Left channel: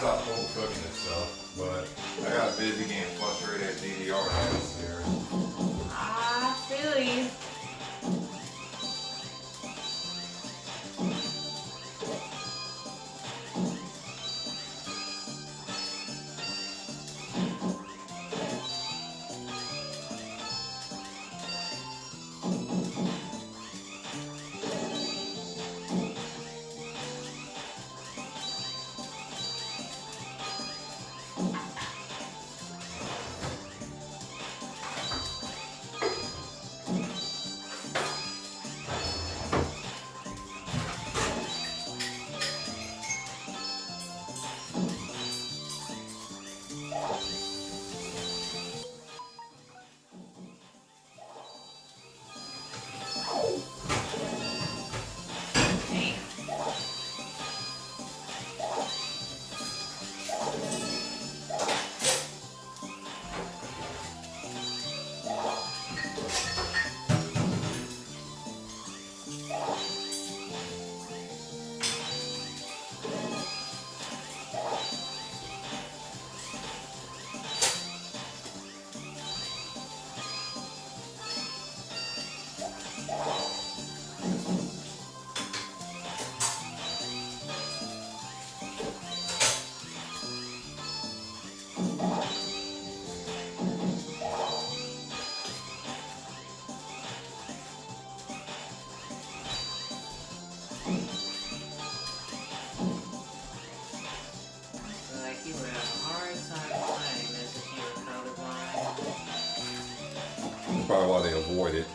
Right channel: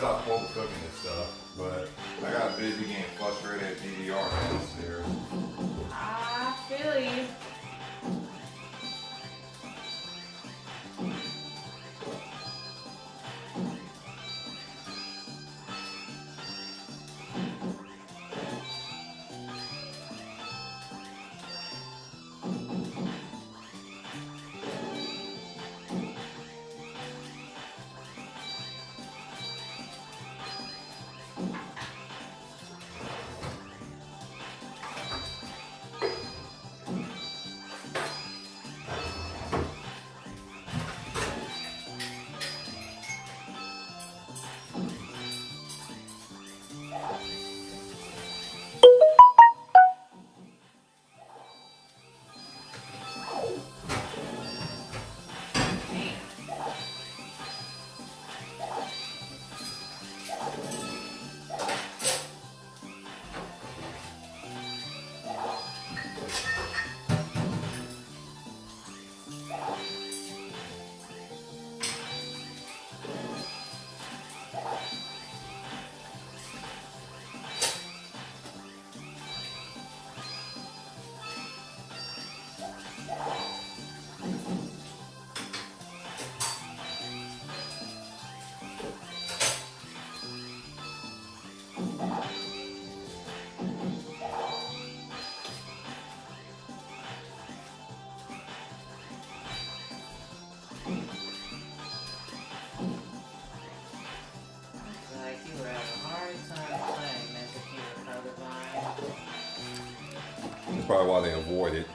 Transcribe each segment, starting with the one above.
stop overcooking this stuff, but I got busy getting frustrated at DDR downstairs. I feel you. Probably why they avoid it.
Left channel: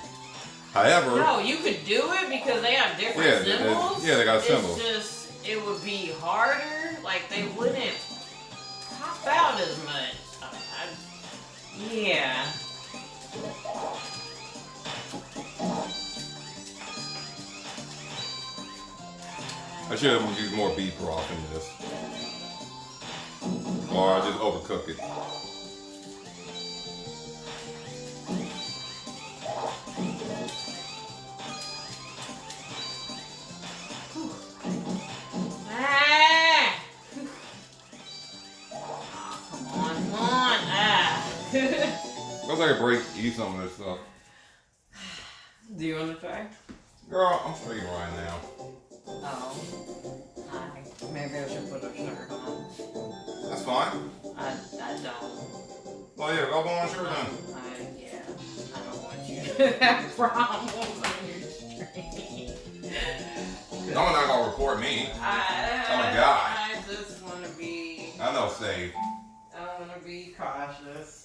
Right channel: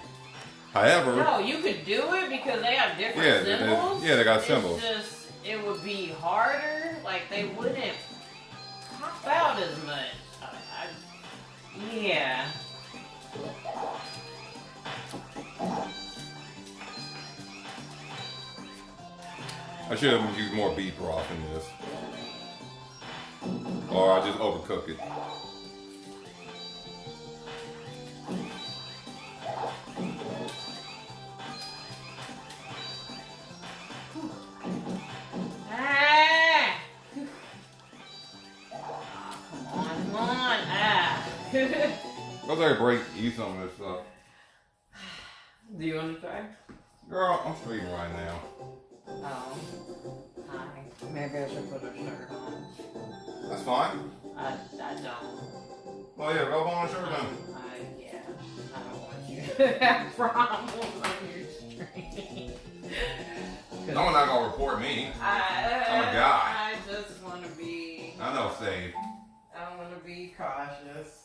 However, no, you could do it because they have different symbols. They got symbols. It's just it would be harder. Like they wouldn't pop out as much. Yeah. I should have used more beef broth in this, or I just overcook it. Let's take a break, eat some of this stuff. Do you want to try? Girl, I'm streaming right now. Oh. Hi. Maybe I should put a shirt on. That's fine. I don't. Oh yeah, go on a shirt on. Yeah. I don't want you to have problems on your stream. No one's not gonna report me. I'm a guy. I just want to be. I know, safe. I want to be cautious.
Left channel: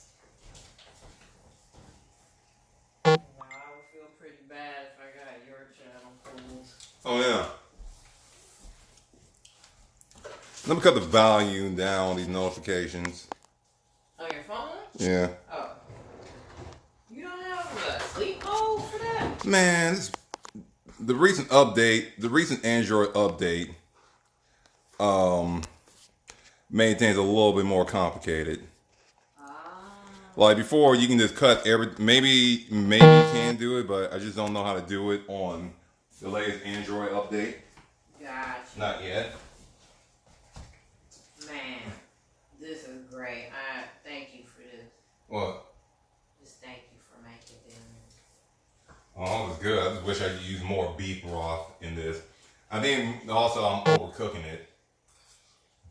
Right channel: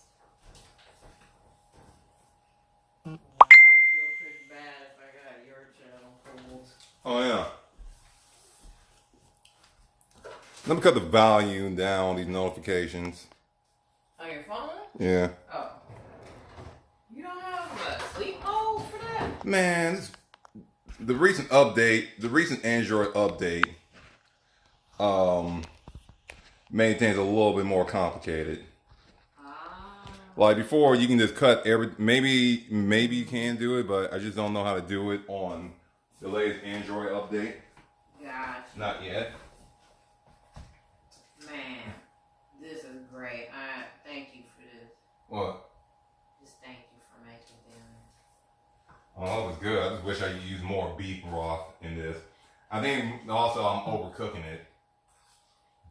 Oh yeah. Let me cut the volume down on these notifications. On your phone? Yeah. Oh. You don't have a sleep mode for that? Man, the recent Android update, made things a little bit more complicated. Like before, you can just cut maybe you can do it, but I just don't know how to do it on the latest Android update. Gotcha. Not yet. Man, this is great. I thank you for this. What? Just thank you for making dinner. Oh, it was good. I just wish I could use more beef broth in this. I think also I'm overcooking it.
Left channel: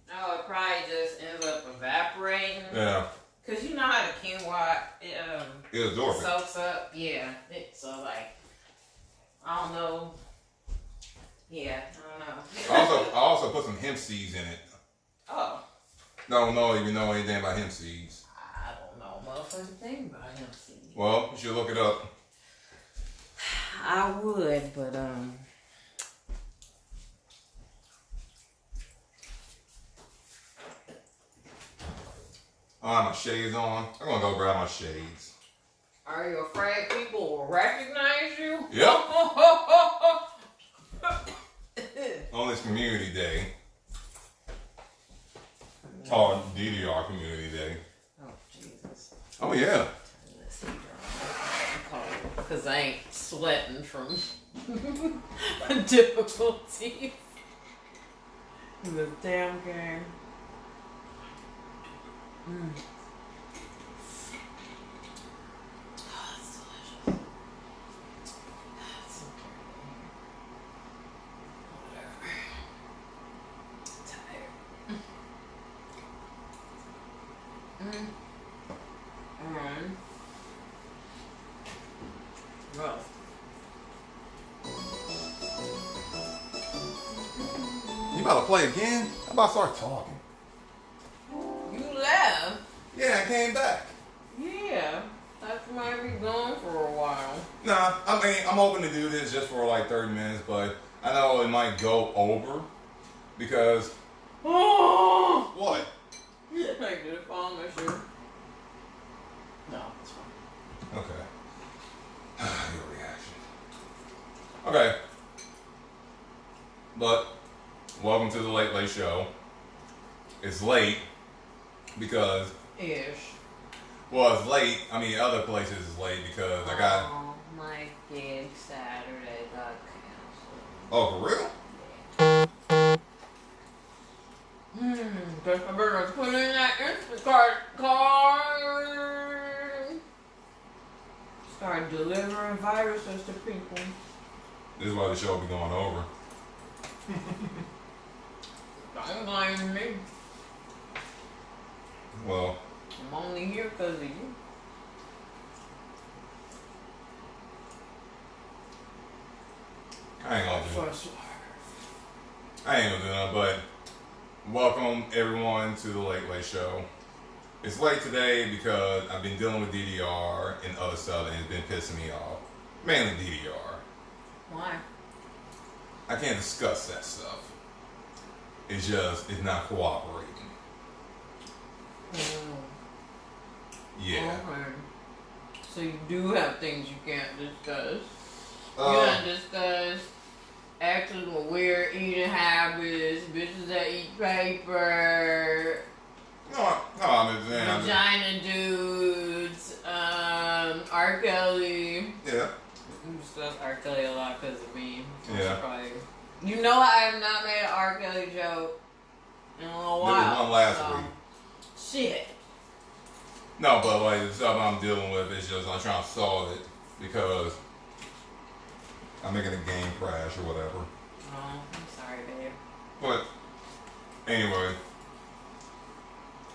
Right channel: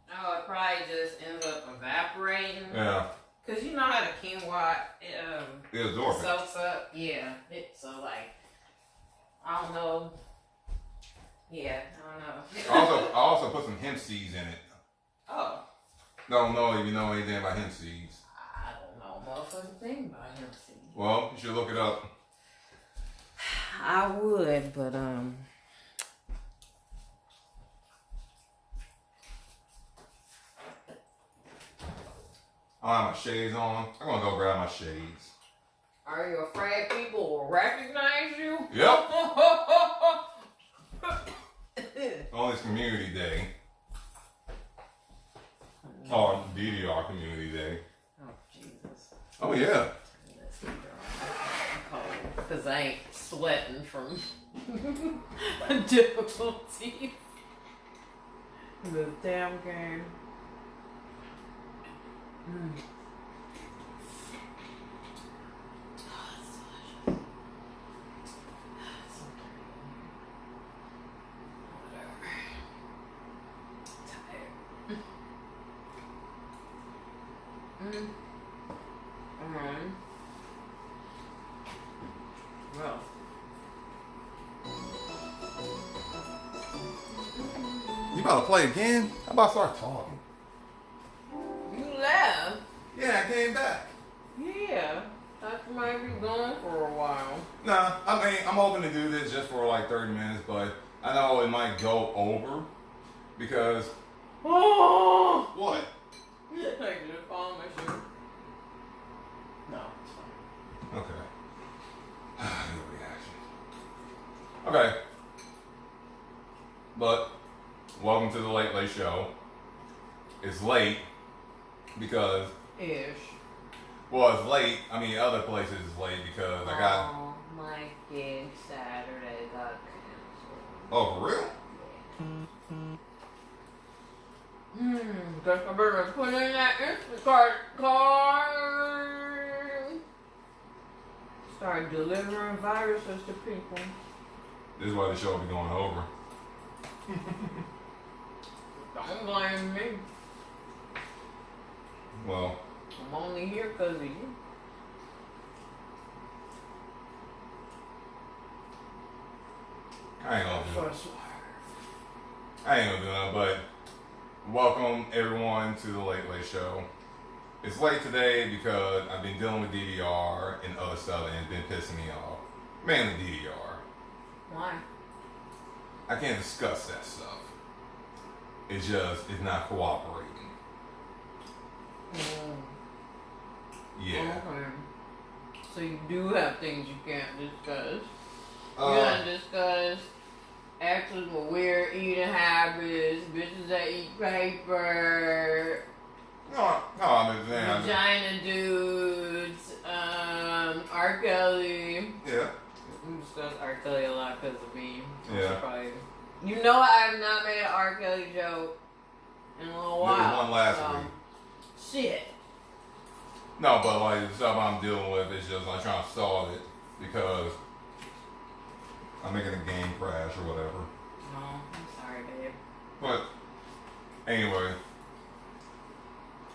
No, it probably just ends up evaporating. Yeah. Cause you know how the quinoa It absorbs it. soaks up. Yeah. So like, I don't know. Yeah, I don't know. I also put some hemp seeds in it. Oh. Don't know if you know anything about hemp seeds. I don't know motherfucking thing about hemp seeds. Well, you should look it up. I would, but I have my shades on. I'm gonna go grab my shades. Are you afraid people will recognize you? Yep. On this community day. Or DDR community day. Oh, Jesus. Oh, yeah. Because I ain't sweating from difficulties. This damn game. Mm. Oh, that's delicious. It's so dirty in here. Whatever. Tired. Mm. Rough. You about to play again? I'm about to start talking. You left? Yeah, I came back. Yeah. Thought you might be gone for a while. Nah, I mean, I'm hoping to do this just for like 30 minutes, but I know it might go over because. Oh! What? I did it fall on my shoe. No, it's fine. Okay. Your reaction. Okay. But, welcome to the Late Late Show. It's late because. Ish. Well, it's late. I mean, other places it's late because I got. Oh, my gig Saturday got canceled. Oh, for real? Guess I better put in that Instacart card. Start delivering viruses to people. This is why the show will be going over. Don't blame me. Well, I'm only here because of you. I ain't gonna do First. nothing, but welcome everyone to the Late Late Show. It's late today because I've been dealing with DDR and other stuff and it's been pissing me off. Mainly DDR. Why? I can't discuss that stuff. It's not cooperating. Yeah. Okay. So you do have things you can't discuss. You Uh, can't discuss actors with weird eating habits, bitches that eat paper, no, I'm just saying. vagina dudes, R. Kelly. Yeah. We discuss R. Kelly a lot because of me. Yeah. Probably, you know, I have not made an R. Kelly joke in a little while. There was one last week. Shit. No, but like the stuff I'm dealing with is just I'm trying to solve it because I'm making a game crash or whatever. Oh, I'm sorry, babe. But anyway,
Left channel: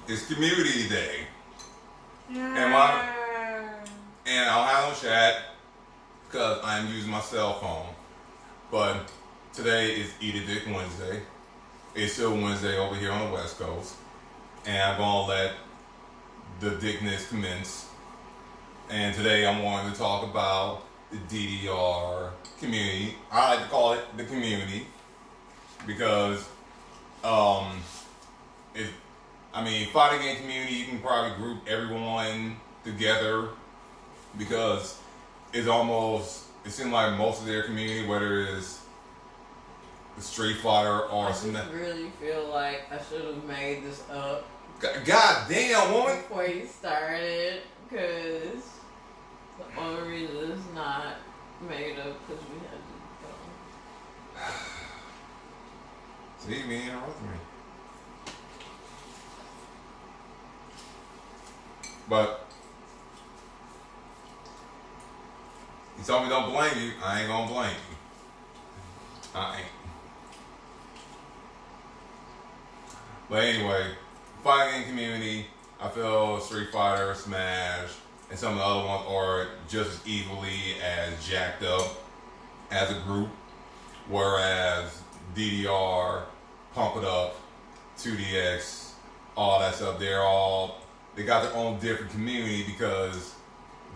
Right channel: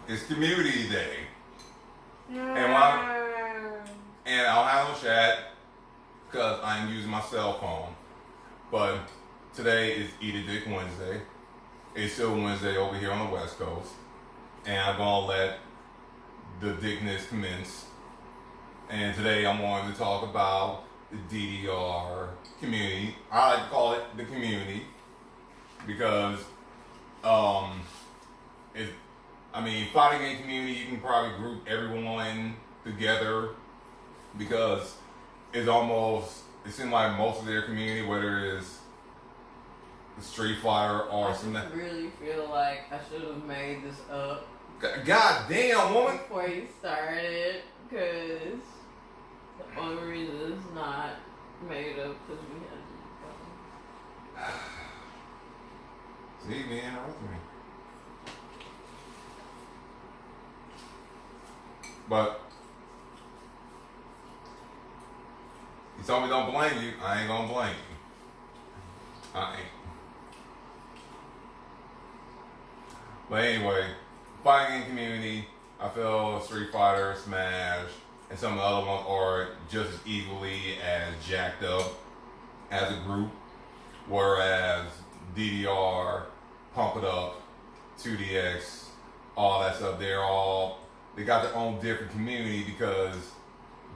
it's Community Day, and I'll have no chat because I'm using my cell phone. But today is Eat a Dick Wednesday. It's still Wednesday over here on the West Coast, and I'm gonna let the dickness commence. And today I'm wanting to talk about the DDR community. I like to call it the community because fighting game community, you can probably group everyone together because it seems like most of their community, whether it's Street Fighter or I just really feel like I should have made this up. God damn, woman! Before you started, because the only reason it's not made up because we had to go. See, me interrupting me. But you told me don't blame you. I ain't gonna blame you. I ain't. But anyway, fighting game community, I feel Street Fighter, Smash, and some of the other ones are just as equally as jacked up as a group, whereas DDR, Pump It Up, 2DX, all that stuff, they got their own different community because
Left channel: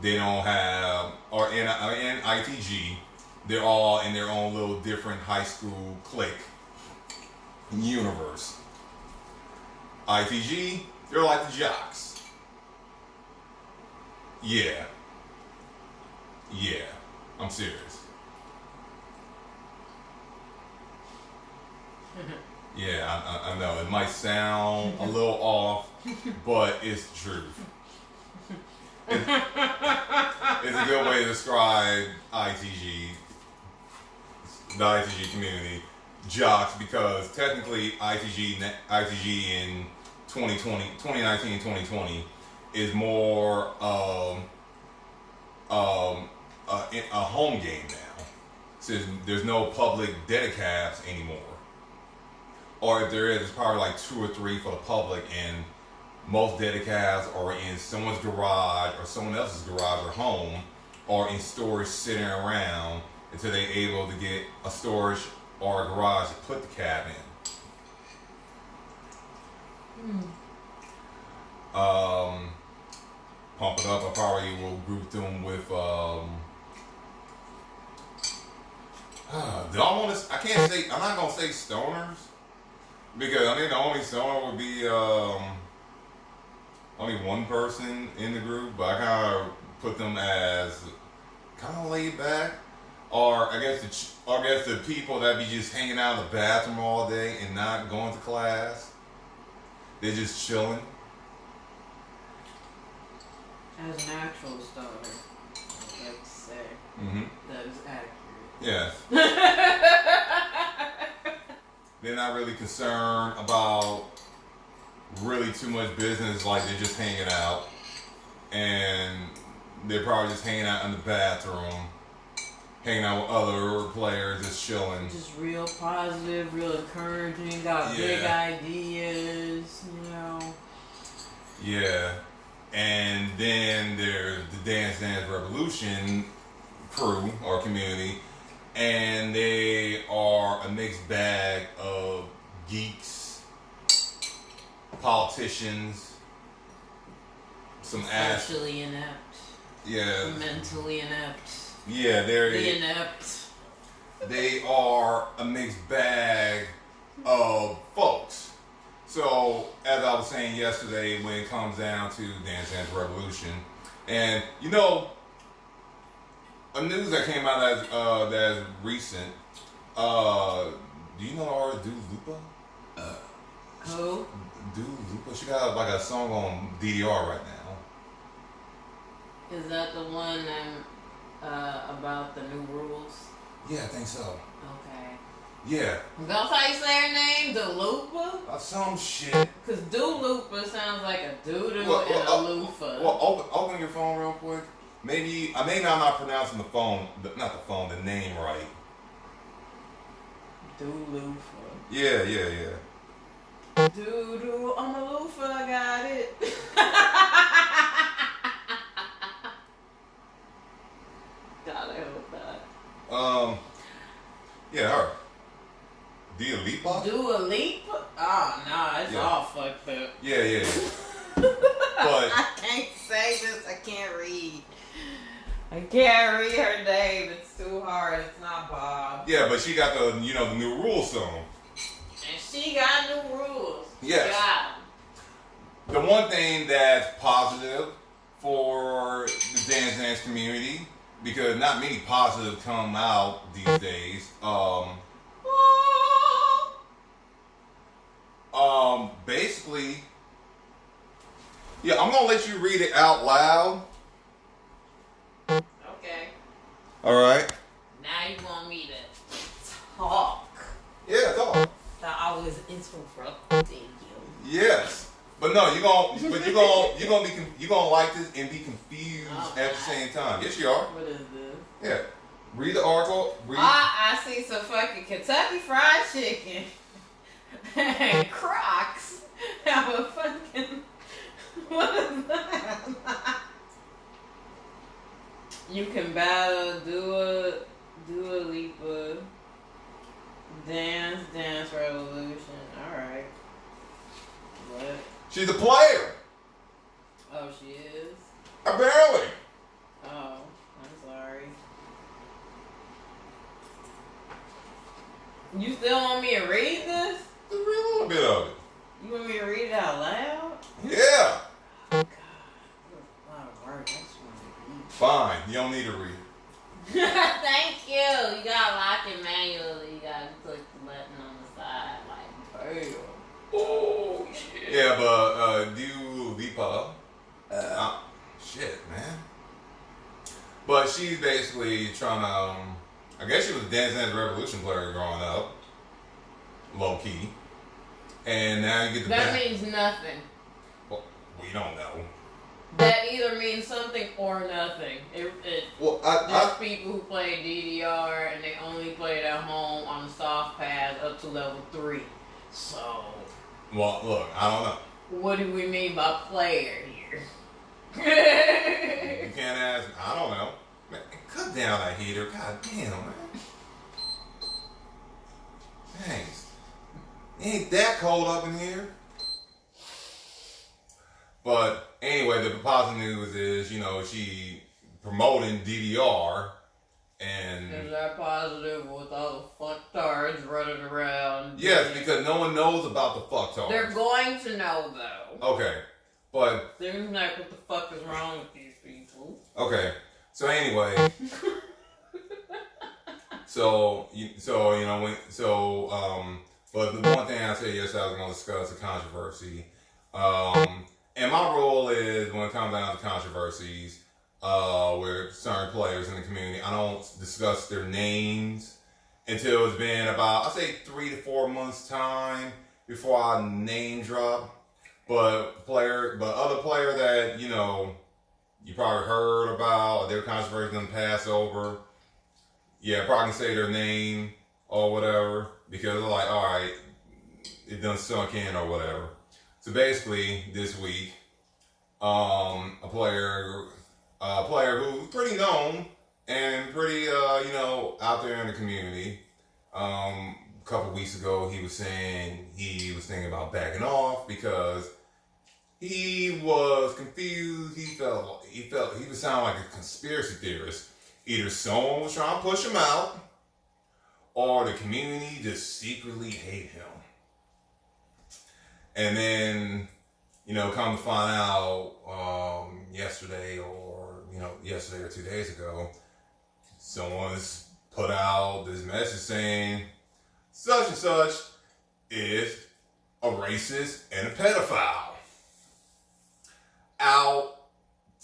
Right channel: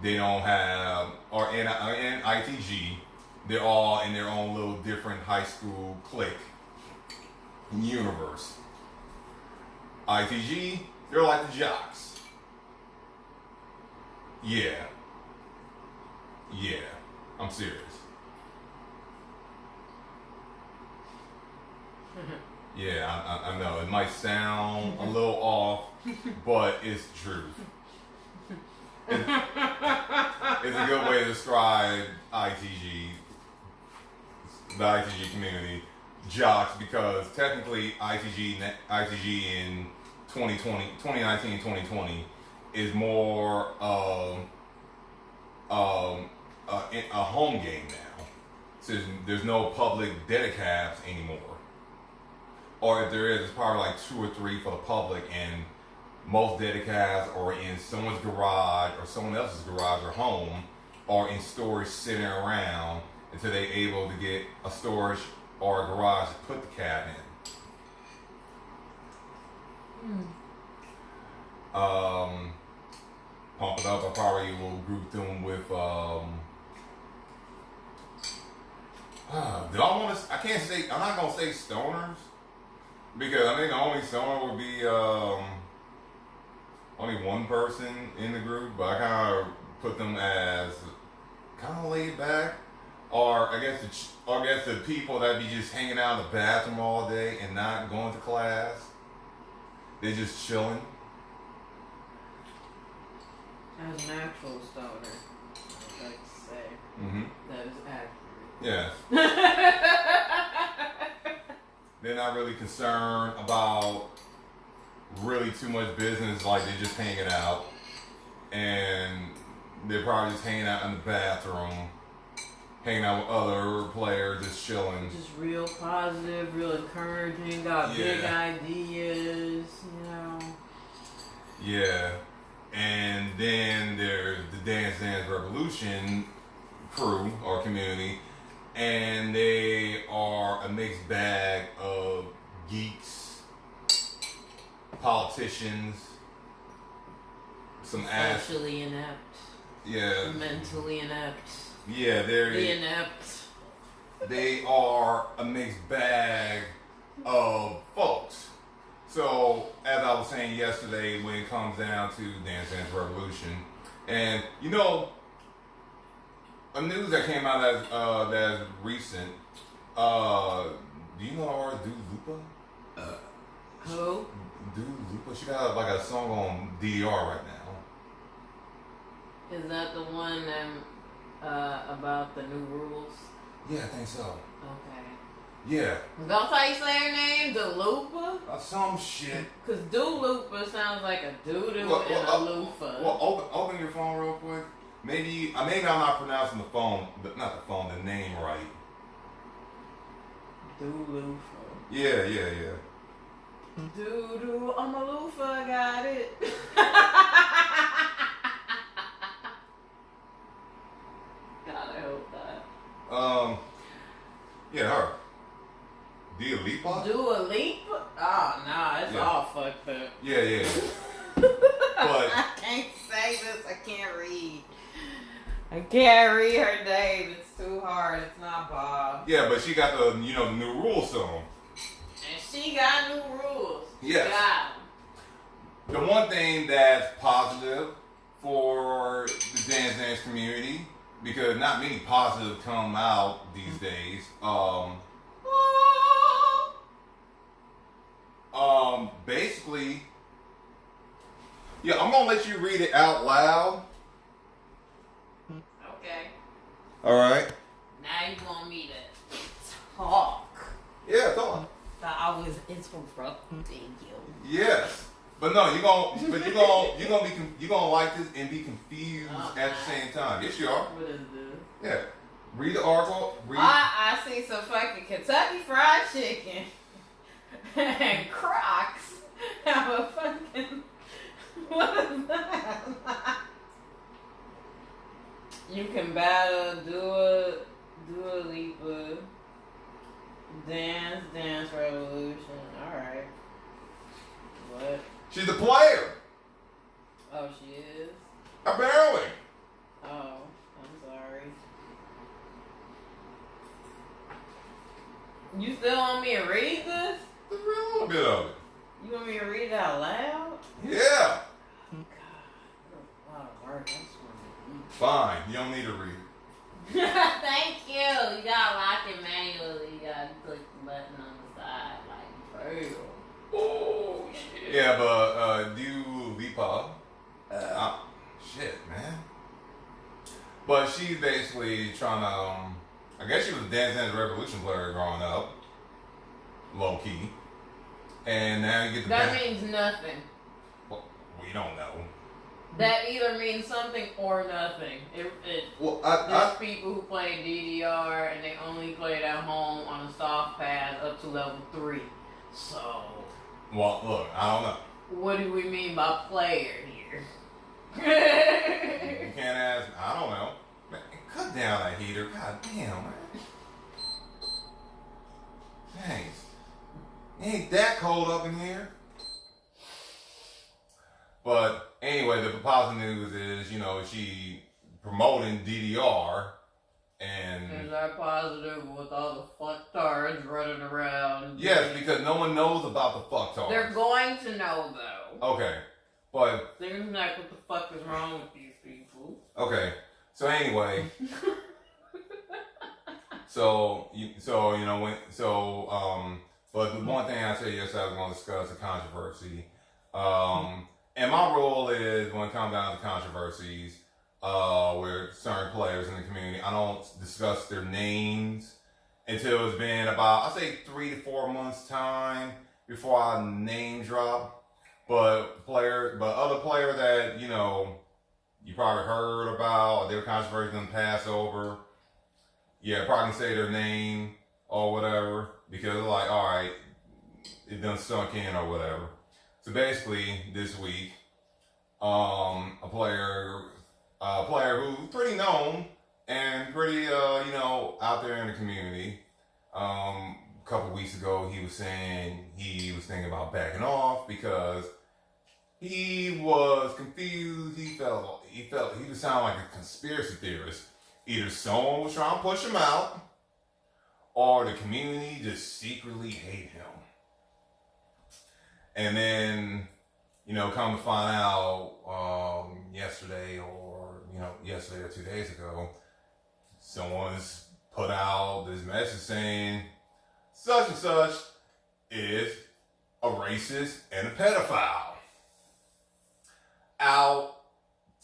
they don't have, or in ITG, they're all in their own little different high school clique universe. ITG, they're like the jocks. Yeah, I'm serious. Yeah, I know it might sound a little off, but it's the truth. It's a good way to describe ITG, the ITG community, jocks, because technically ITG and 2019, 2020 is more a home game now. Since there's no public dedicaps anymore. Or if there is, it's probably like 2 or 3 for the public, and most dedicaps are in someone's garage or someone else's garage or home, or in storage sitting around until they're able to get a storage or a garage to put the cab in. Pump it up, I probably will group them with do I want to? I can't say. I'm not gonna say stoners because I think the only stoner would be only one person in the group. But I kind of put them as kind of laid back, or I guess the people that be just hanging out in the bathroom all day and not going to class. They're just chilling. As an actual stoner, I'd like to say that is accurate. Yes. They're not really concerned about really too much business, like they're just hanging out. And they're probably just hanging out in the bathroom, hanging out with other players, just chilling. Just real positive, real encouraging, got big ideas, you know. Yeah. And then there's the Dance Dance Revolution crew or community. And they are a mixed bag of geeks, politicians, some socially inept. Yeah. Mentally inept. Yeah, they're inept. They are a mixed bag of folks. So, as I was saying yesterday, when it comes down to Dance Dance Revolution, and you know, a news that came out that's recent. Do you know artist Dua Lipa? Who? Dua Lipa. She got like a song on DDR right now. Is that the one about the new rules? Yeah, I think so. Okay. Yeah. That's how you say her name? Dulupa? Some shit. Because Dulupa sounds like a doo-doo and a loofah. Well, open your phone real quick. Maybe I'm not pronouncing the name right. Dulufa. Yeah. Doo-doo on the loofah, I got it. God, I hope that. Yeah, her. Dua Lipa? Dua Lipa? Oh, nah, it's all fucked up. Yeah. But I can't say this, I can't read. I can't read her name. It's too hard. It's not Bob. Yeah, but she got the new rules song. And she got new rules. Yes. Got 'em. The one thing that's positive for the dance community, because not many positives come out these days. Basically, yeah, I'm gonna let you read it out loud. Okay. All right. Now you want me to talk? Yeah, talk. Thought I was interrupting you. Yes, but no, you're gonna like this and be confused at the same time. Yes, you are. What is this? Yeah. Read the article. I see some fucking Kentucky Fried Chicken and Crocs have a fucking. What is that? You can battle Dua Lipa. Dance Revolution. Alright. What? She's a player. Oh, she is? Apparently. Oh, I'm sorry. You still want me to read this? Just read a little bit of it. You want me to read it out loud? Yeah. God. What a lot of work. I just want to read. Fine. You don't need to read. Thank you. You gotta lock it manually. You gotta click the button on the side. Like, damn. Oh, shit. Yeah, but Dua Lipa. Shit, man. But she's basically trying to. I guess she was a Dance Dance Revolution player growing up. Low key. And now you get the That means nothing. Well, we don't know. That either means something or nothing. There's people who play DDR and they only play it at home on the soft pads up to level 3. So. Well, look, I don't know. What do we mean by player here? You can't ask. I don't know. Man, cut down that heater. God damn, man. Thanks. It ain't that cold up in here. But anyway, the positive news is, she promoting DDR, and is that positive with all the fucktards running around? Yes, because no one knows about the fucktards. They're going to know though. Okay, but they're like, what the fuck is wrong with these people? Okay, so anyway, but the one thing I said yesterday I was going to discuss the controversy. And my role is, when it comes down to controversies with certain players in the community, I don't discuss their names until it's been about, I say 3 to 4 months time before I name drop. But other player that, you probably heard about, or their controversy done pass over, yeah, probably can say their name or whatever, because they're like, all right, it done sunk in or whatever. So basically, this week, a player who's pretty known and pretty, out there in the community. A couple weeks ago, he was saying he was thinking about backing off because he was confused. He felt he was sounding like a conspiracy theorist. Either someone was trying to push him out, or the community just secretly hate him. And then, come to find out, yesterday or 2 days ago, someone's put out this message saying such and such is a racist and a pedophile out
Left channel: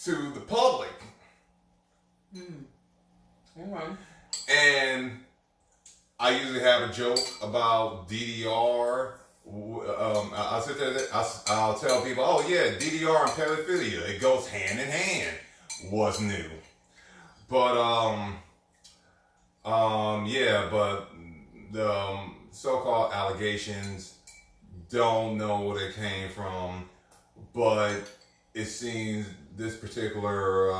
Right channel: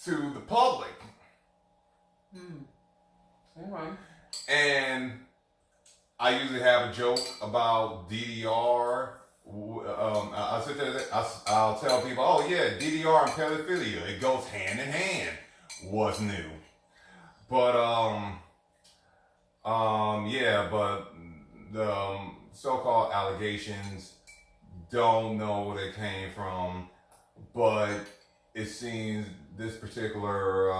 to the public. Okay. And I usually have a joke about DDR. I'll tell people, oh yeah, DDR and pedophilia, it goes hand in hand. What's new? But but the so-called allegations, don't know where they came from, but it seems this particular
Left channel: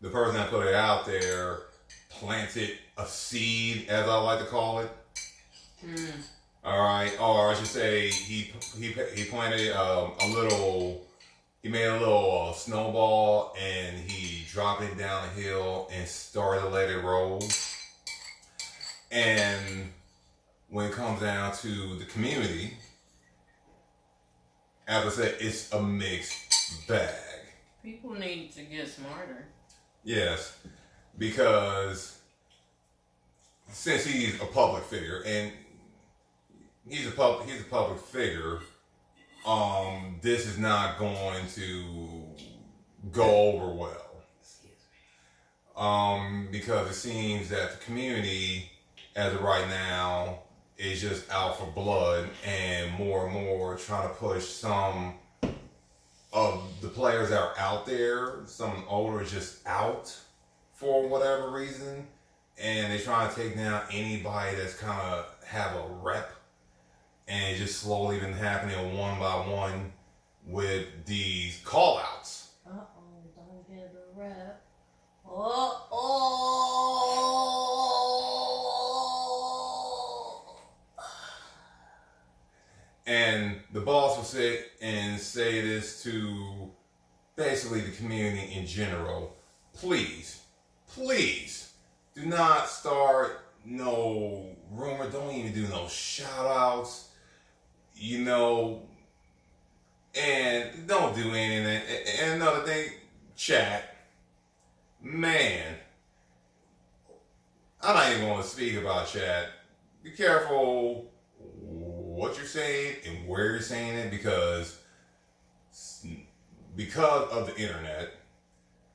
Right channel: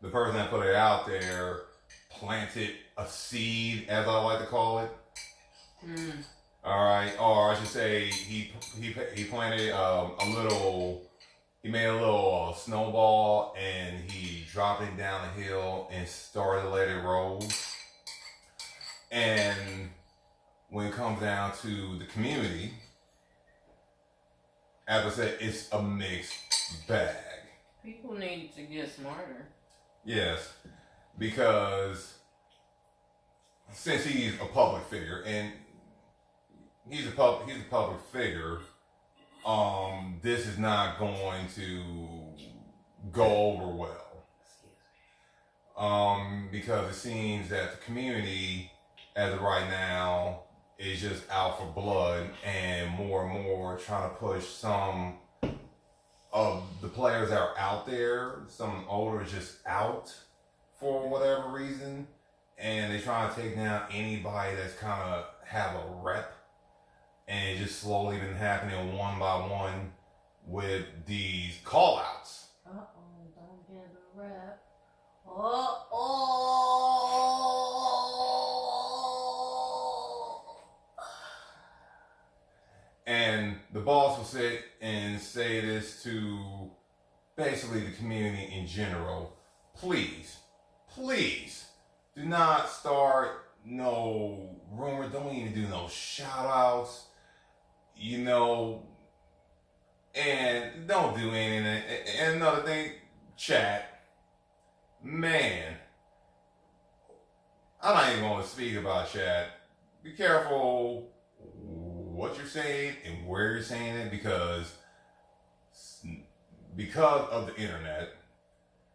the person that put it out there planted a seed, as I like to call it. All right, or I should say, he planted he made a little snowball, and he dropped it down the hill and started to let it roll. And when it comes down to the community, as I said, it's a mixed bag. People need to get smarter. Yes, because since he's a public figure, and he's a public figure, this is not going to go over well. Because it seems that the community, as of right now, is just out for blood, and more trying to push some of the players that are out there, some older just out for whatever reason, and they're trying to take down anybody that's kind of have a rep, and it's just slowly been happening one by one with these call-outs. Don't get a rep. And the boss will sit and say this to basically the community in general. Please do not start no rumor. Don't even do no shout outs, and don't do anything. And another thing, chat, man, I'm not even going to speak about chat. Be careful what you're saying and where you're saying it, because of the internet,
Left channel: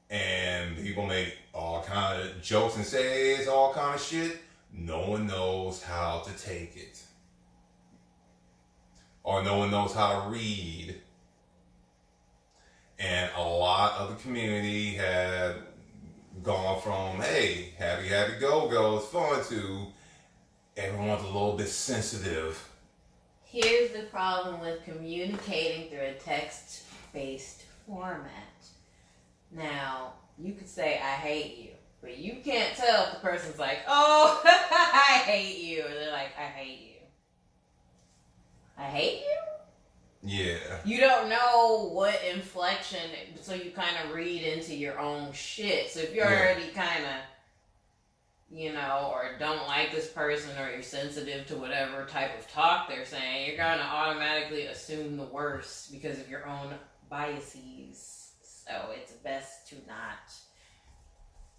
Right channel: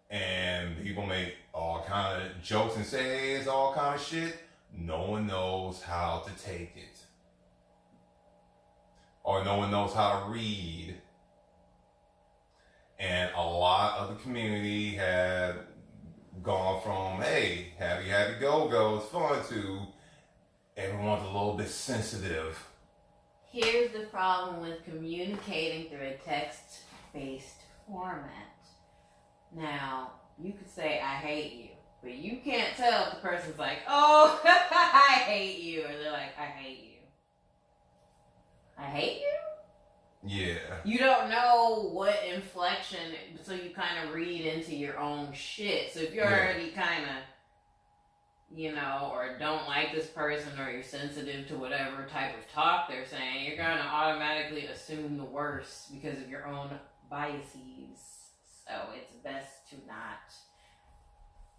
and people make all kind of jokes and say it's all kind of shit. No one knows how to take it. or no one knows how to read. And a lot of the community have gone from, hey, happy, go, it's fun, to everyone's a little bit sensitive. Here's the problem with communicating through a text-based format. Now, you could say, I hate you, but you can't tell if the person's like, oh, I hate you, or they're like, I hate you. I hate you? Yeah. You don't know what inflection, so you kind of read into your own shit. So if you're already kind of, you know, or don't like this person, or you're sensitive to whatever type of talk they're saying, you're going to automatically assume the worst because of your own biases. So it's best to not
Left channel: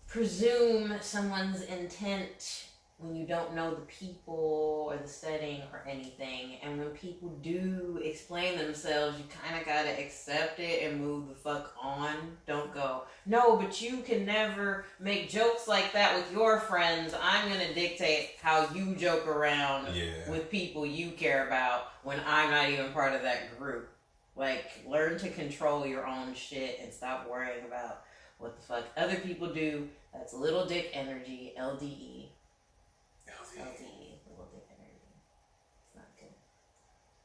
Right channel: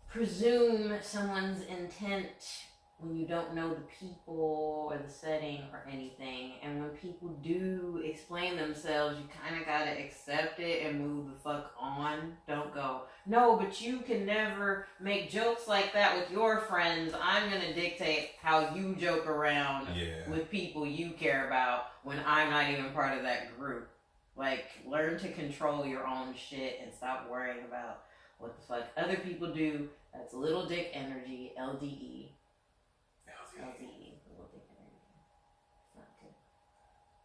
presume someone's intent when you don't know the people or the setting or anything. And when people do explain themselves, you kind of got to accept it and move the fuck on. Don't go, no, but you can never make jokes like that with your friends. I'm going to dictate how you joke around with people you care about when I'm not even part of that group. Like, learn to control your own shit and stop worrying about what the fuck other people do. That's little dick energy, LDE. LDE, little dick energy. It's not good.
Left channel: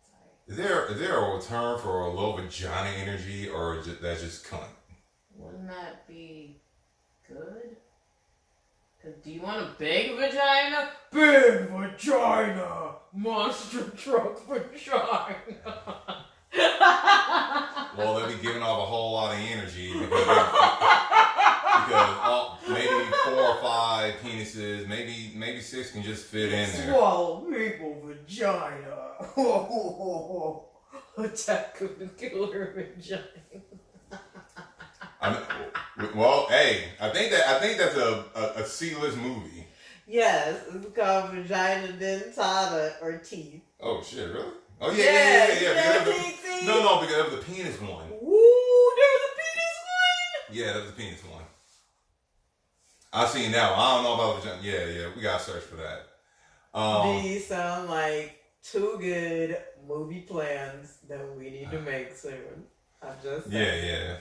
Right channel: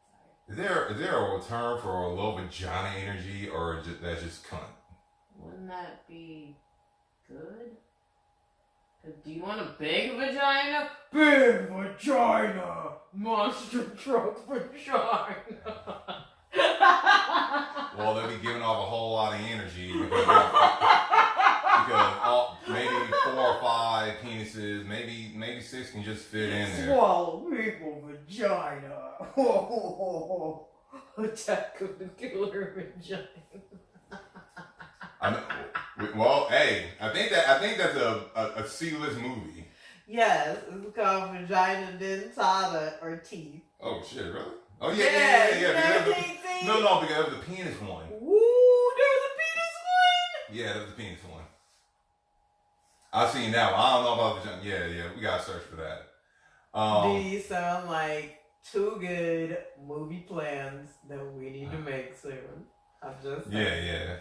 Sorry. Is there a term for a low vagina energy, or that's just cunt? Wouldn't that be good? Cause do you want a big vagina? Big vagina! Monster truck vagina! Well, they'll be giving off a whole lot of energy because maybe 4 or 5 penises, maybe 6 can just fit in there. Swallow people vagina. Attack of the Killer vagina. Well, hey, I think that's a C-list movie. Yes, it's called Vagina Dentata or Teeth. Oh shit, really? Oh yeah. No, because that was the penis one. Ooh, there was a penis one? Yeah, that was the penis one. I've seen that one. I don't know about vagina. Yeah, we gotta search for that. These sound like 2 good movie plans that we need to make soon. I'm just saying. Yeah.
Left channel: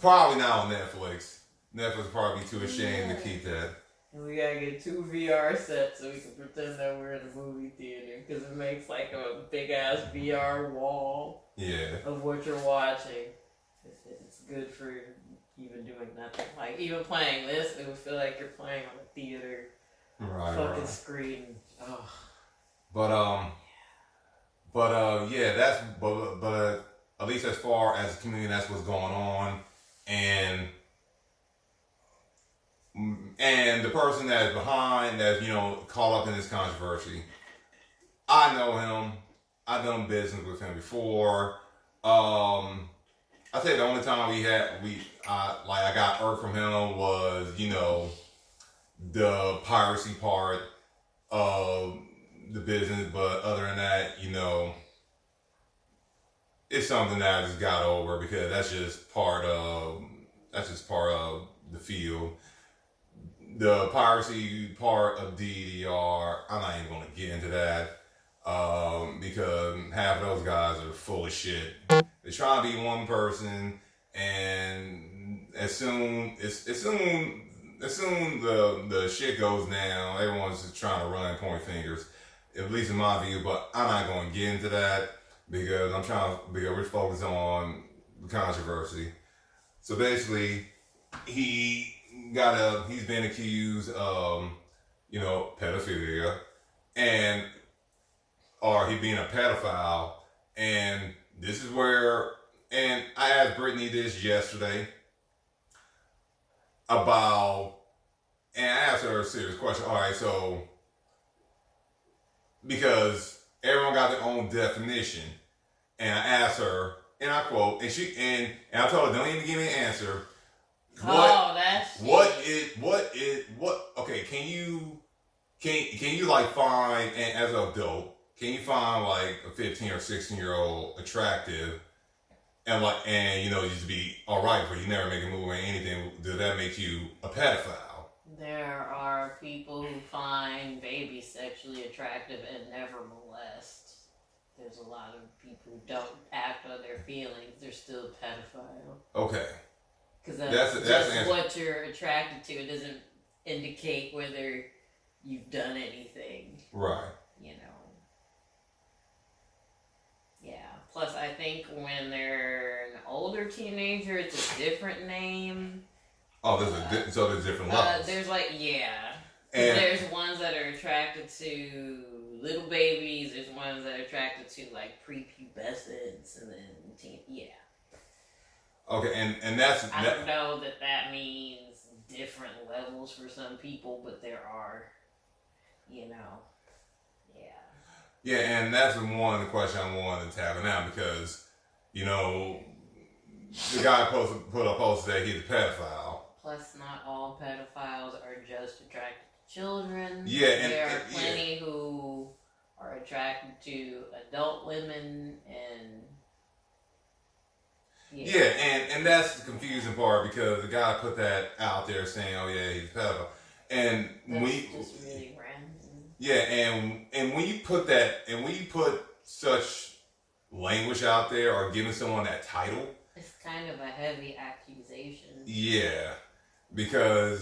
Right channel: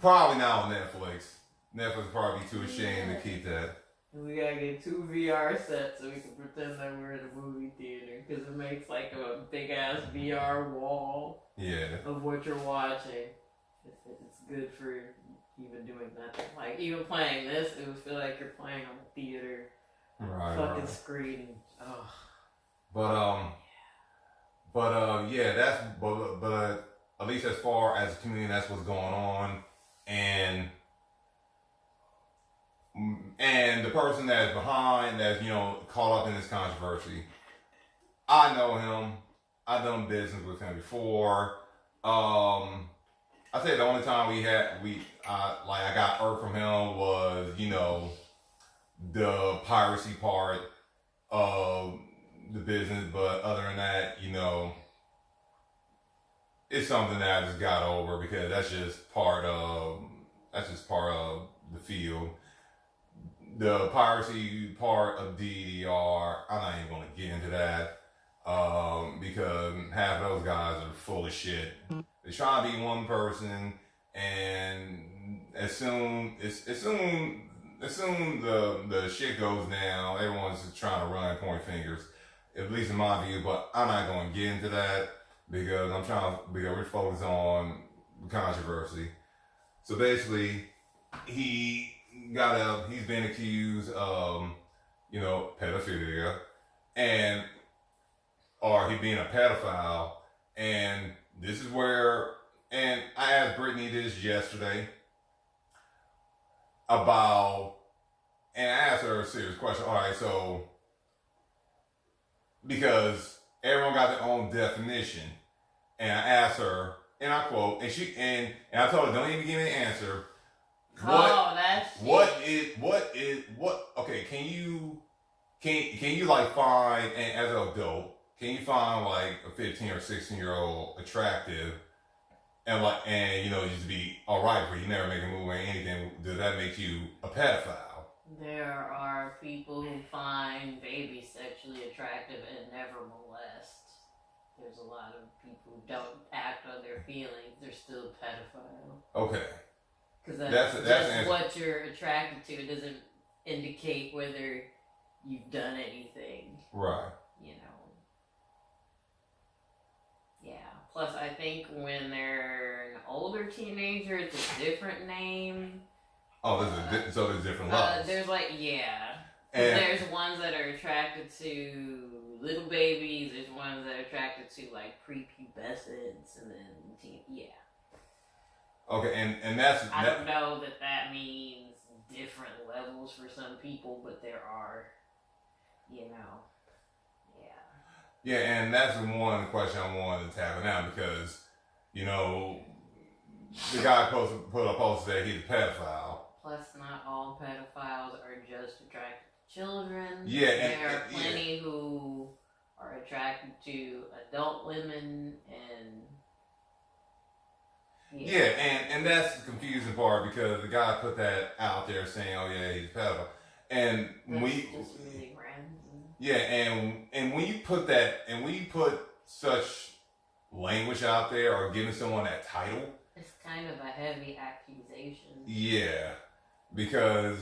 Probably now on Netflix. Netflix will probably be too ashamed to keep that. We gotta get 2 VR sets so we can pretend that we're in a movie theater, because it makes like a big ass VR wall of what you're watching. It's good for even doing nothing. Like even playing this, it would feel like you're playing on a theater screen. Ugh. But that's at least as far as the community, that's what's going on, and the person that's behind that, caught up in this controversy, I know him. I've done business with him before. I say the only time I got irked from him was, the piracy part of the business. But other than that, it's something that I just got over, because that's just part of the field. The piracy part of DDR, I'm not even going to get into that, because half of those guys are full of shit. They're trying to be one person, and as soon the shit goes down, everyone's just trying to run and point fingers, at least in my view. But I'm not going to get into that, because we're focused on the controversy. So basically, he's been accused of, pedophilia, or he being a pedophile. And this is where, and I asked Brittany this yesterday and I asked her a serious question. All right, so, because everyone got their own definition, and I asked her, and I quote, and I told her, don't even give me an answer. Okay, can you like find, and as an adult, can you find like a 15 or 16-year-old attractive, and just be all right for you, never make a move or anything? Does that make you a pedophile? There are people who find babies sexually attractive and never molest. there's a lot of people who don't act on their feelings. They're still a pedophile. Okay. Because that's what you're attracted to. It doesn't indicate whether you've done anything. Right. You know. Yeah. Plus, I think when they're an older teenager, it's a different name. Oh, there's different levels. There's and there's ones that are attracted to little babies. There's ones that are attracted to like prepubescents, and then teen. Yeah. Okay, and that's. I don't know that means different levels for some people, but there are, you know, yeah. Yeah, and that's one of the questions I wanted to tackle now because, you know, the guy put a post that he's a pedophile. Plus, not all pedophiles are just attracted to children. Yeah, and there are plenty who are attracted to adult women and. Yeah, and that's the confusing part because the guy put that out there saying, "Oh yeah, he's a pedophile," and just really random. Yeah, and when you put that, and when you put such language out there or giving someone that title, it's kind of a heavy accusation. Yeah, because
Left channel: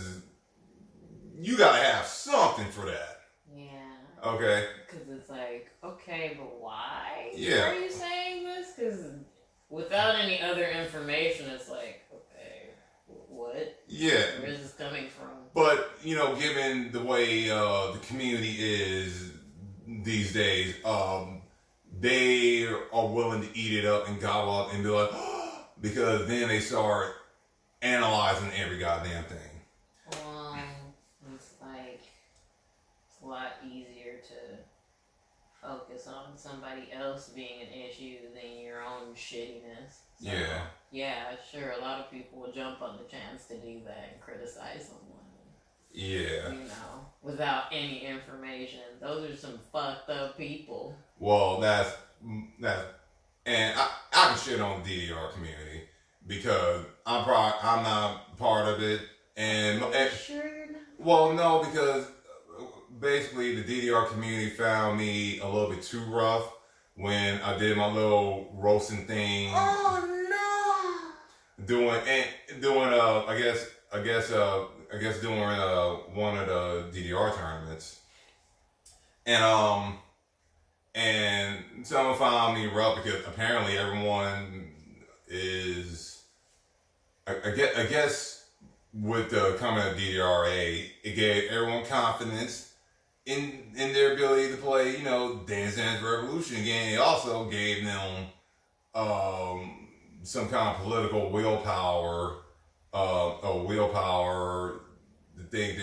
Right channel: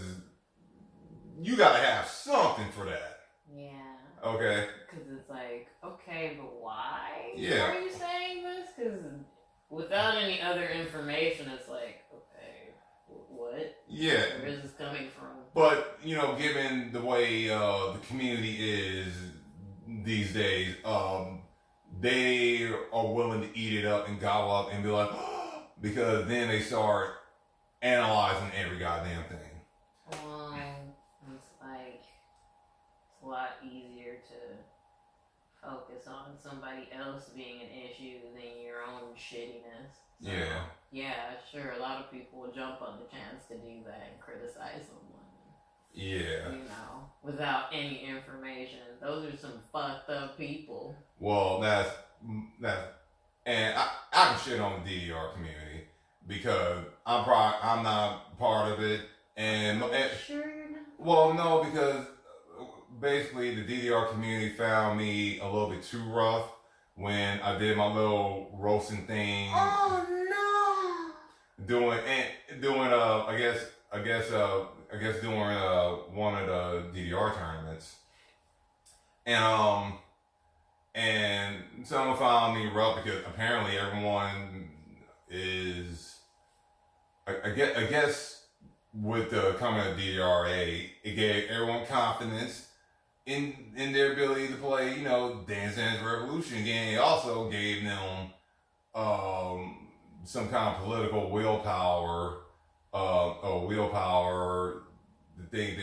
you gotta have something for that. Yeah. Okay. Because it's like, okay, but why? Yeah. Are you saying this? Because without any other information, it's like, okay, what? Yeah. Where is this coming from? But, you know, given the way the community is these days, they are willing to eat it up and gobble up and be like, because then they start analyzing every goddamn thing. Well, it's like, it's a lot easier to focus on somebody else being an issue than your own shittiness. So, yeah, sure, a lot of people will jump on the chance to do that and criticize someone. Yeah. You know, without any information. Those are some fucked up people. Well, that's and I can shit on the DDR community because I'm not part of it. And sure you're not? Well, no, because basically the DDR community found me a little bit too rough when I did my little roasting thing. Oh no! Doing I guess doing one of the DDR tournaments, and someone found me rough because apparently everyone is, I guess with the coming of DDRA, it gave everyone confidence in their ability to play, you know, Dance Dance Revolution game. It also gave them some kind of political willpower to think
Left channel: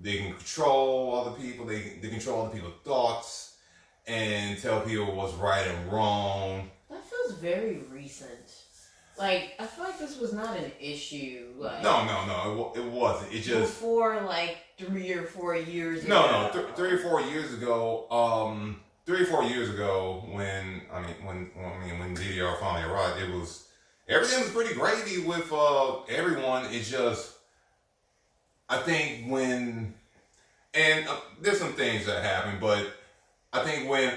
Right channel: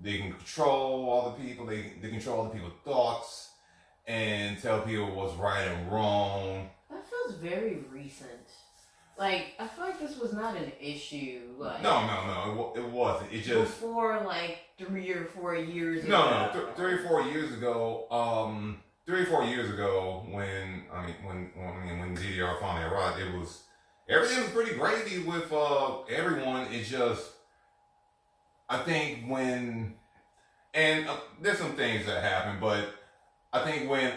they can control other people, they control other people's thoughts and tell people what's right and wrong. That feels very recent. Like, I feel like this was not an issue. Like, No, it wasn't. It just before like 3 or 4 years ago. No, 3 or 4 years ago. 3 or 4 years ago, when DDR finally arrived, everything was pretty gravy with everyone. It's just, I think there's some things that happen, but I think when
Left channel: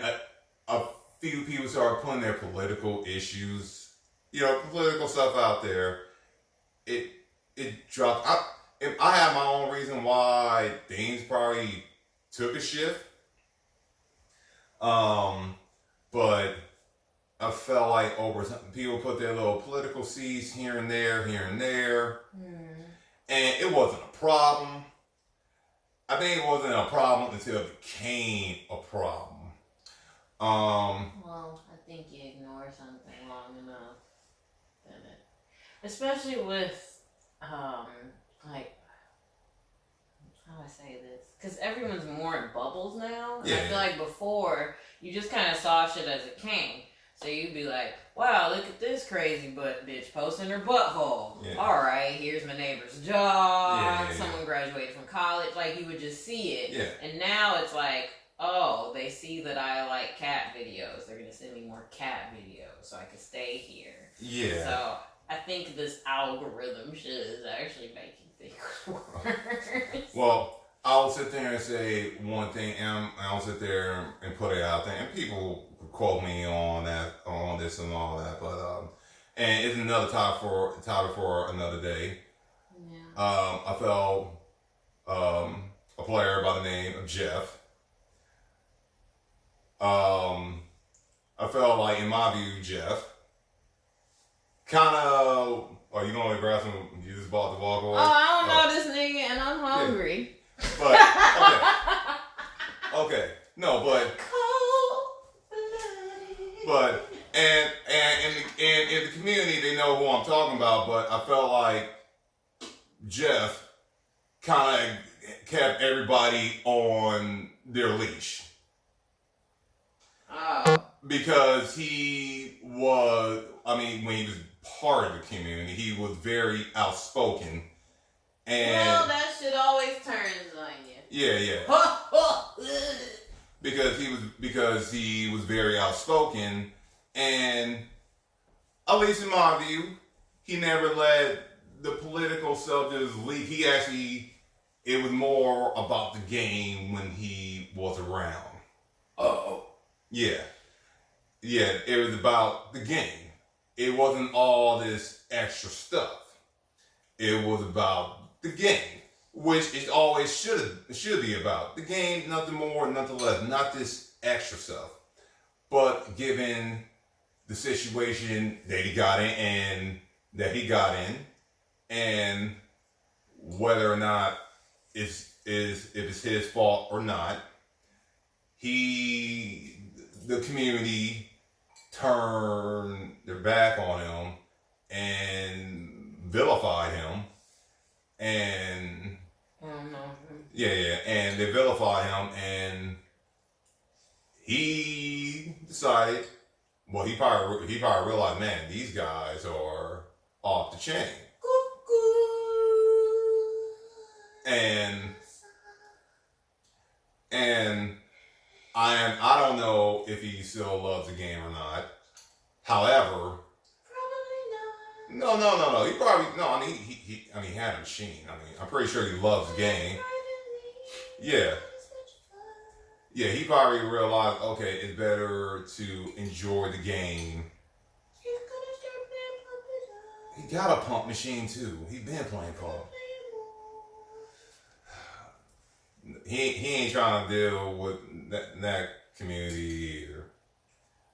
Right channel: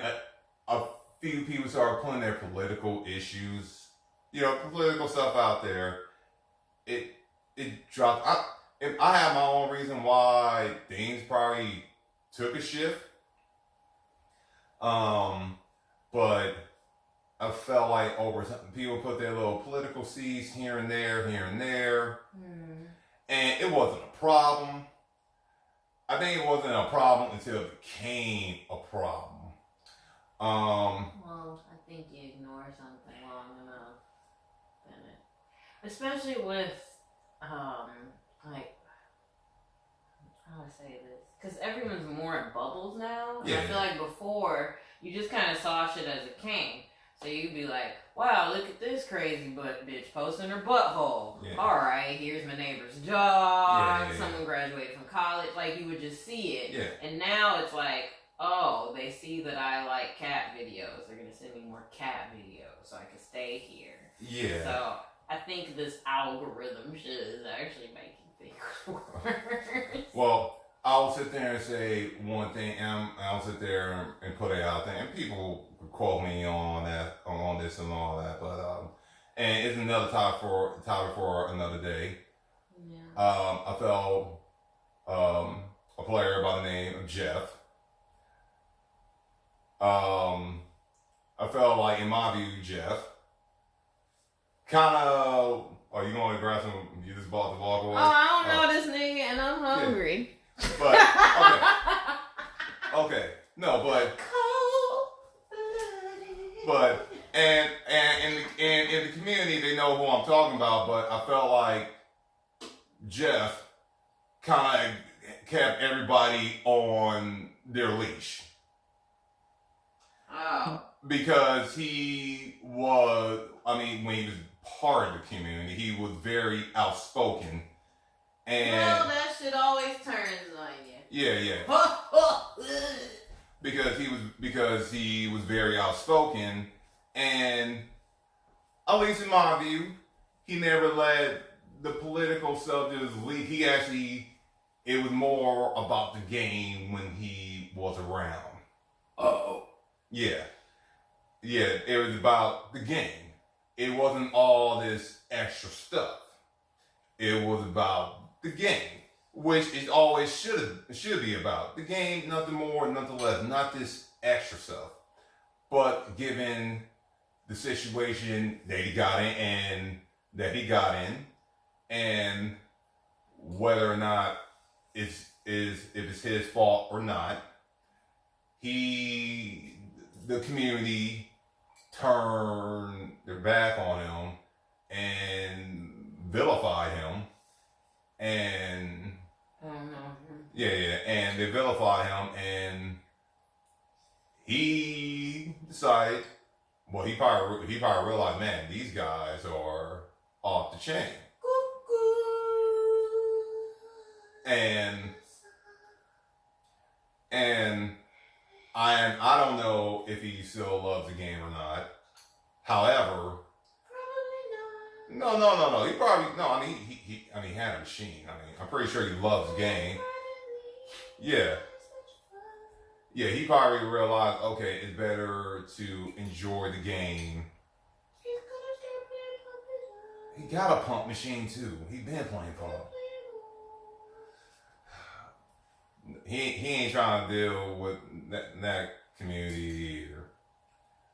a few people start putting their political issues, you know, political stuff out there, it dropped. I have my own reason why things probably took a shift. But I felt like over time, people put their little political seeds here and there, and it wasn't a problem. I think it wasn't a problem until it became a problem. Well, I think you ignore something long enough, then especially with, like, how do I say this? Because everyone's more in bubbles now. Yeah. I feel like before, you just kind of saw shit as it came. So you'd be like, wow, look at this crazy butt bitch posting her butthole. Yeah. All right, here's my neighbor's dog. Someone graduated from college. Like, you would just see it. Yeah. And now it's like, oh, they see that I like cat videos. They're going to send me more cat videos so I can stay here. Yeah. So I think this algorithm shit is actually making things worse. Well, I'll sit there and say one thing, and I'll sit there and put it out there, and people quote me on that, on this and all that, but and it's another topic for another day. Yeah. I felt a player by the name of Jeff. I felt like, in my view, Jeff kind of. Are you going to grab some? You just bought the walk away? Oh, I don't know this nigga, and I'm hungry. Yeah. But okay, no, but and in the community they know who I'm talking about. But I felt like Jeff kind of kept everybody on their leash. Because he was, I mean, when he was part of the community, he was very outspoken. And well, that shit always turns on you. Yeah. because he was very outspoken, and at least in my view, he never let the political subjects leak. He actually, it was more about the game when he was around. Yeah, it was about the game. It wasn't all this extra stuff. It was about the game, which it always should be about. The game, nothing more, nothing less, not this extra stuff. But given the situation that he got in and whether or not if it's his fault or not, the community turned their back on him and vilified him, and and they vilified him, and he decided, well, he probably realized, man, these guys are off the chain, and I don't know if he still loves the game or not. However, probably not. No. He probably no. I mean, he had a machine. I mean, I'm pretty sure he loves the game. Yeah. He probably realized, okay, it's better to enjoy the game. He got a pump machine too. He been playing pump. He ain't trying to deal with that community either.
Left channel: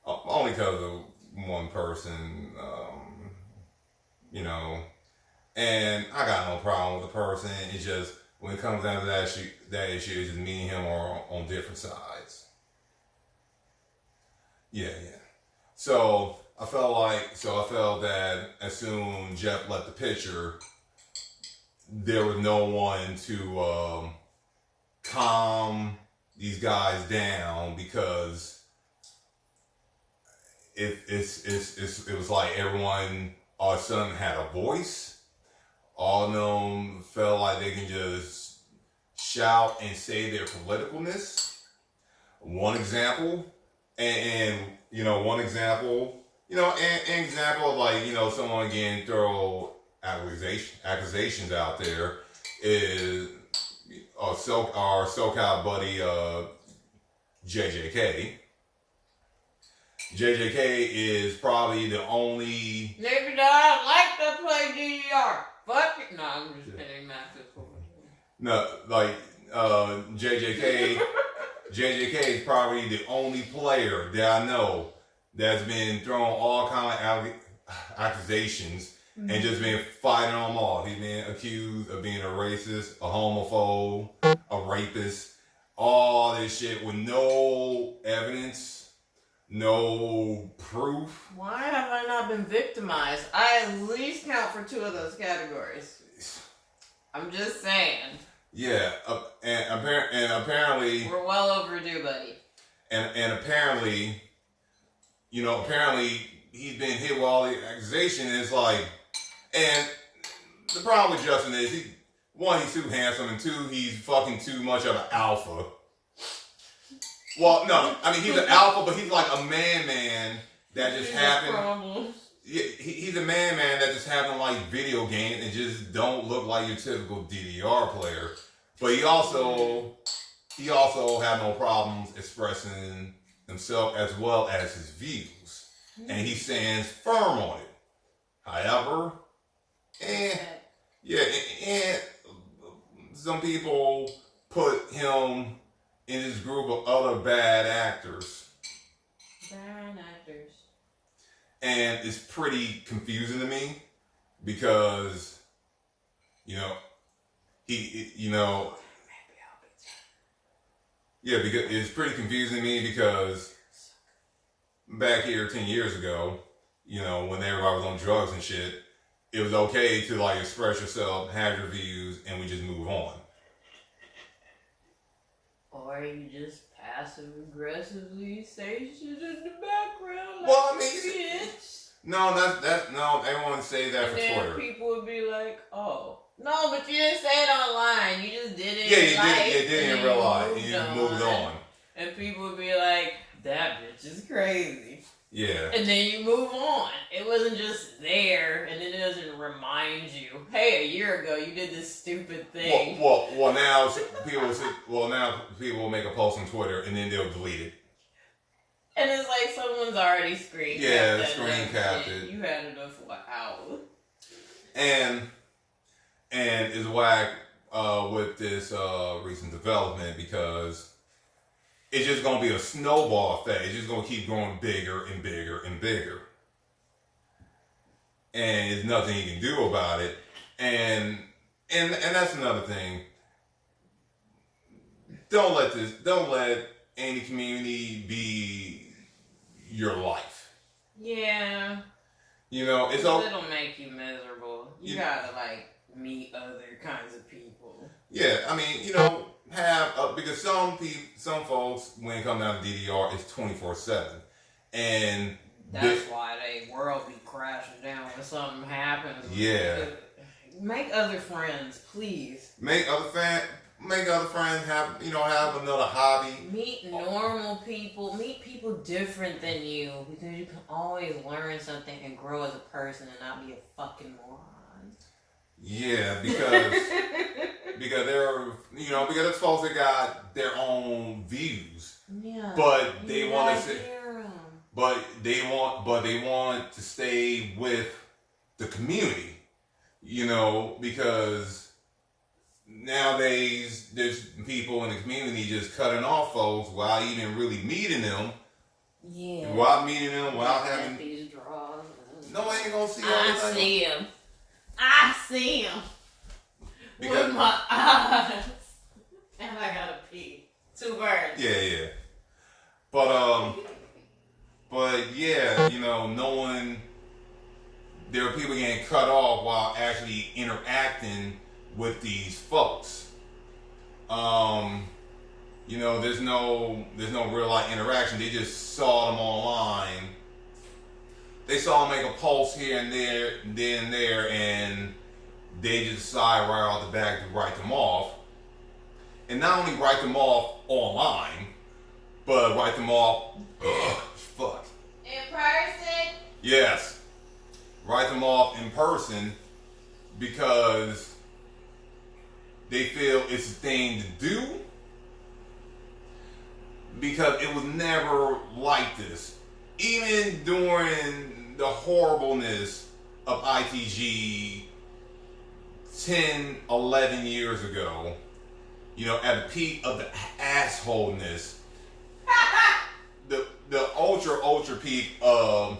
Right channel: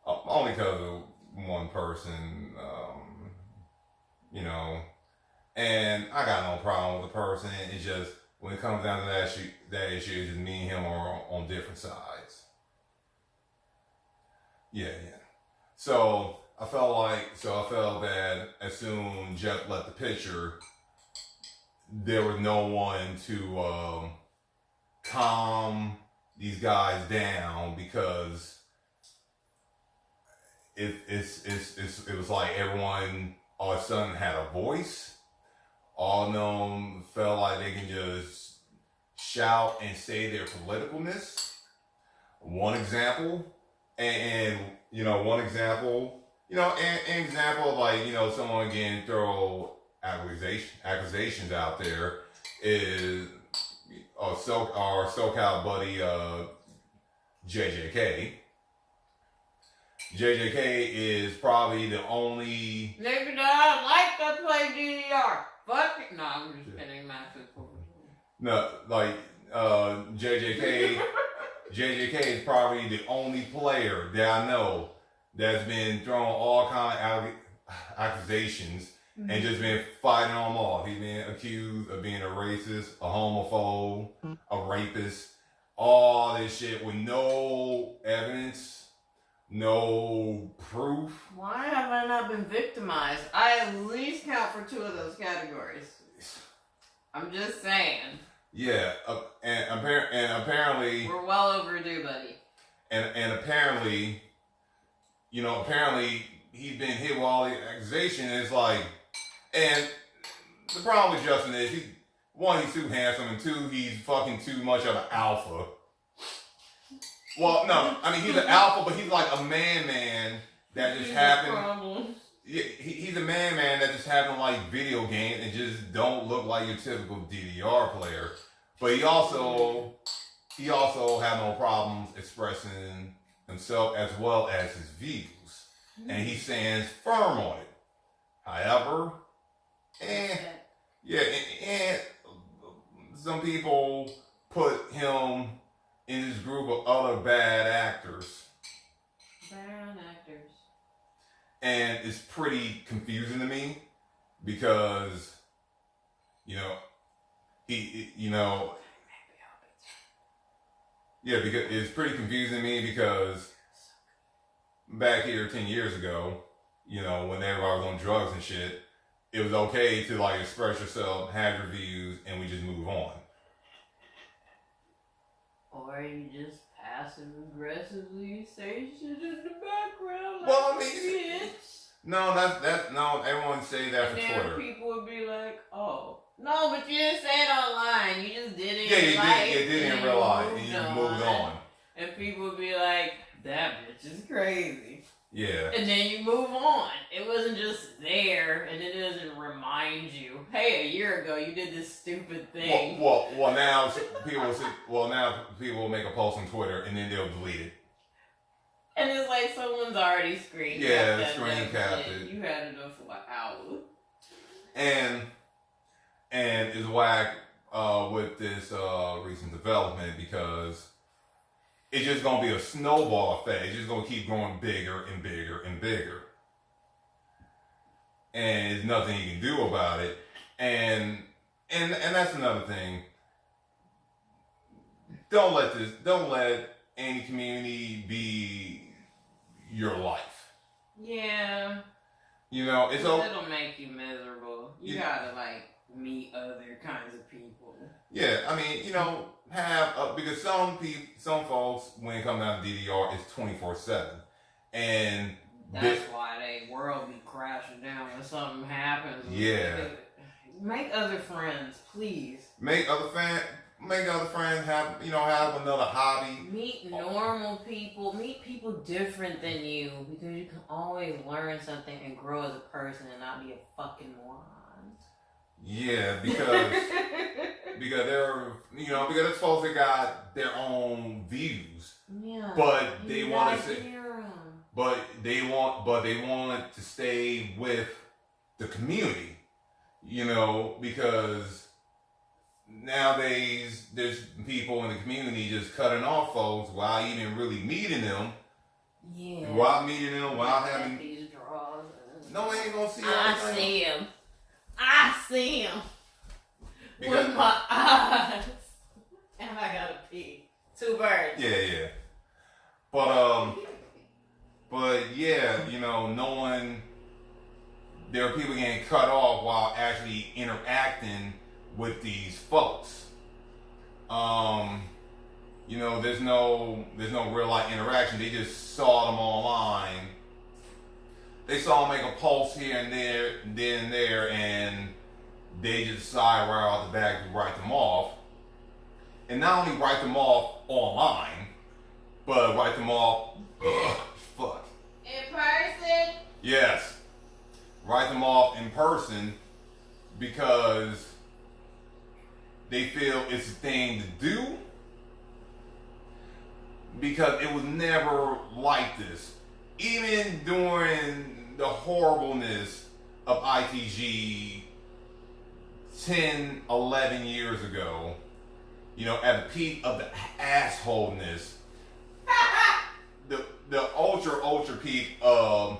Only because of one person, and I got no problem with the person. It's just when it comes down to that issue, it's just me and him are on different sides. Yeah. So I felt that as soon as Jeff left the picture, there was no one to calm these guys down, because it was like everyone all of a sudden had a voice. All of them felt like they can just shout and say their politicalness. An example of, like, someone again throw accusations out there is our SoCal buddy JJK. JJK is probably the only nigga that I like to play DDR. Fuck it. No, I'm just kidding. Massive. No, like JJK is probably the only player that I know that's been thrown all kind of accusations and just been fighting them all. He's been accused of being a racist, a homophobe, a rapist, all this shit with no evidence, no proof. Why have I not been victimized? I at least count for 2 of those categories. I'm just saying. Yeah, and apparently we're well overdue, buddy. And apparently, he's been hit with all the accusations. It's like, and the problem with Justin is he's too handsome, and 2, he's fucking too much of an alpha. Well, no, I mean, he's an alpha, but he's like a man that just happened. Yeah, he's a man that just happened like video games and just don't look like your typical DDR player. But he also had no problems expressing himself as well as his views. And he stands firm on it. However, and some people put him in this group of other bad actors. Bad actors. And it's pretty confusing to me because, because it's pretty confusing to me because back here 10 years ago, when everybody was on drugs and shit, it was okay to like express yourself, have your views, and we just move on. Or you just passive aggressively say shit in the background. Like, well, I mean, no, that's no. Everyone say that for Twitter. People would be like, "Oh, no, but you didn't say it online. You just did it." Yeah, you did it in real life. You just moved on. And people would be like, "That bitch is crazy." Yeah. And then you move on. It wasn't just there, and then it doesn't remind you, hey, a year ago you did this stupid thing. Well, now people will make a post on Twitter and then they'll delete it. And it's like someone's already screen capped. Yeah, screen capped it. You had enough for an hour. And it's whack with this recent development because it's just going to be a snowball effect. It's just going to keep going bigger and bigger and bigger. And there's nothing you can do about it. And that's another thing. Don't let any community be your life. Yeah. It'll make you miserable. You gotta meet other kinds of people. Yeah, I mean, because some folks, when it comes down to DDR, it's 24/7, and that's why they world be crashing down when something happens. Yeah. Make other friends, please. Make other friends have another hobby. Meet normal people. Meet people different than you because you can always learn something and grow as a person and not be a fucking moron. Yeah, because because there's folks that got their own views. Yeah. But they want to say, hear 'em. but they want to stay with the community, because nowadays there's people in the community just cutting off folks while even really meeting them. Yeah. While meeting them, while having these draws. No, I ain't gonna see everything. I see him with my eyes, and I gotta pee. 2 birds. Yeah. But yeah, knowing there are people getting cut off while actually interacting with these folks. There's no real life interaction. They just saw them online. They saw them make a post here and there, and they just decide right off the bat to write them off. And not only write them off online, but write them off, in person? Yes. Write them off in person because they feel it's a thing to do. Because it was never like this. Even during the horribleness of ITG 10, 11 years ago, at the peak of the assholeness, the ultra peak of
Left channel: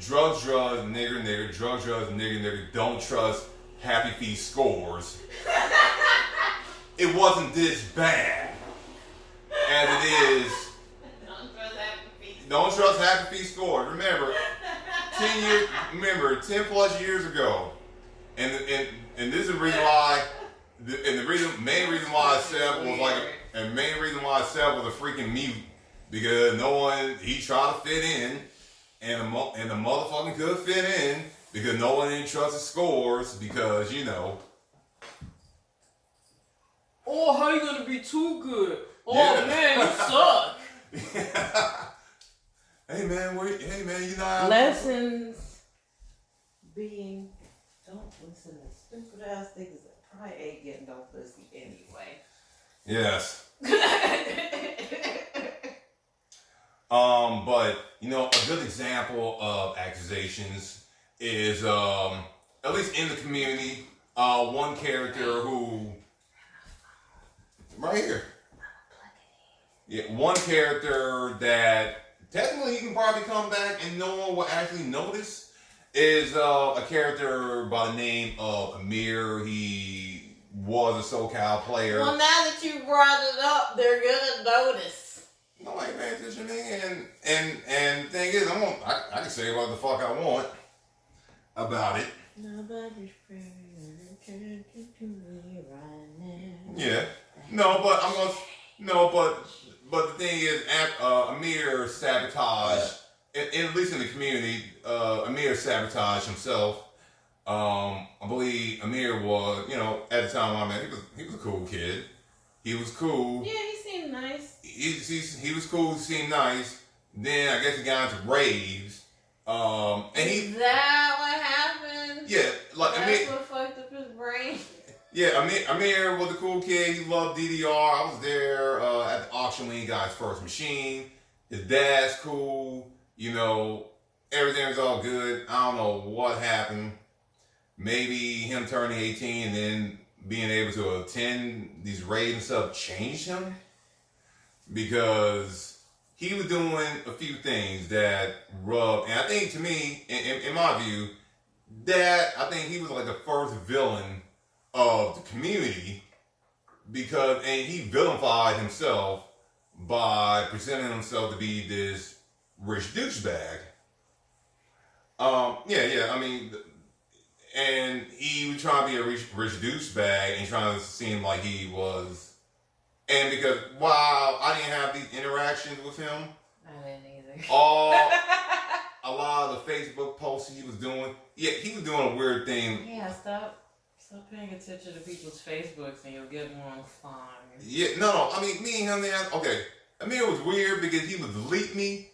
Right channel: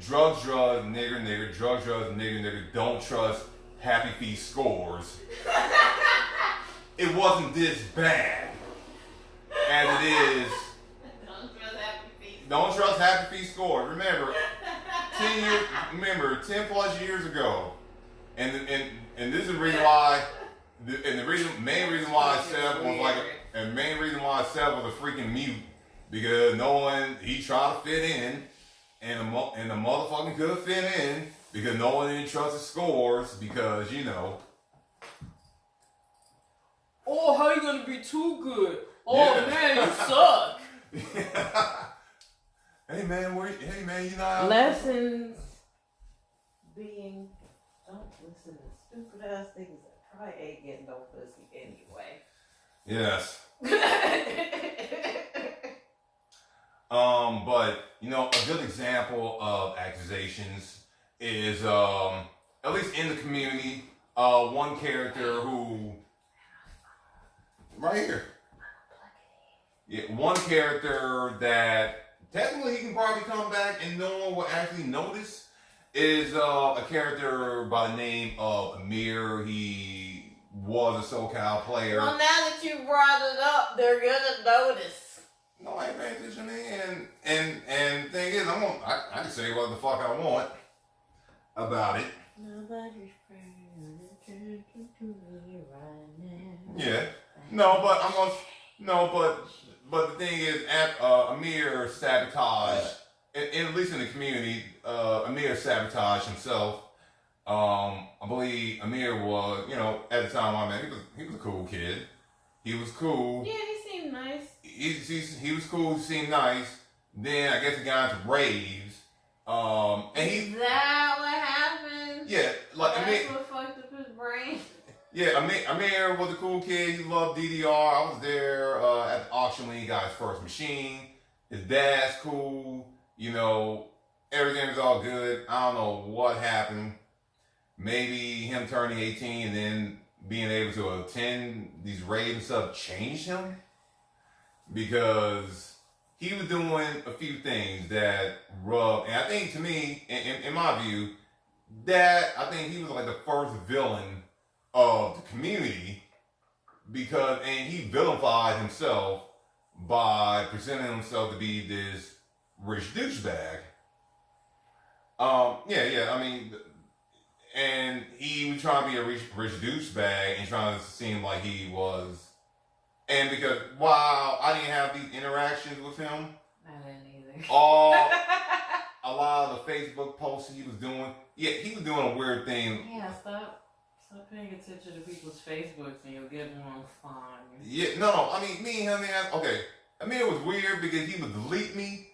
drugs, nigger, drugs, nigger, don't trust Happy Feet scores. It wasn't this bad as it is. Don't trust Happy Feet scores. Remember, 10 plus years ago, and this is the reason why. Main reason why Seth was a freaking mute, because he tried to fit in, and the motherfucking could fit in because no one didn't trust his scores because Oh, how you gonna be too good? Oh Yeah. man, you suck. Hey man, you know. Lessons being don't listen to stupid ass things that probably ain't getting no pussy anyway. Yes. But you know, a good example of accusations is at least in the community, one character who right here. Yeah, one character that technically he can probably come back and no one will actually notice is a character by the name of Amir. He was a SoCal player. Well, now that you brought it up, they're gonna notice. No, I ain't paying attention to me. And the thing is, I can say what the fuck I want about it. Nobody's praying to me right now. Yeah. But the thing is, Amir sabotaged, at least in the community, Amir sabotaged himself. I believe Amir was, you know, at the time I met, he was a cool kid. He was cool. Yeah, he seemed nice. He was cool. He seemed nice. Then I guess he got into raves. Is that what happened? Yeah, like that's what fucked up his brain. Yeah, Amir was a cool kid. He loved DDR. I was there at the auction when he got his first machine. His dad's cool. You know, everything was all good. I don't know what happened. Maybe him turning 18 and then being able to attend these raves and stuff changed him. Because he was doing a few things that rubbed, and I think to me, in my view, that I think he was like the first villain of the community and he villainified himself by presenting himself to be this rich douchebag. I mean, and he was trying to be a rich douchebag and trying to seem like he was. And because while I didn't have these interactions with him, I didn't either. A lot of the Facebook posts he was doing, he was doing a weird thing. Yeah, stop paying attention to people's Facebooks and you'll get more fun. Yeah, no, I mean, me and him, okay. I mean, it was weird because he would delete me,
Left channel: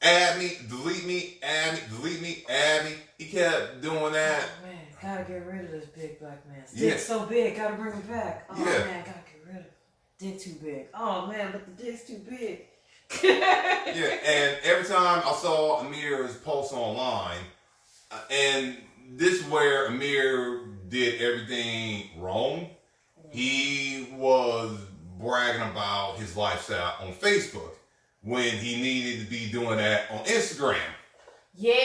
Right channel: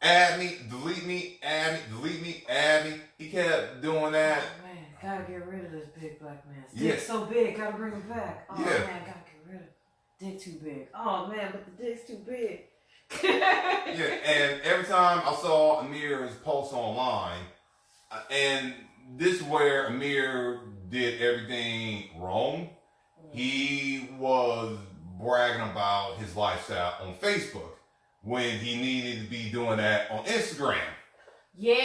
add me, delete me, add me, delete me, add me. He kept doing that. Oh, man, gotta get rid of this big black man. Dick's so big, gotta bring him back. Oh, man, gotta get rid of it. Dick too big. Oh, man, but the dick's too big. And every time I saw Amir's posts online, and this is where Amir did everything wrong. He was bragging about his lifestyle on Facebook when he needed to be doing that on Instagram. Yeah,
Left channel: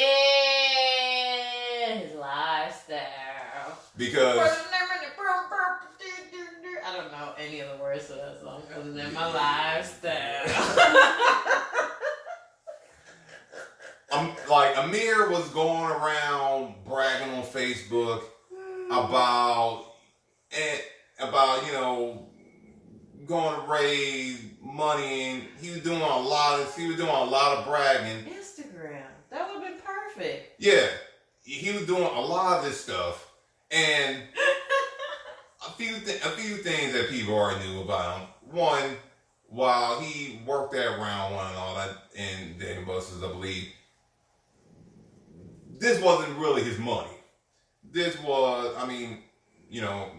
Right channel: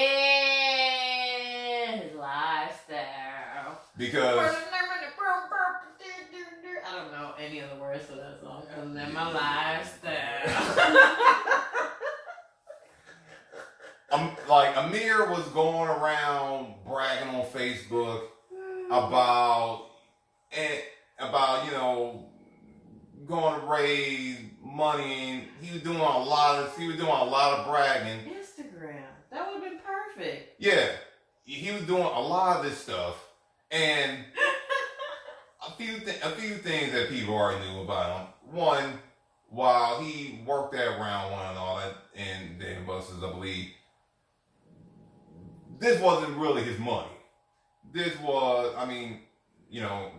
his lifestyle. Because I don't know any of the words to that song other than my lifestyle. Like Amir was going around bragging on Facebook about you know, going to raise money, and he was doing a lot of bragging. Instagram, that would have been perfect. Yeah, he was doing a lot of this stuff, and a few things that people already knew about him. One, while he worked at Round One and all that, and Dave Buster's, I believe, this wasn't really his money. This was, I mean, you know,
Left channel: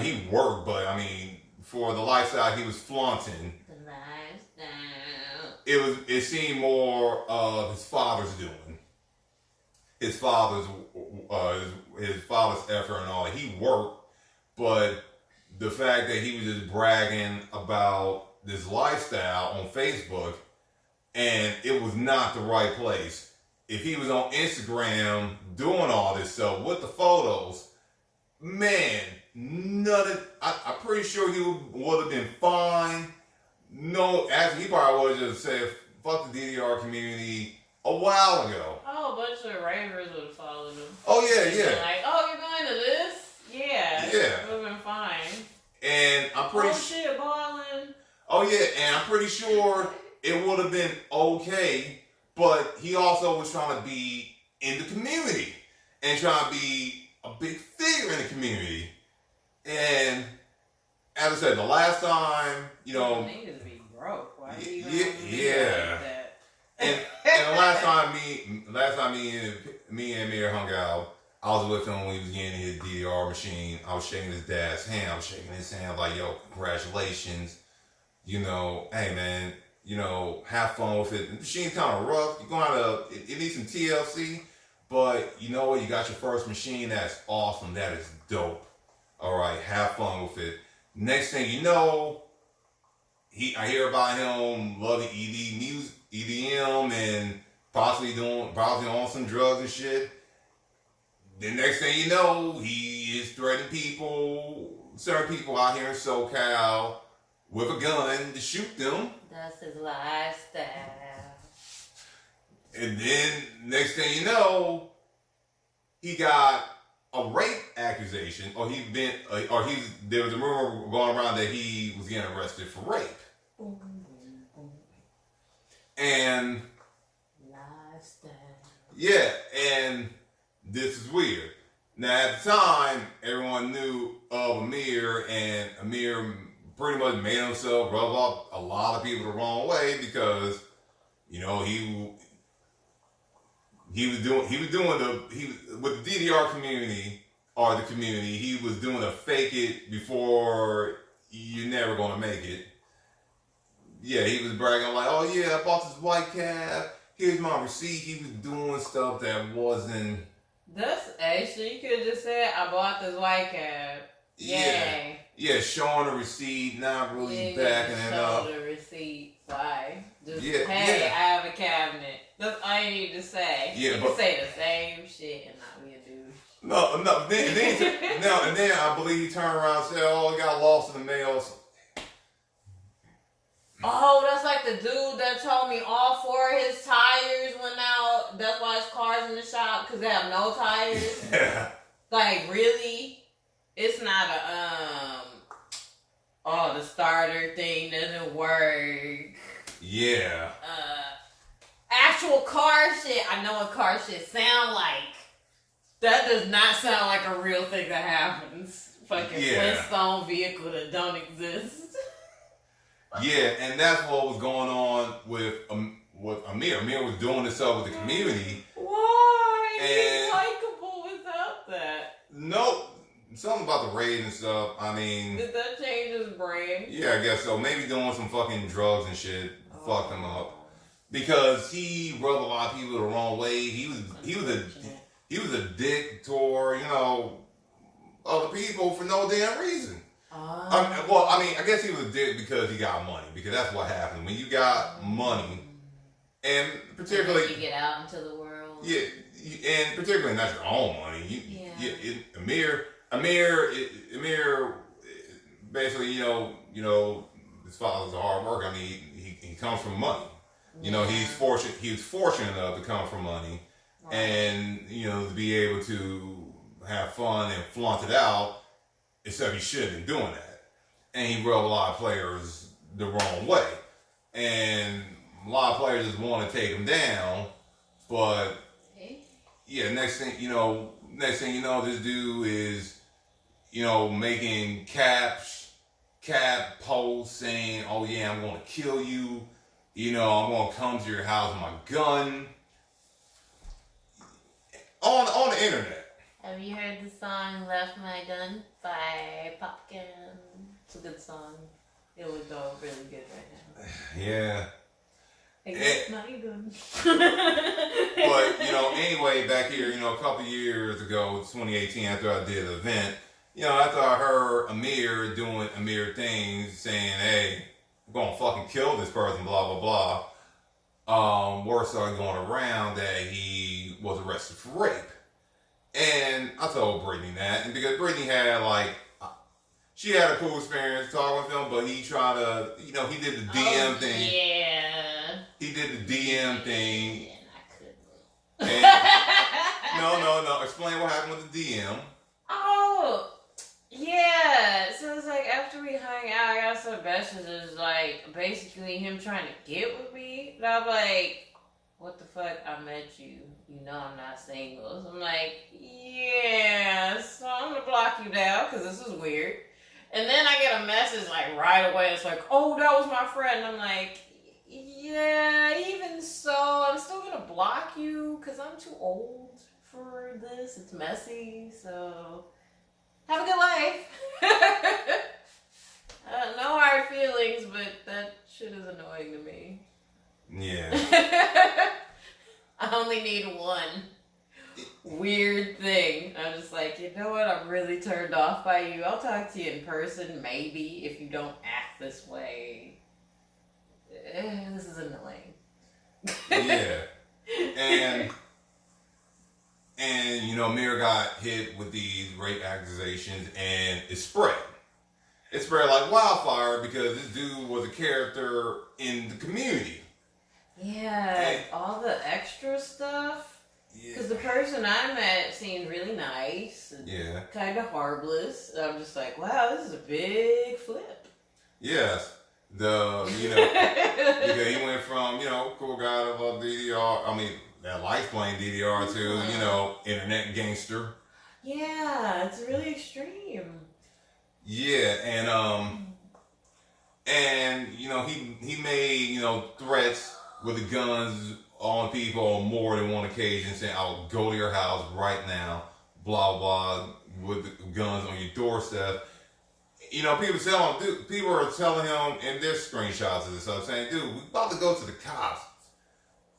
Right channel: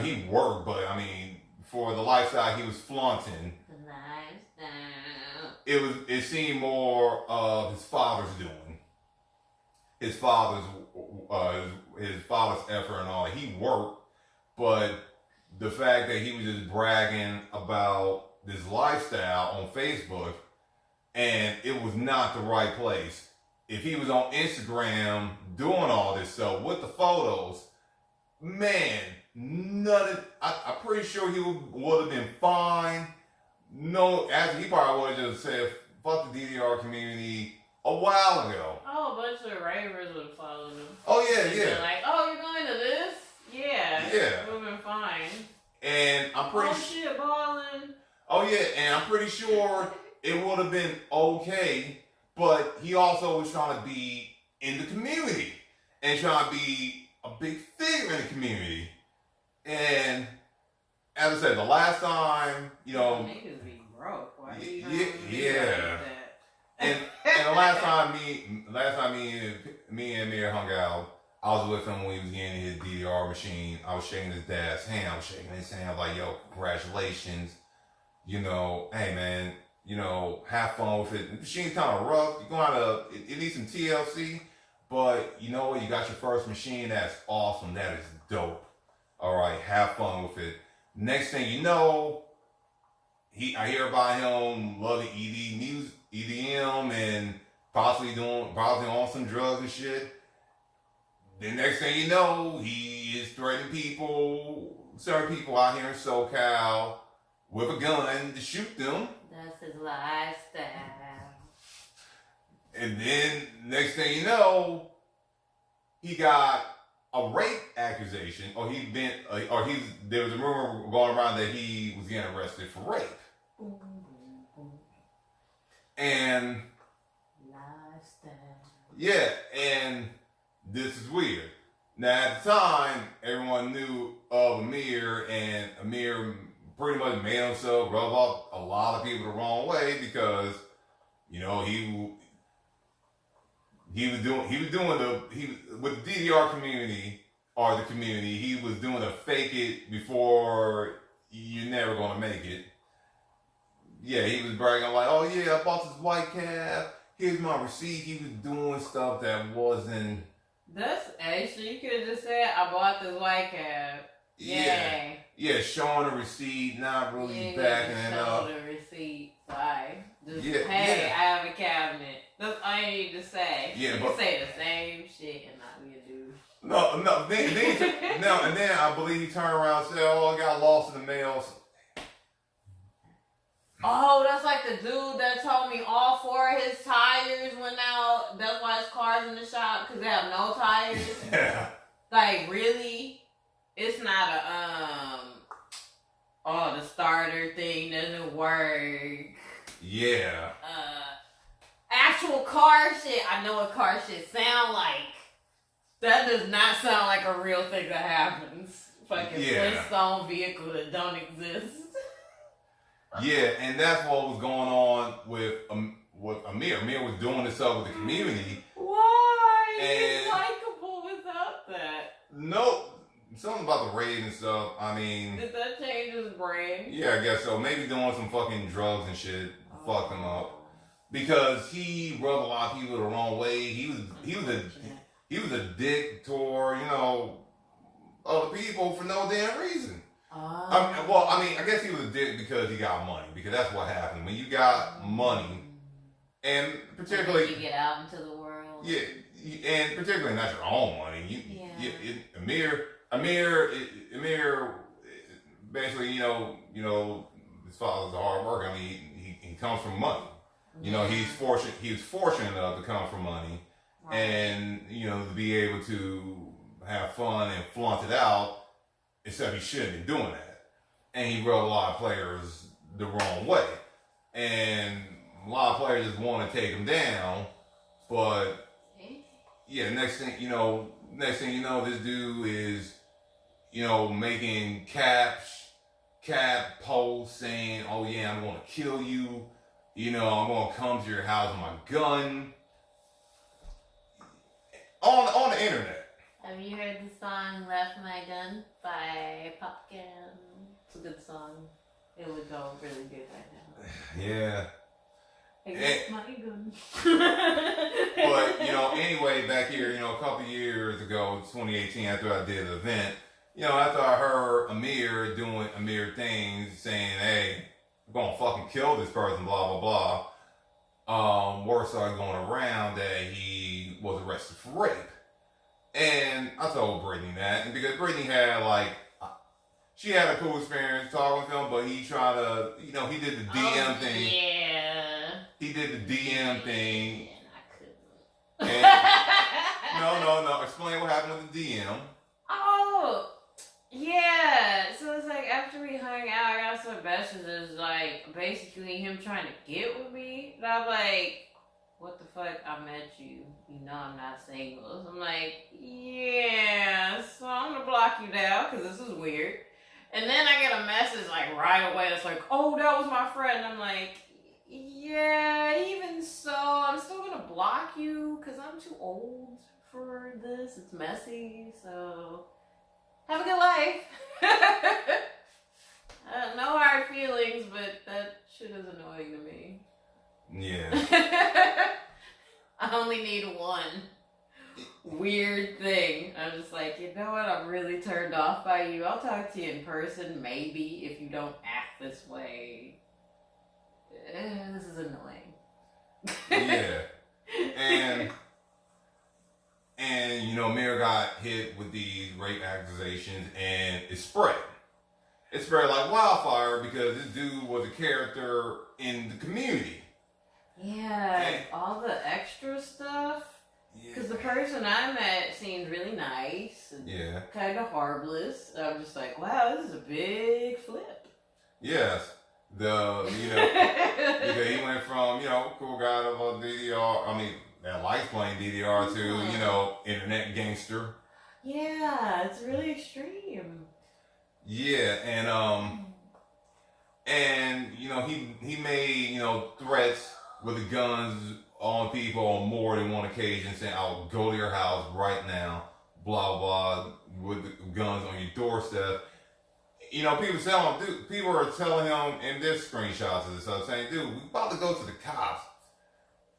he worked, but I mean, for the lifestyle he was flaunting, The lifestyle. it seemed more of his father's doing. His father's effort and all. He worked, but the fact that he was just bragging about this lifestyle on Facebook, and it was not the right place. If he was on Instagram doing all this stuff with the photos, man, I'm pretty sure he would have been fine. No, actually, he probably would have just said, fuck the DDR community a while ago. Oh, a bunch of ravers would have followed him. Oh, yeah. Like, oh, you're going to this? Yeah. It would have been fine. And I'm pretty shit, balling. Oh, yeah, and I'm pretty sure it would have been okay, but he also was trying to be in the community and trying to be a big figure in the community. And as I said, the last time, you know, niggas be broke. Why you yeah. Like that? And the last time me and Amir hung out, I was with him when he was getting his DDR machine. I was shaking his dad's hand. I was shaking his hand like, yo, congratulations. You know, hey man, have fun with it. The machine's kind of rough. You're gonna have to. It needs some TLC, but you know what? You got your first machine. That's awesome. That is dope. All right, have fun with it. Next thing you know, I hear about him loving EDM, and possibly on some drugs and shit. The next thing you know, he is threatening certain people out here in SoCal, with a gun to shoot them. That's his lifestyle. And then next thing you know, he got a rape accusation, or there was a rumor going around that he was getting arrested for rape. And yeah, and this is weird. Now at the time, everyone knew of Amir, and Amir pretty much made himself rub off a lot of people the wrong way because, he was with the DDR community or the community, he was doing a fake it before you're never gonna make it. Yeah, he was bragging like, oh yeah, I bought this white cab. Here's my receipt. He was doing stuff that wasn't. That's actually, you could have just said, I bought this white cab. Yeah. Yeah, showing the receipt, not really backing it up. Show the receipt. Why? Just, hey, I have a cabinet. That's all you need to say. Yeah, you can say the same shit and not be a douche. No. Then I believe he turned around and said, oh, I got lost in the mail. Oh, that's like the dude that told me all 4 of his tires went out. That's why his car's in the shop, because they have no tires. Yeah. Like, really? It's not the starter thing doesn't work. Yeah. Actual car shit. I know what car shit sound like. That does not sound like a real thing that happens. Fucking Flintstone vehicle that don't exist. Yeah, and that's what was going on with Amir. Amir was doing this stuff with the community. Why? He's likable without that. No, something about the raid and stuff. I mean, did that change his brain? Yeah, I guess so. Maybe doing some fucking drugs and shit fucked him up because he rubbed a lot of people the wrong way. He was a dick toward other people for no damn reason. I guess he was a dick because he got money. Because that's what happened when you got money, and particularly you get out into the world. Yeah, and particularly not your own money. Amir, basically, his father's a hard worker. I mean, he comes from money. He's fortunate. He was fortunate enough to come from money, right. And to be able to have fun and flaunt it out. Except he shouldn't have been doing that. And he rubbed a lot of players the wrong way. And a lot of players just want to take him down. But, yeah, next thing you know, this dude is, making cap posts saying, oh yeah, I'm going to kill you. I'm going to come to your house with my gun. On the internet. Have you heard the song Left My Gun by Popkin? It's a good song. It would go really good right now. Yeah. I left my gun. But, anyway, back here, a couple years ago, 2018, after I did the event, after I heard Amir doing Amir things, saying, hey, I'm going to fucking kill this person, blah, blah, blah. Word started going around that he was arrested for rape. And I told Brittany that, and because Brittany had she had a cool experience talking with him, but he tried to, he did the DM thing. Yeah. He did the DM thing. And I couldn't. And, no. Explain what happened with the DM. Oh, yeah. So it's like after we hung out, I got some messages basically him trying to get with me. And I'm like, what the fuck? I met you. I'm not single. So I'm like, yeah, so I'm gonna block you now because this is weird. And then I get a message right away. It's like, oh, that was my friend. I'm like, yeah, even so, I'm still gonna block you because I'm too old for this. It's messy. So have a good life. No hard feelings, but that shit is annoying to me. Yeah. I only need one weird thing. I'm just like, you know what? I'm really turned off by you. I'll talk to you in person, maybe, if you don't act this way. This is annoying. Yeah. And you know, Amir got hit with these rape accusations, and it spread. It spread like wildfire because this dude was a character in the community. Yeah, and all the extra stuff. Because the person I met seemed really nice and kind of harmless. I'm just like, wow, this is a big flip. Yes. Because he went from, cool guy to DDR, that likes playing DDR to, internet gangster. Yeah, it's really extreme. Yeah, and he made, threats with the guns on people on more than one occasion, saying, I'll go to your house right now, blah, blah, with the guns on your doorstep. People are telling him in their screenshots of this stuff, saying, dude, we about to go to the cops.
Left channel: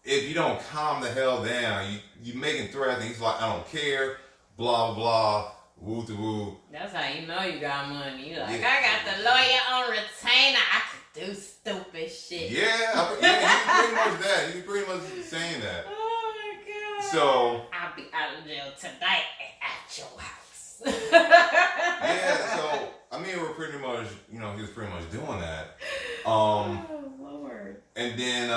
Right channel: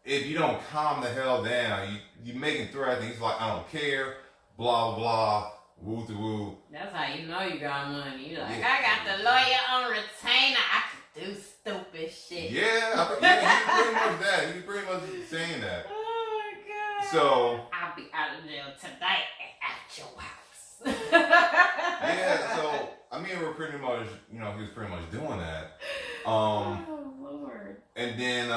If you don't calm the hell down, you making threats, and he's like, I don't care, blah, blah, woo to woo. That's how you know you got money. You're like, I got the lawyer on retainer. I could do stupid shit. Yeah, he's pretty much that. He's pretty much saying that. Oh my God. So I'll be out of jail tonight at your house. Yeah, so we're pretty much, he was pretty much doing that. Oh Lord. And then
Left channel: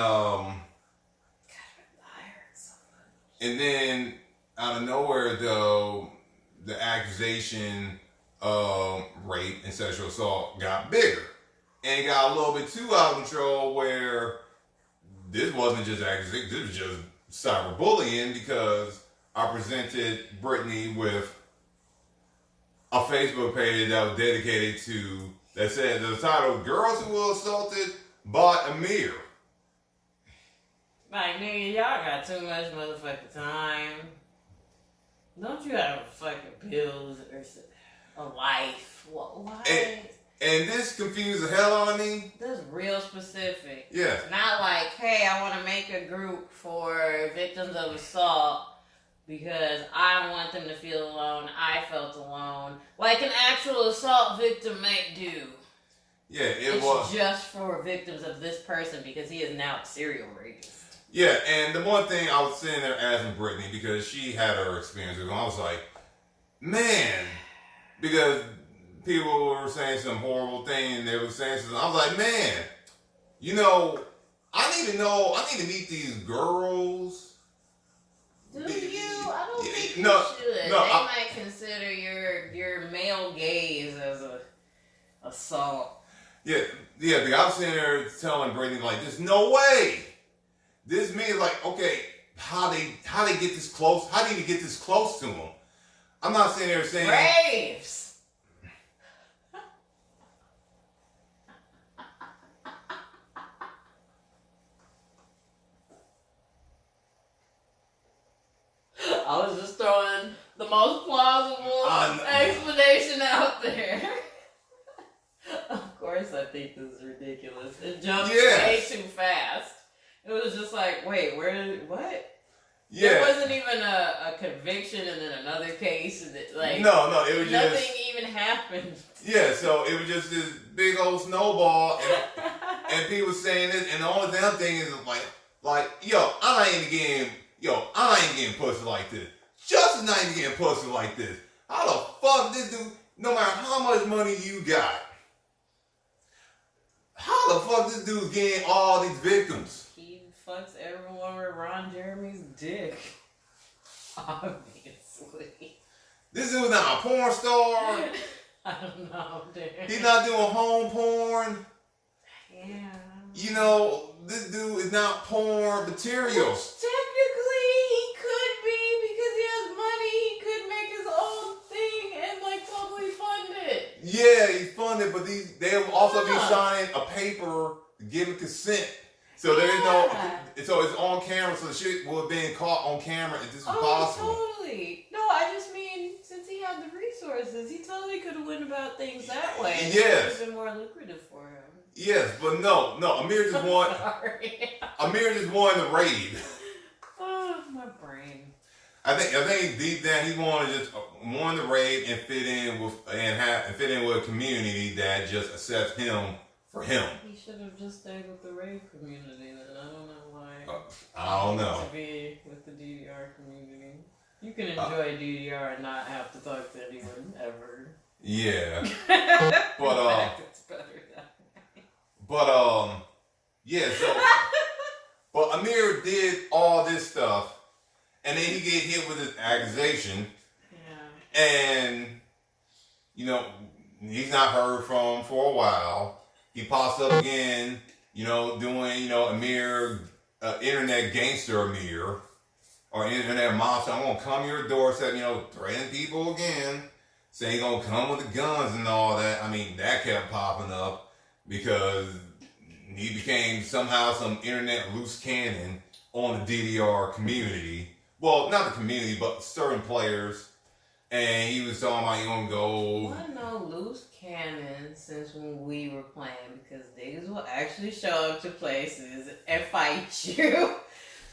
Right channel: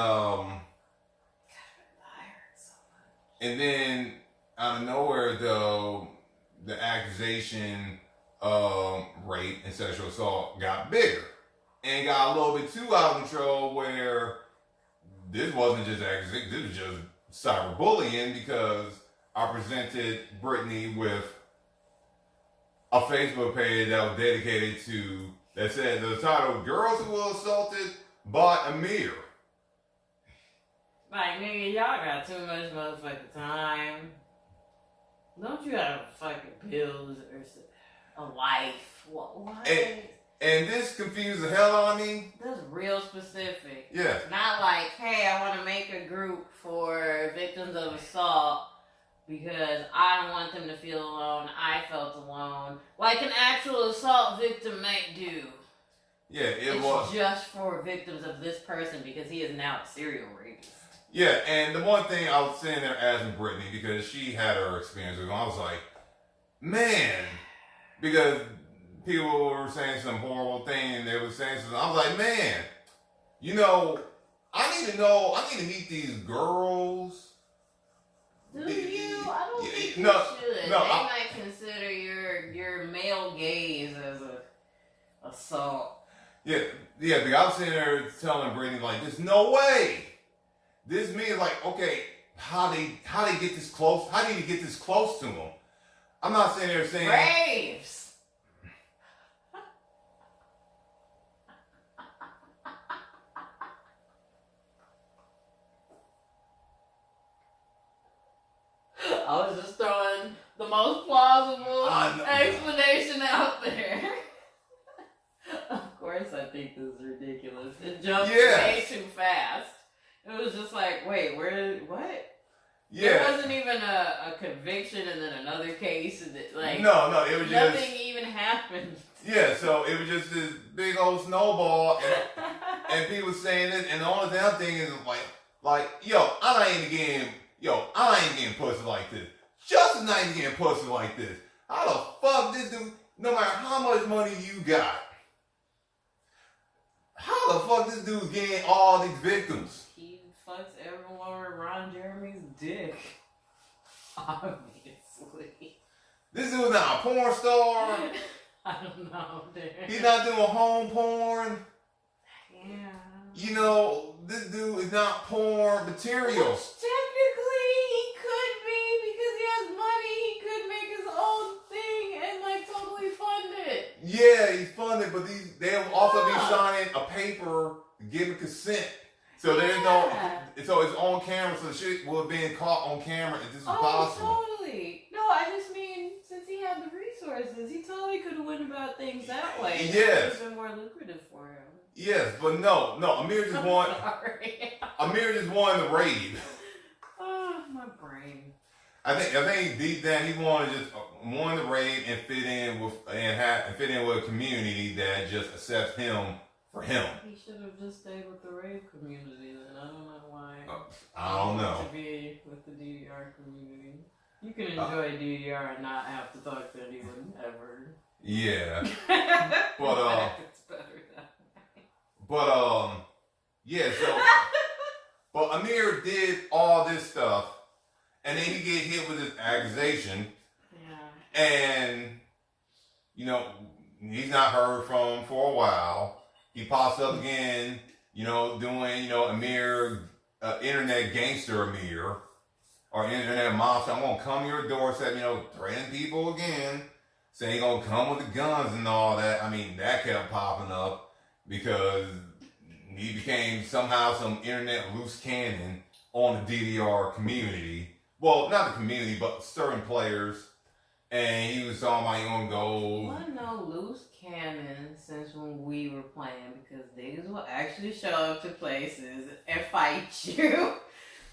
and then out of nowhere though, the accusation of rape and sexual assault got bigger. And it got a little bit too out of control where this wasn't just accusation, this was just cyberbullying, because I presented Brittany with a Facebook page that was dedicated to, that said, the title, Girls Who Were Assaulted by Amir. Like, nigga, y'all got too much motherfucking time. Don't you have fucking bills or a life? Why? And this confused the hell out of me. That's real specific. Yeah. Not like, hey, I want to make a group for victims of assault because I don't want them to feel alone. I felt alone. Like an actual assault victim might do. Yeah, it's just for victims of this person because he is now a serial rapist. Yeah, and the one thing I was sitting there asking Brittany, because she had her experience with it, I was like, man, because people were saying some horrible thing, and they were saying something. I was like, man, I need to meet these girls. Do you? I don't think you should. They might consider your male gaze as a assault. Yeah, because I was sitting there telling Brittany, like, there's no way. This means, like, okay, how they get this close? How did you get this close to them? I'm not sitting there saying raves. I was just throwing the most plausible explanation out there. Of course, I think this is ridiculous. It jumped way too fast. It was just like, wait, what? Yeah. There wasn't even a conviction and then another case. And no, it was nothing even happened. Yeah, so it was just this big old snowball, and people saying this, and the only thing I'm thinking is like, I ain't getting pussy like this. Justin's not even getting pussy like this. How the fuck this dude, no matter how much money you got, how the fuck this dude's getting all these victims? He fucks everyone with Ron Jeremy's dick. Obviously. This dude's not a porn star. I don't know, dude. He's not doing home porn. Yeah. This dude is not porn material. Which technically he could be because he has money. He could make his own thing and totally fund it. Yeah, he's funded, but they'll also be signing a paper giving consent. So there's so it's on camera, so the shit will have been caught on camera if this was possible. Totally. No, I just mean, since he had the resources. resources. He totally could have went about things that way. Yes. It would have been more lucrative for him. Yes, but no. Amir just wanted. Amir just wanted to raid. Oh, my brain. I think deep down he wanted to raid and fit in with a community that just accepts him for him. He should have just stayed with the raid community. Then I don't know why. I don't know. To be with the DDR community, you can enjoy DDR and not have to talk to anyone ever. Yeah, but in fact, it's better that way. But yeah. So, but Amir did all this stuff. And then he get hit with this accusation. Yeah. And, he's not heard from for a while. He pops up again, doing, Amir, internet gangster Amir, or internet monster. I'm going to come to your doorstep, threatening people again. Saying he's going to come with the guns and all that. I mean, that kept popping up because he became somehow some internet loose cannon on the DDR community. Well, not the community, but certain players. And he was talking about, going to go... I know loose cannon since when we were playing, because niggas will actually show up to places and fight you.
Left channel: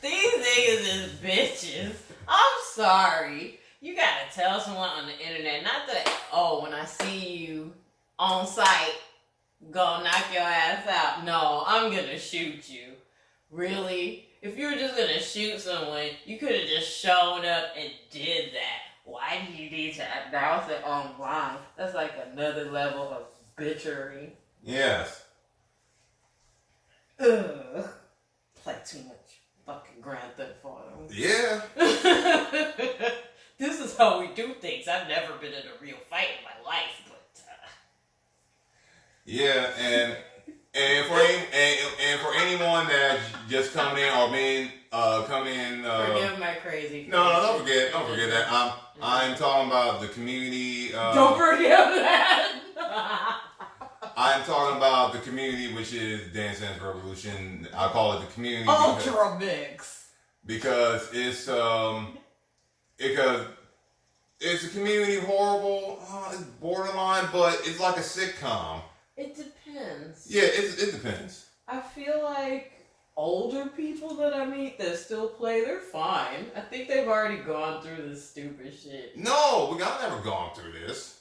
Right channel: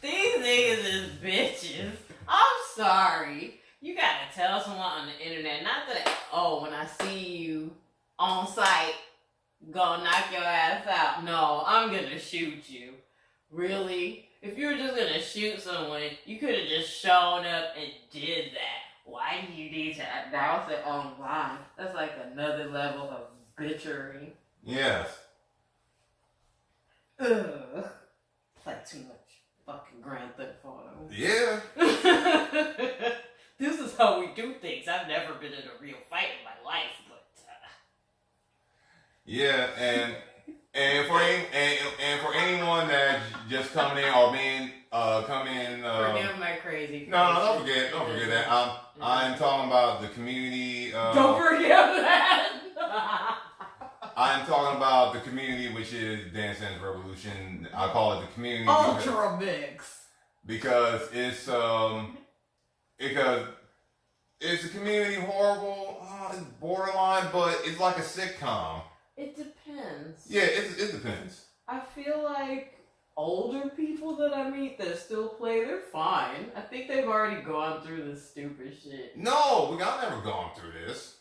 These niggas is bitches. I'm sorry. You gotta tell someone on the internet, not that, when I see you on site, go knock your ass out. No, I'm gonna shoot you. Really? If you were just gonna shoot someone, you could have just shown up and did that. Why do you need to announce it online? That's like another level of bitchery. Yes. Ugh. Play too much fucking Grand Theft Auto. Yeah. This is how we do things. I've never been in a real fight in my life, but... Yeah, and for anyone that just coming in or forgive my crazy. No, don't forget that. I'm talking about the community. Don't forget that. I'm talking about the community, which is Dance Dance Revolution. I call it the community Ultra Mix because it's a community horrible. It's borderline, but it's like a sitcom. It depends. Yeah, it depends. I feel like older people that I meet that still play, they're fine. I think they've already gone through this stupid shit. No, I've never gone through this.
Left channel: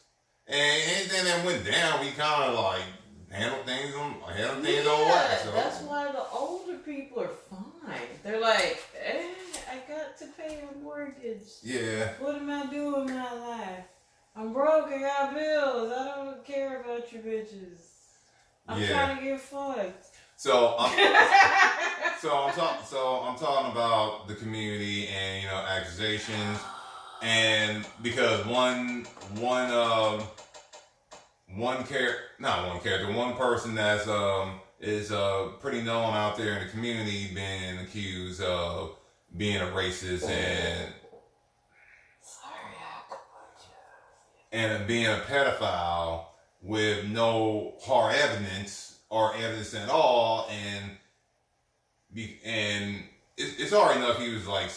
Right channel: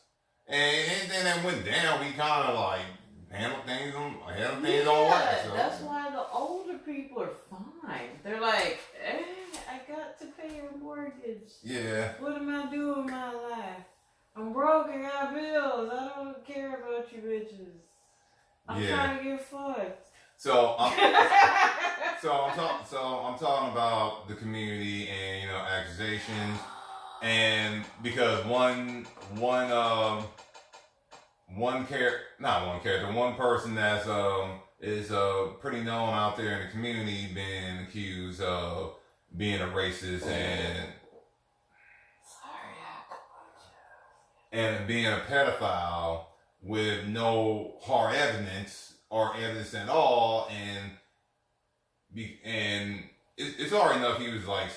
And anything that went down, we kind of like handle things on wax. So. That's why the older people are fine. They're like, I got to pay a mortgage. Yeah. What am I doing with my life? I'm broke, I got bills, I don't care about you bitches. I'm trying to get fucked. So I'm talking about the community and accusations, and because one person that's is pretty known out there in the community being accused of being a racist and being a pedophile with no hard evidence or evidence at all, and it's already enough. He was like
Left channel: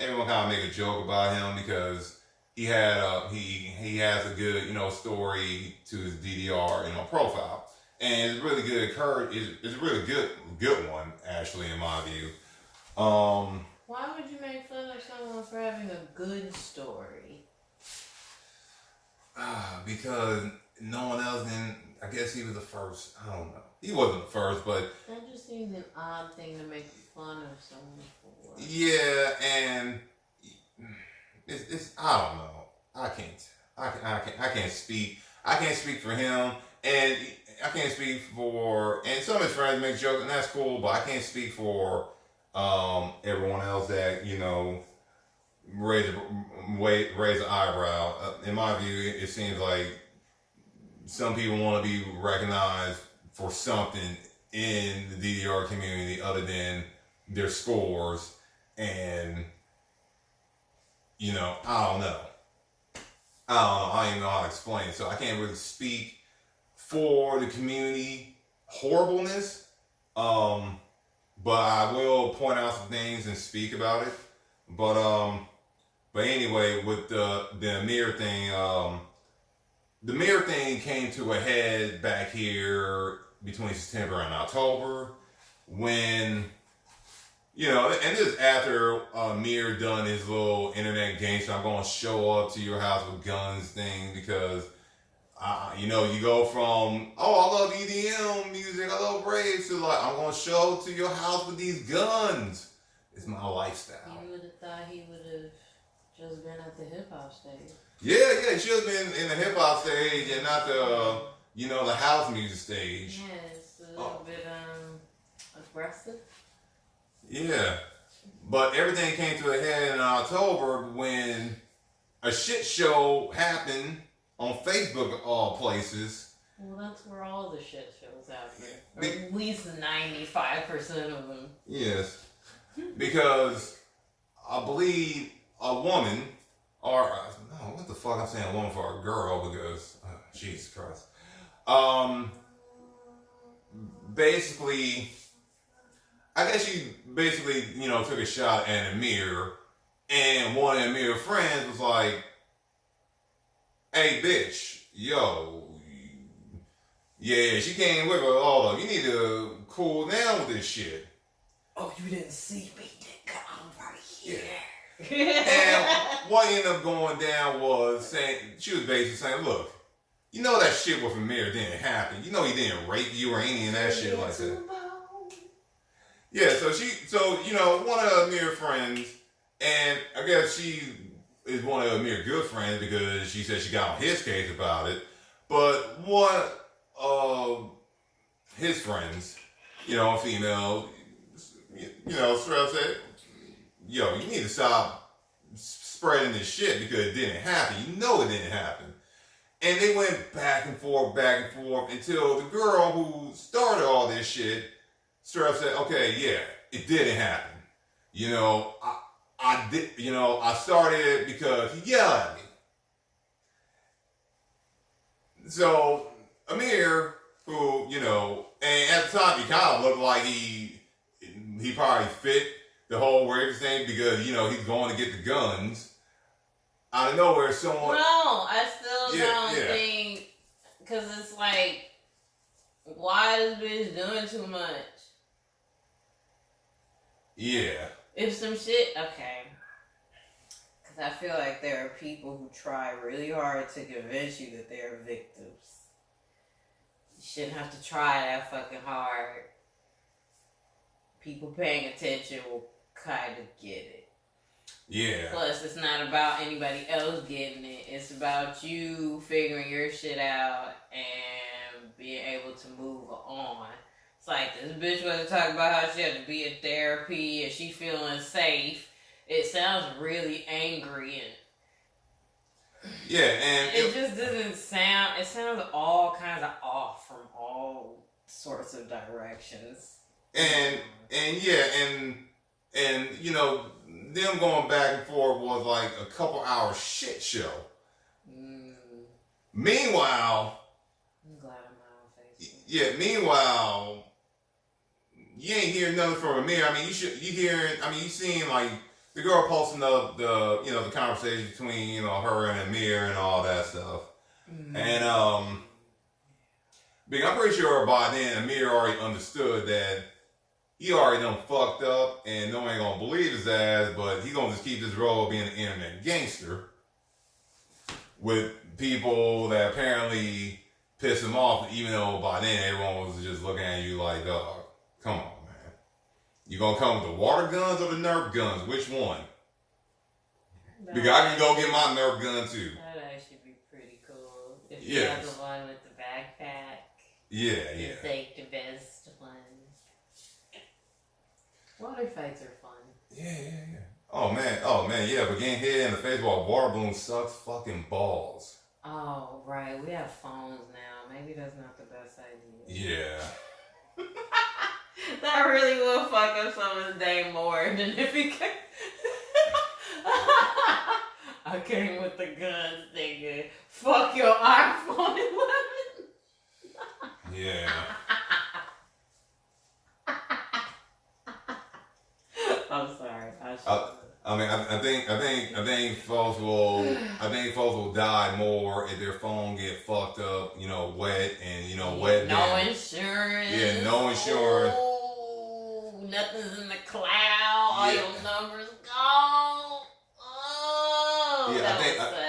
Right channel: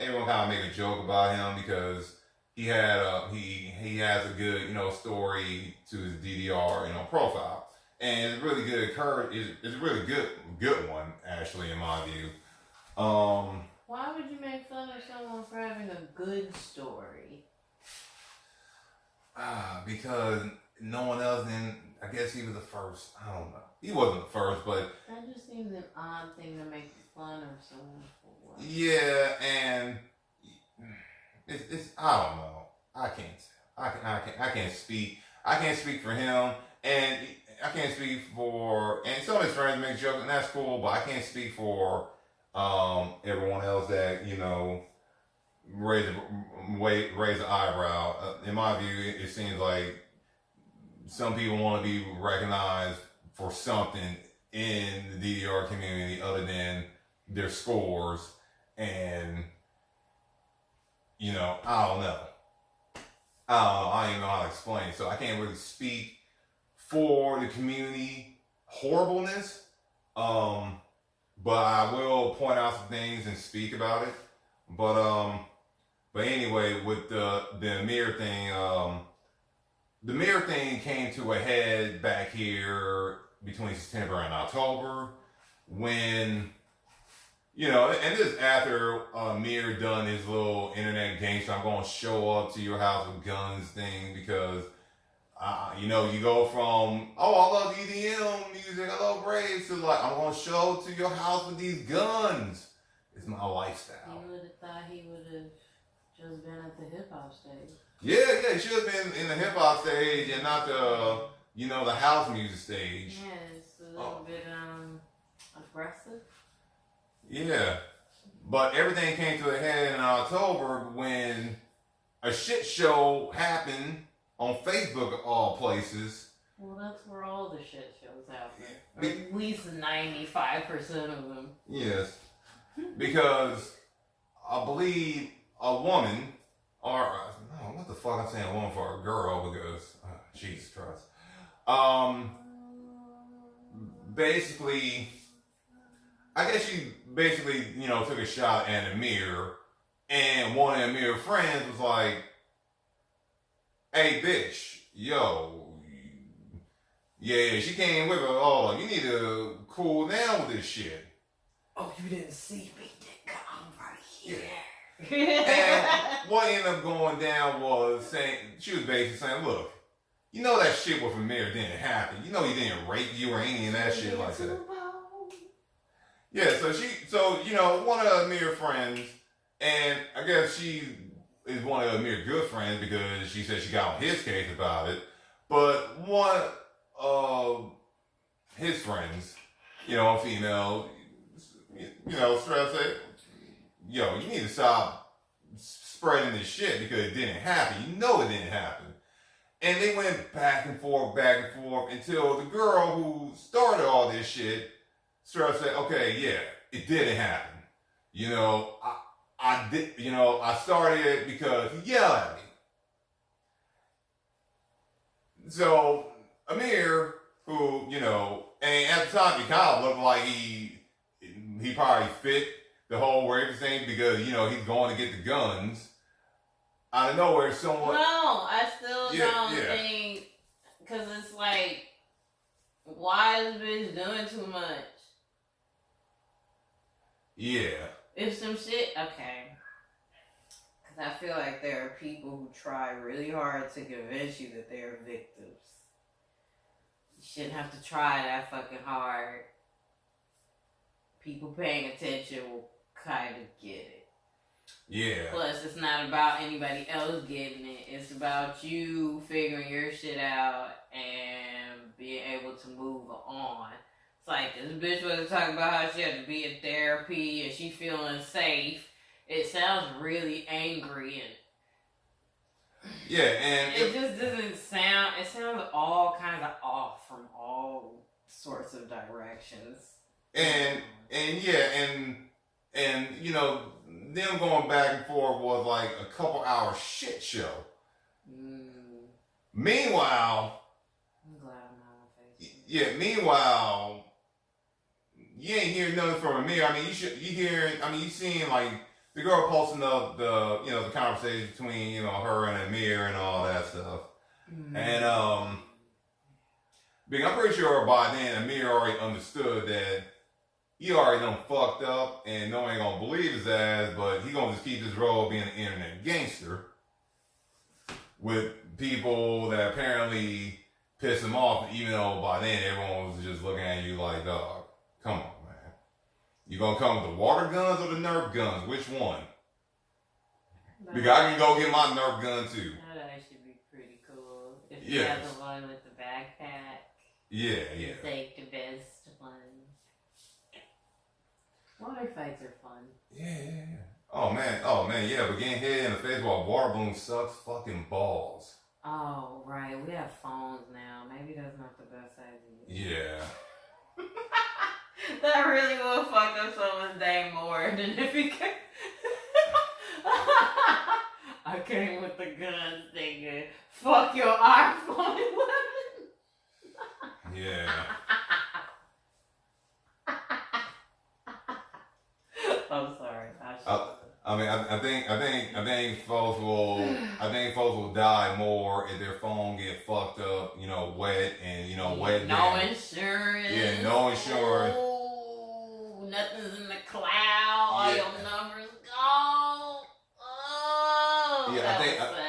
everyone kind of make a joke about him because he had he has a good story to his DDR profile, and it's really good. It's a really good one actually in my view. Why would you make fun of someone for having a good story? Because no one else didn't. I guess he was the first. I don't know. He wasn't the first, but that just seems an odd thing to make fun of someone for. Yeah, and it's I don't know. I can't speak. I can't speak for him, and I can't speak for. And some of his friends make jokes, and that's cool. But I can't speak for everyone else that raise an eyebrow. In my view, it seems like some people want to be recognized for something in the DDR community other than their scores, and I don't know. I don't even know how to explain it, so I can't really speak for the community horribleness. But I will point out some things and speak about it. But But anyway, with the Amir thing, the Amir thing came to a head back here between September and October when, you know, and this is after Amir done his little internet gangster, I'm going to show up to your house with guns thing because, you know, you go from, oh, I love EDM music, I love raves, to like, I'm going to show up to your house with these guns. It's my lifestyle. You would have thought he would have just been at the hip hop stage. Yeah, he should have been in the hip hop stage and not the, you know, the house music stage. Yeah, it's a little bit aggressive. Yeah, but everything came to a head in October when a shit show happened on Facebook of all places. Well, that's where all the shit shows happen. Or at least 95% of them. Yes, because I believe a woman, or no, what the fuck I'm saying a woman for a girl because Jesus Christ. Basically, I guess she basically, you know, took a shot at Amir, and one of Amir's friends was like, "Hey, bitch, yo, yeah, she came with her. Oh, you need to cool down with this shit." Oh, you didn't see me, nigga. I'm right here. Yeah. And what ended up going down was saying, she was basically saying, look, you know that shit with Amir didn't happen. You know he didn't rape you or any of that shit like that. Yeah, so you know, one of Amir's friends, and I guess she is one of Amir's good friends because she said she got on his case about it. But one of his friends, you know, female, you know, straight up said, yo, you need to stop spreading this shit because it didn't happen. You know it didn't happen. And they went back and forth until the girl who started all this shit straight up said, okay, yeah, it didn't happen. You know, I did, you know, I started it because he yelled at me. So Amir, who, you know, and at the time he kind of looked like he probably fit the whole rape thing because, you know, he's going to get the guns. Out of nowhere, someone... No, I still don't think... Because it's like, why is this bitch doing too much? Yeah. If some shit... Okay. Because I feel like there are people who try really hard to convince you that they're victims. You shouldn't have to try that fucking hard. People paying attention will kind of get it. Yeah. Plus, it's not about anybody else getting it. It's about you figuring your shit out and being able to move on. It's like this bitch wasn't talking about how she had to be in therapy and she feeling safe. It sounds really angry and it just doesn't sound. It sounds all kinds of off from all sorts of directions. And you know, them going back and forth was like a couple hour shit show. Meanwhile, I'm glad I'm not on Facebook. Yeah, meanwhile, you ain't hearing nothing from Amir. I mean, you seen like the girl posting up the, you know, the conversation between, you know, her and Amir and all that stuff. And because I'm pretty sure by then Amir already understood that he already done fucked up and no one ain't gonna believe his ass, but he gonna just keep his role being an internet gangster with people that apparently piss him off, even though by then everyone was just looking at you like, dog, come on, man. You gonna come with the water guns or the Nerf guns? Which one? Because I can go get my Nerf gun too. That actually be pretty cool. If you have the one with the backpack. Yeah. It's like the best one. Water fights are fun. Yeah. Oh man, yeah, but getting hit in the face while a water balloon sucks fucking balls. Oh, right. We have phones now. Maybe that's not the best idea. Yeah. That really will fuck up someone's day more than if he came. I came with the guns, nigga. Fuck your iPhone 11. Yeah. I'm sorry. I mean, I think folks will die more if their phone get fucked up, wet and wet. No insurance. Yeah, no insurance. Oh, nothing's in the cloud. All your numbers gone. Oh, yeah.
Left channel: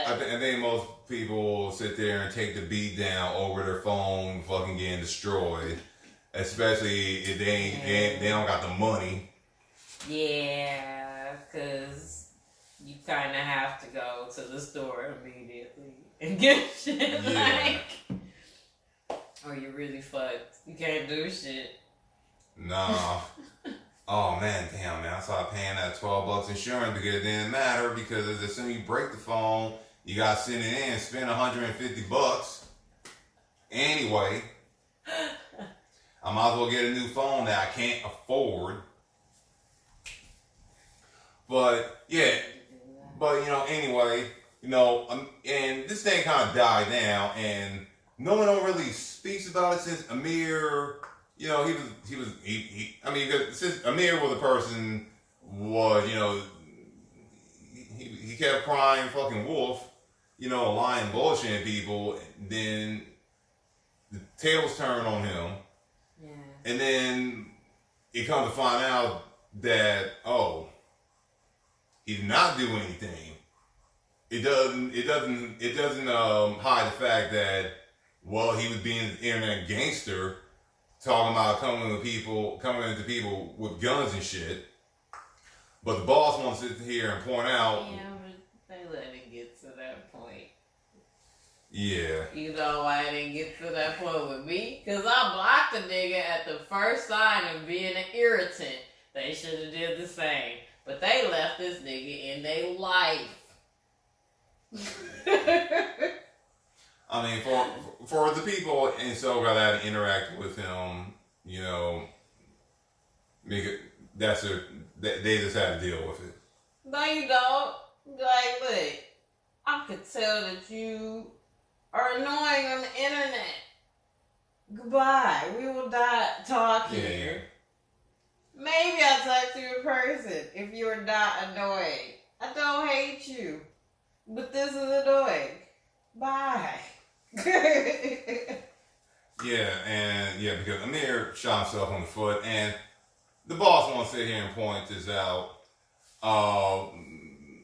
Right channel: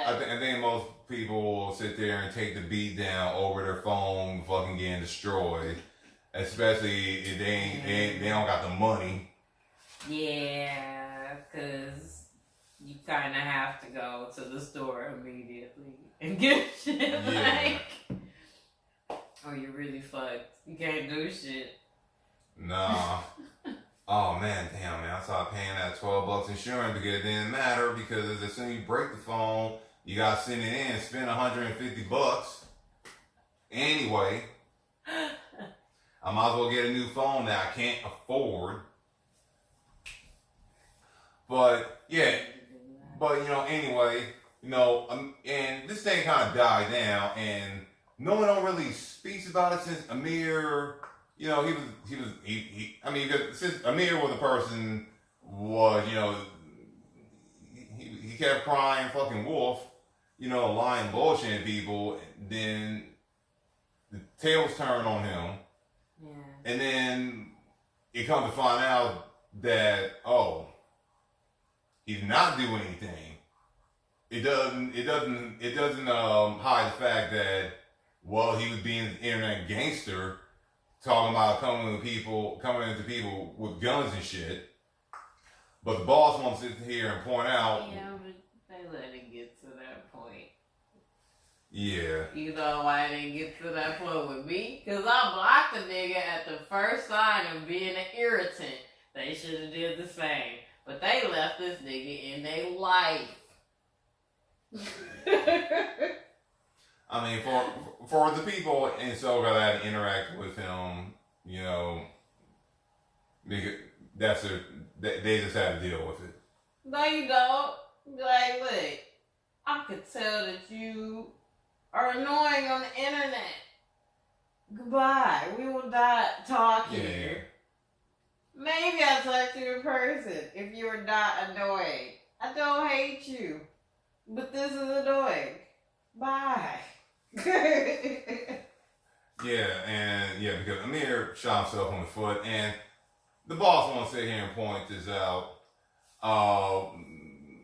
I think most people will sit there and take the beat down over their phone fucking getting destroyed, especially if they don't got the money. Yeah, because you kind of have to go to the store immediately and get shit, or you're really fucked. You can't do shit. Nah. Oh man, damn man, I started paying that $12 insurance because it didn't matter because as soon as you break the phone, you gotta send it in and spend $150. Anyway, I might as well get a new phone that I can't afford. But anyway, and this thing kind of died down, and no one really speaks about it since Amir. Since Amir was a person, he kept crying fucking wolf, lying, bullshitting people. Then the tables turned on him, and then it comes to find out that he did not do anything. It doesn't hide the fact that he was being an internet gangster, talking about coming into people with guns and shit. But the boss wants to sit here and point out. Yeah, but they let it get to that point. Yeah. You know why it didn't get to that point with me? Because I blocked the nigga at the first sign of being an irritant. They should have did the same. But they left this nigga in their life. I mean, for the people in SoCal that interact with him, they just had to deal with it. No, you don't. Like, look, I could tell that you are annoying on the internet. Goodbye. We will not talk here. Maybe I'll talk to you in person if you're not annoying. I don't hate you, but this is annoying. Bye. Because Amir shot himself on the foot, and the boss wants to sit here and point this out,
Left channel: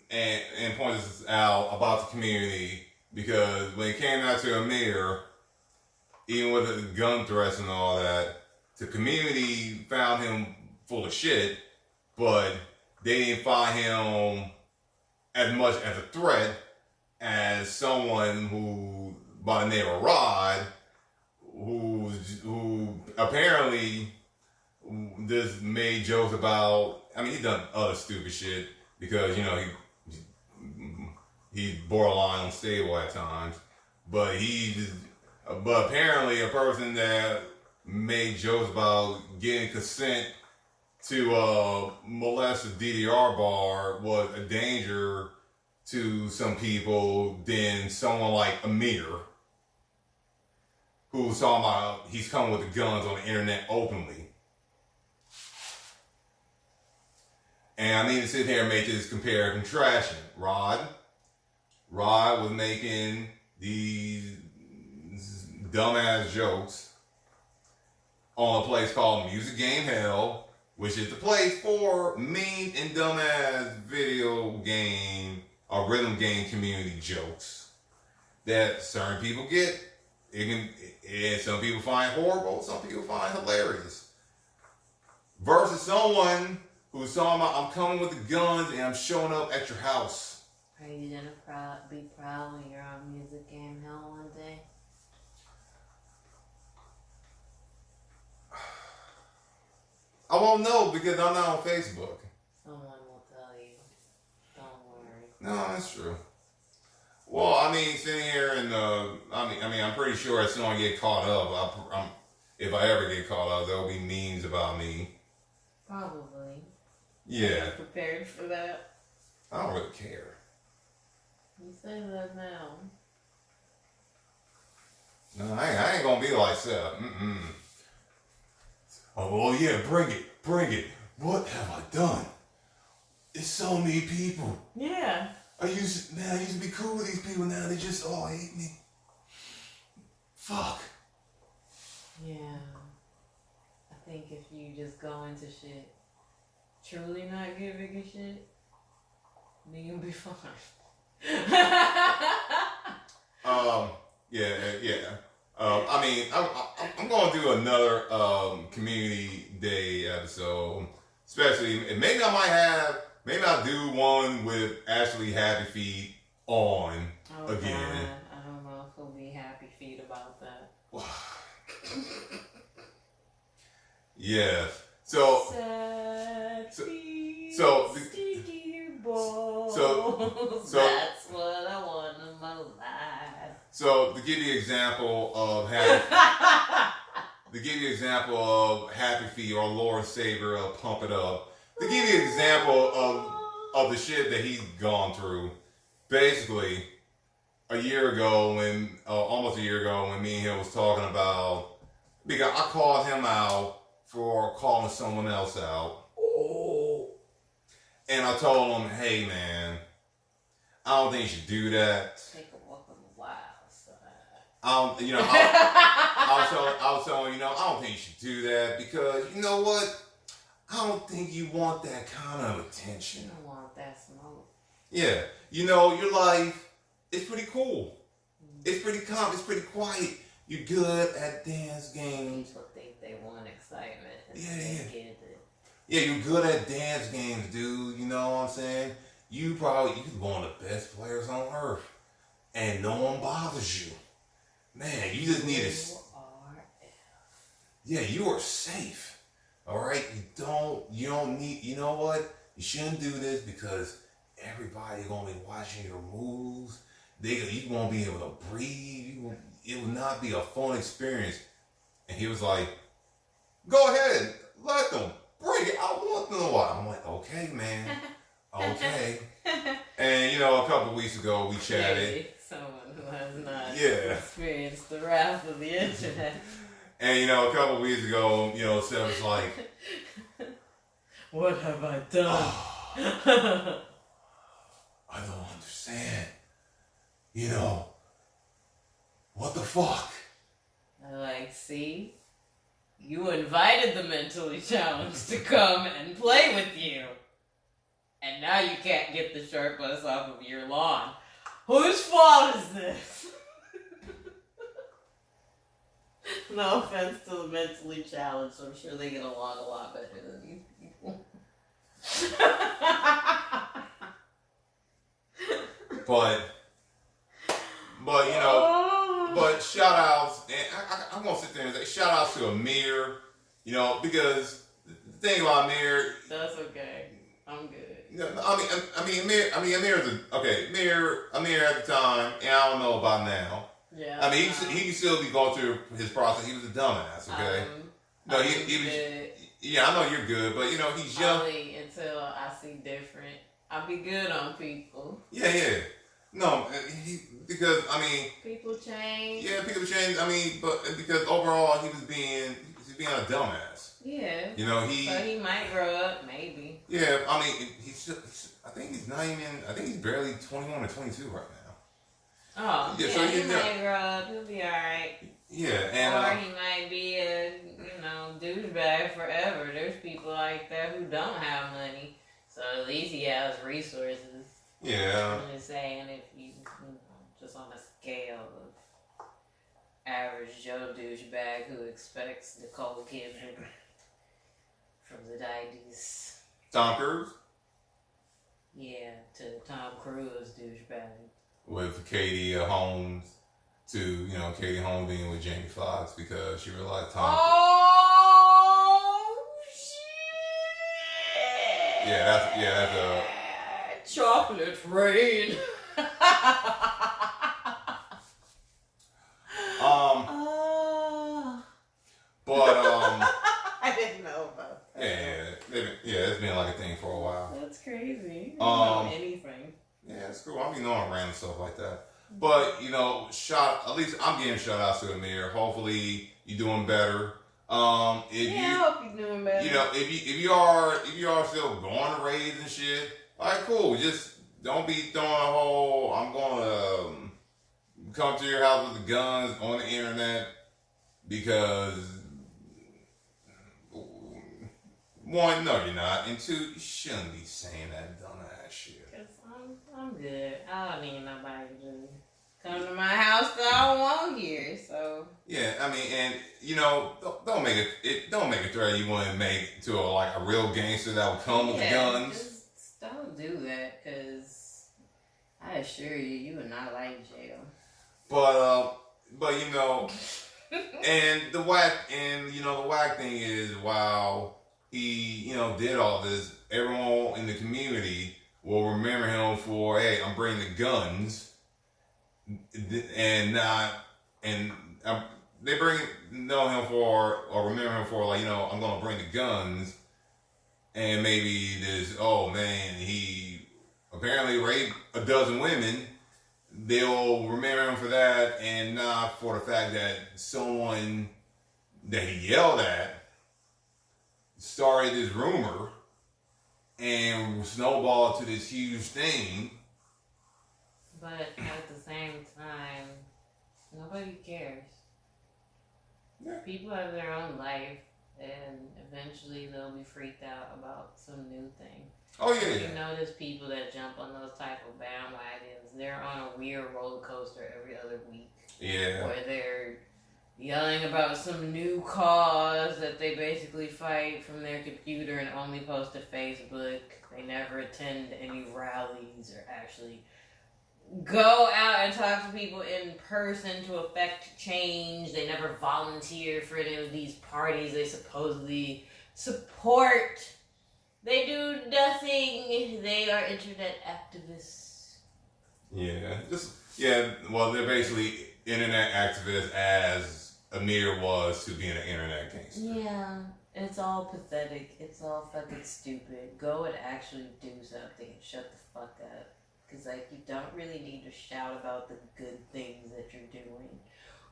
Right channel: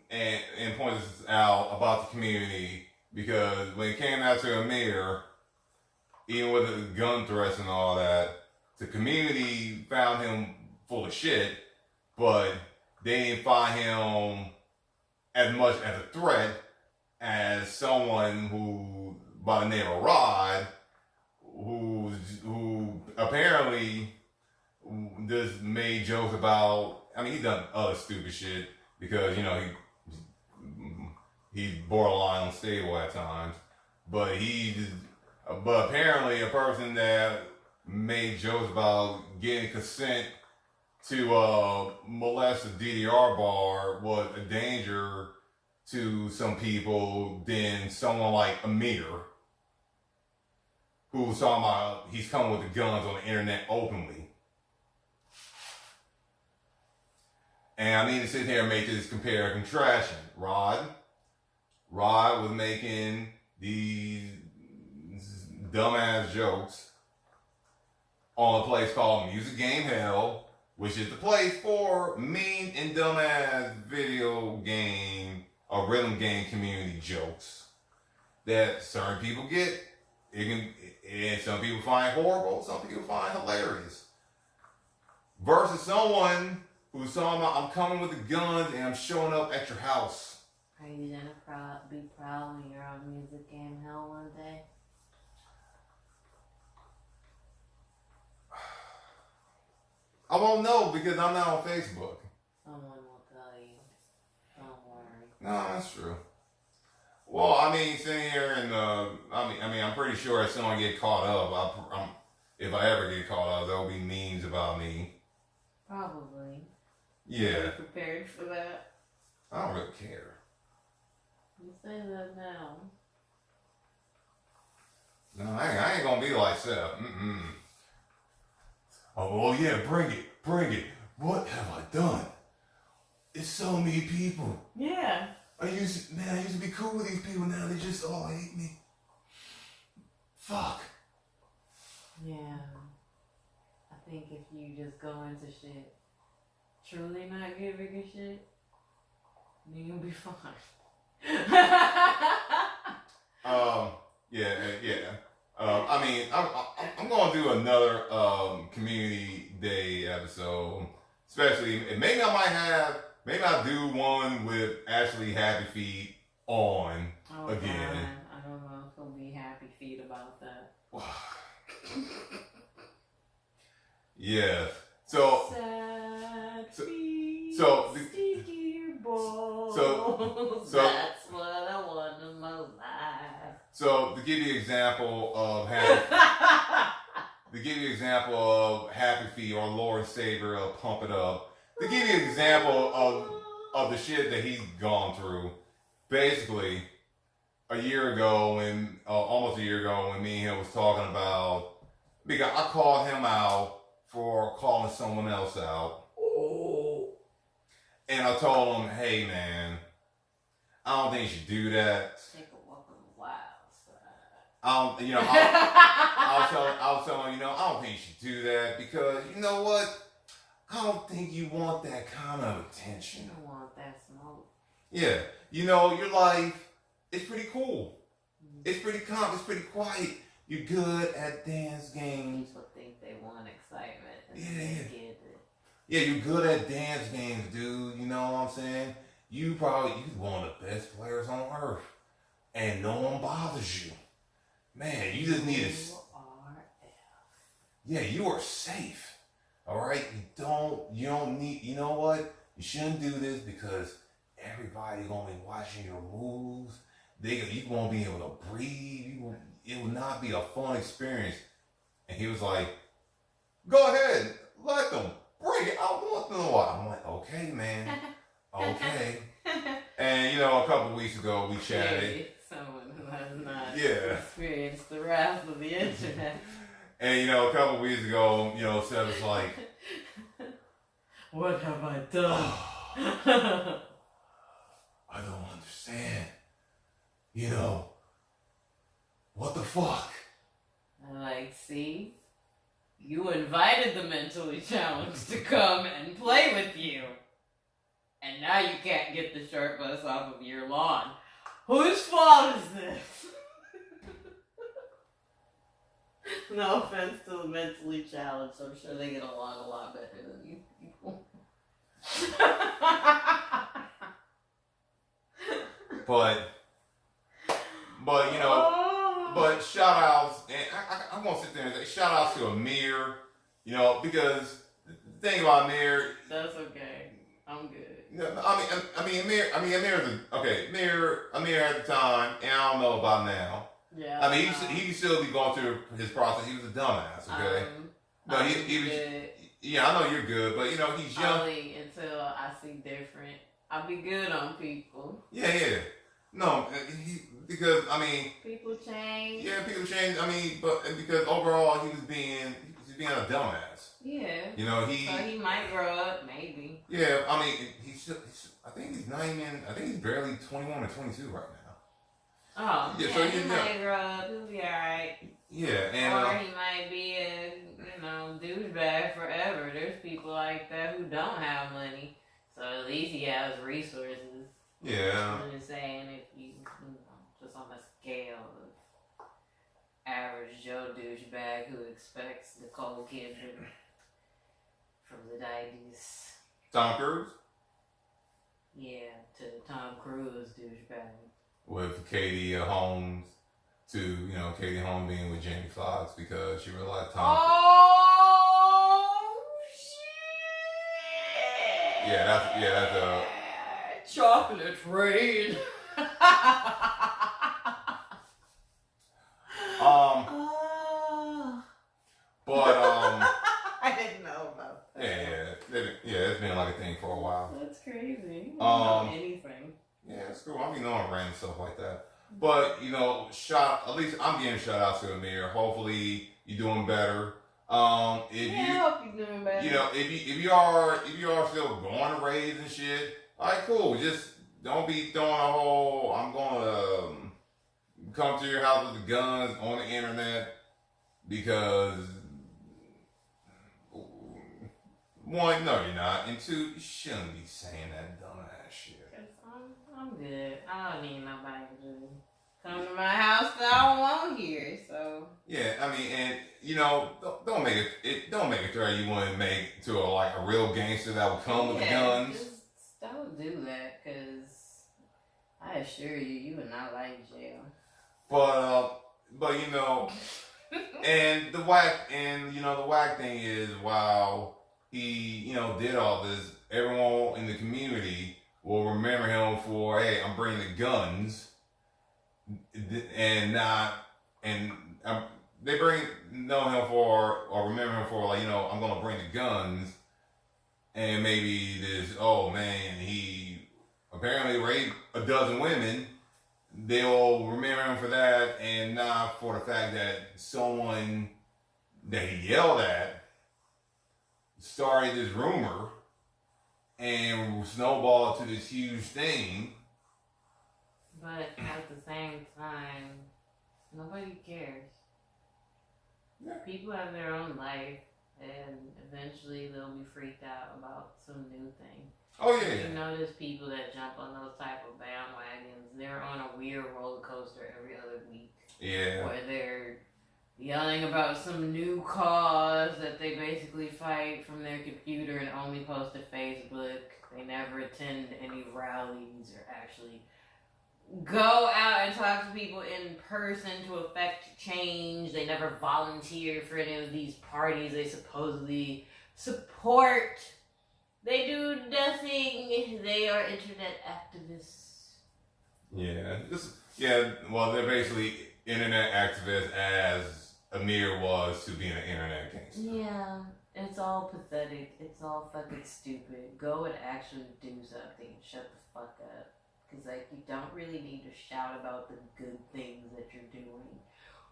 and point this out about the community, because when it came out to Amir, even with the gun threats and all that, the community found him full of shit, but they didn't find him as much as a threat as someone who, by the name of Rod, who apparently just made jokes about. I mean, he's done other stupid shit because he's borderline unstable at times, but apparently a person that made jokes about getting consent to molest a DDR bar was a danger to some people than someone like Amir, who's talking about he's coming with the guns on the internet openly. And I need to sit here and make this compare and contrastion. Rod was making these dumbass jokes on a place called Music Game Hell, which is the place for mean and dumbass video game or rhythm game community jokes that certain people get. And some people find horrible, some people find hilarious. Versus someone who's talking about, I'm coming with the guns and I'm showing up at your house. Are you gonna be proud when you're on Music Game Hell one day? I won't know because I'm not on Facebook. Someone will tell you. Don't worry. No, that's true. Well, I mean, sitting here and I'm pretty sure as soon as I get caught up, if I ever get caught up, there'll be memes about me. Probably. Yeah. Are you prepared for that? I don't really care. You say that now. No, I ain't gonna be like Seth. Oh, well, yeah, bring it. What have I done? it's so many people. Yeah. I used to be cool with these people. Now they just all hate me. Fuck. Yeah. I think if you just go into shit truly not giving a shit, then you'll be fine. Yeah. I mean, I'm going to do another community day episode, especially, and maybe I'll do one with Ashley Happy Feet on again. God. I don't know if he'll be happy feet about that. Yeah. So that's what I want in my life. So to give you an example of Happy Feet or Lord Savior or Pump It Up, to give you an example of the shit that he's gone through, basically almost a year ago when me and him was talking about, because I called him out for calling someone else out. And I told him, hey man, I don't think you should do that. Take a walk on the wild side. I was telling him, I don't think you should do that because you know what? I don't think you want that kind of attention. You don't want that smoke. Yeah, your life is pretty cool. It's pretty calm. It's pretty quiet. You're good at dance games. People think they want excitement. And Yeah. they get it. Yeah, you're good at dance games, dude. You know what I'm saying? You're one of the best players on earth. And no one bothers you. Man, you just need to... Yeah, you are safe. Alright? You don't need... You know what? You shouldn't do this because everybody's going to be watching your moves. You won't be able to breathe. It will not be a fun experience. And he was like, go ahead. Let them. Bring it. I want to know why. I'm like, okay, man. Okay. And, a couple of weeks ago, we chatted. Someone who has not experienced the wrath of the internet. And, a couple of weeks ago, Seth was like, what have I done? I don't understand. What the fuck? I'm like, see? You invited the mentally challenged to come and play with you. And now you can't get the sharp bus off of your lawn. Whose fault is this? No offense to the mentally challenged. I'm sure they get along a lot better than you people. But shout outs, and I'm going to sit there and say shout outs to Amir, because the thing about Amir. That's okay. I'm good. Amir at the time, and I don't know about now. Yeah. He can still be going through his process. He was a dumbass, okay? He was. Good. Yeah, I know you're good, but he's young. Only until I see different. I'll be good on people. Yeah. No, because people change. Yeah, people change. But because overall he was being a dumbass. Yeah. So he might grow up, maybe. Yeah, I think he's not even. I think he's barely 21 or 22 right now. Oh, yeah. So he might grow up. He'll be all right. Yeah, or he might be a douchebag forever. There's people like that who don't have money, so at least he has resources. Yeah. I'm just saying, if you just on a scale of average Joe douchebag who expects Nicole Kidman from the 90s. Tom Cruise? Yeah, to Tom Cruise douchebag. With Katie Holmes, to, Katie Holmes being with Jamie Foxx because she realized Tom shit! Yeah, that's a... Chocolate rain. I didn't know about that. Yeah, it's been like a thing for a while. That's crazy. I don't know anything. Yeah, it's cool. I'm on random stuff like that. But, at least I'm getting shout outs to Amir. Hopefully you're doing better. If I hope you're doing better. You know, if you are still going to raids and shit, all right, cool. Just don't be throwing a whole. I'm gonna come to your house with the guns on the internet because one, no, you're not, and two, you shouldn't be saying that dumbass shit. Cause I'm good. I don't need nobody to come to my house that I don't want here. So yeah, I mean, and you know, don't make it threat you want to make to a real gangster that will come with the guns. Just don't do that, cause I assure you, you would not like jail. But you know, and the whack thing is, while he did all this, everyone in the community will remember him for, hey, I'm bringing the guns, and not and they know him for, or remember him for, I'm gonna bring the guns, and maybe this, oh man, he apparently raped a dozen women. They'll remember him for that, and not for the fact that someone that he yelled at started this rumor and snowballed to this huge thing. But at the same time, nobody cares. Yeah. People have their own life, and eventually they'll be freaked out about some new thing. Oh yeah. You notice people that jump on those type of bandwagons, they're on a weird roller coaster every other week. Yeah. Where they're yelling about some new cause that they basically fight from their computer and only post to Facebook. They never attend any rallies or actually go out and talk to people in person to affect change. They never volunteer for any of these parties they supposedly support. They do nothing. They are internet activists. Yeah. Well, they're basically internet activists as Amir was to being an internet gangster. Yeah. It's all pathetic. It's all fucking stupid. Go and actually do something and shut the fuck up. Because, you don't really need to shout about the good things that you're doing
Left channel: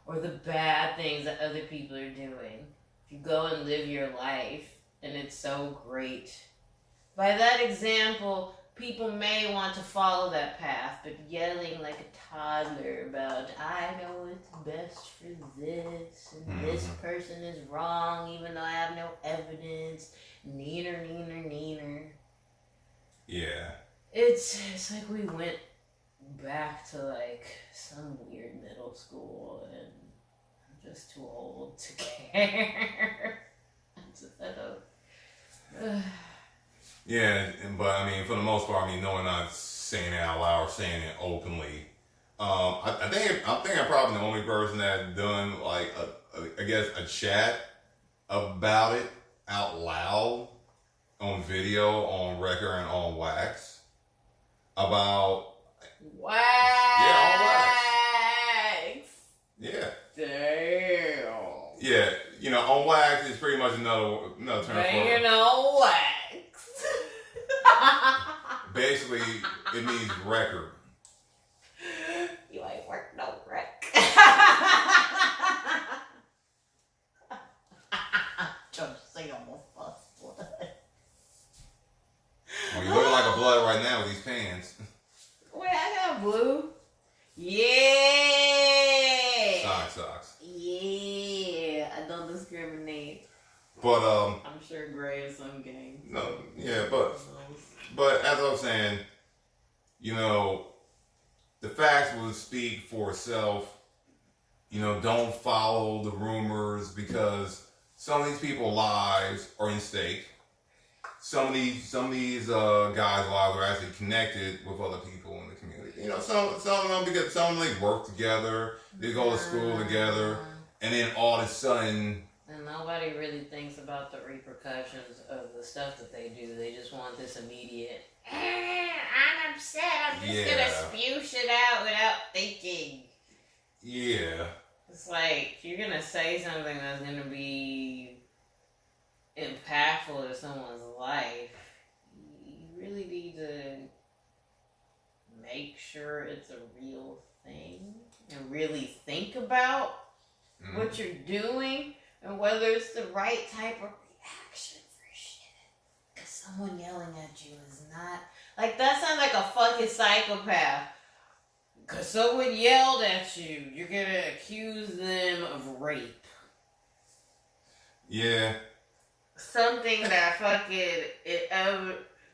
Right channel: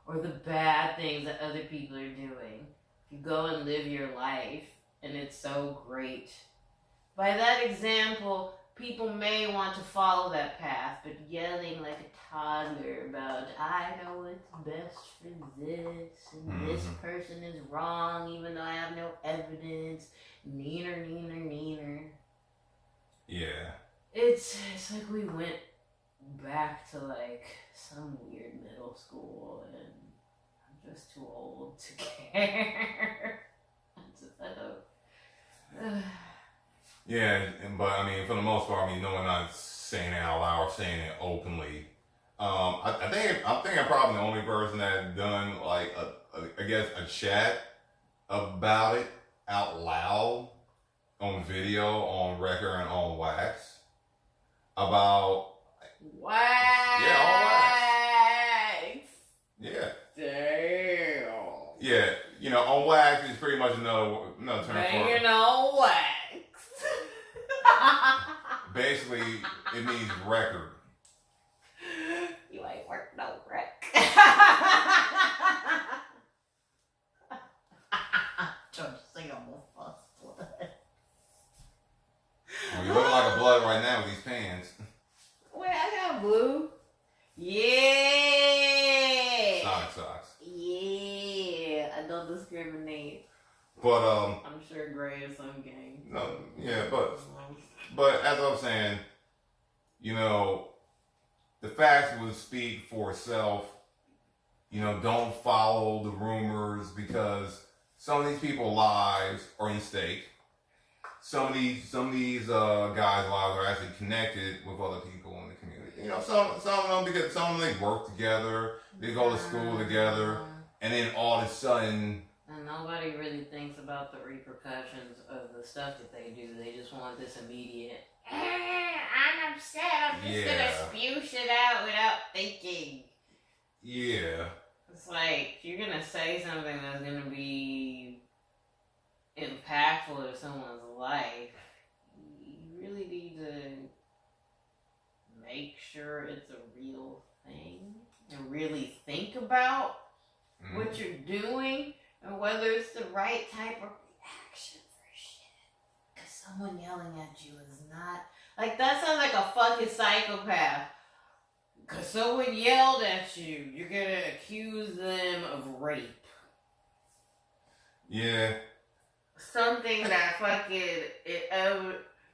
or the bad things that other people are doing. If you go and live your life and it's so great, by that example, people may want to follow that path, but yelling like a toddler about, I know what's best for this, and this person is wrong, even though I have no evidence, neener. Yeah. It's like we went back to, some weird middle school, and I'm just too old to care. I don't... Yeah, but I mean, for the most part, no one not saying it out loud or saying it openly. I think I'm probably the only person that done a chat about it out loud on video, on record, and on wax about wax. Yeah, on wax. Yeah. Damn. Yeah, on wax is pretty much another term for it. On wax. Basically, it means record. You ain't worked no rec. Trying to say I'm a fuss blood. Oh, you look like a blood right now with these pants. Wait, I got blue. Yeah. Sonic socks. Yeah. I don't discriminate. But I'm sure gray is some game. No, yeah, but as I was saying, the facts will speak for itself. Don't follow the rumors, because some of these people's lives are in stake. Some of these guys' lives are actually connected with other people in the community. Some of them, because some of them, they work together, they go to school together, and then all of a sudden. And nobody really thinks about the repercussions of the stuff that they do. They just want this immediate, I'm upset, I'm just gonna spew shit out without thinking. Yeah. It's like, if you're gonna say something that's gonna be impactful to someone's life, you really need to make sure it's a real thing and really think about what you're doing and whether it's the right type of reaction for shit. Because someone yelling at you is not like that. Sounds like a fucking psychopath. Because someone yelled at you, you're gonna accuse them of rape. Yeah. Something that fucking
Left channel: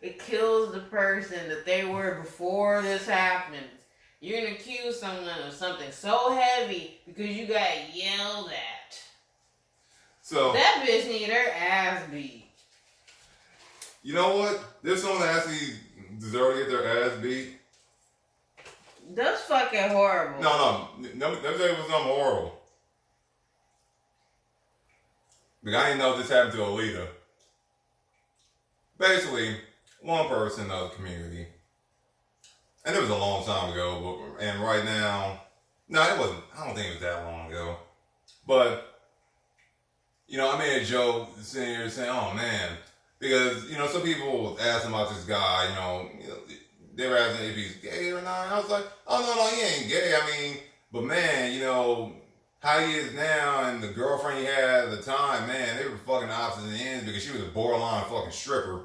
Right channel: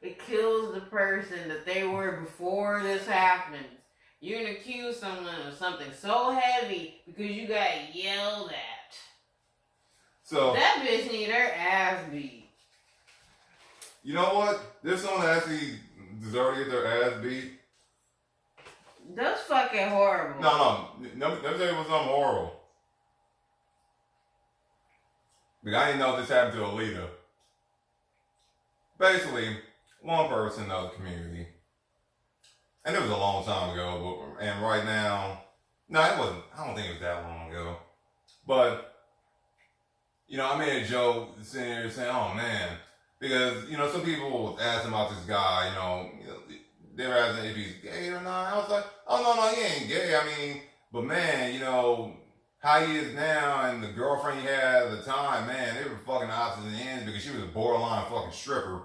it kills the person that they were before this happened. You're gonna accuse someone of something so heavy because you got yelled at. So that bitch need her ass beat. You know what? There's someone that actually deserve to get their ass beat. That's fucking horrible. No. Let me tell you what's something horrible. Because I didn't know this happened to Alita. Basically, one person of the community, and it was a long time ago, and right now, no, it wasn't. I don't think it was that long ago. But, I made a joke sitting here saying, oh man, because, some people asked about this guy, they were asking if he's gay or not. I was like, oh no, he ain't gay. I mean, but man, how he is now and the girlfriend he had at the time, man, they were fucking opposite ends because she was a borderline fucking stripper.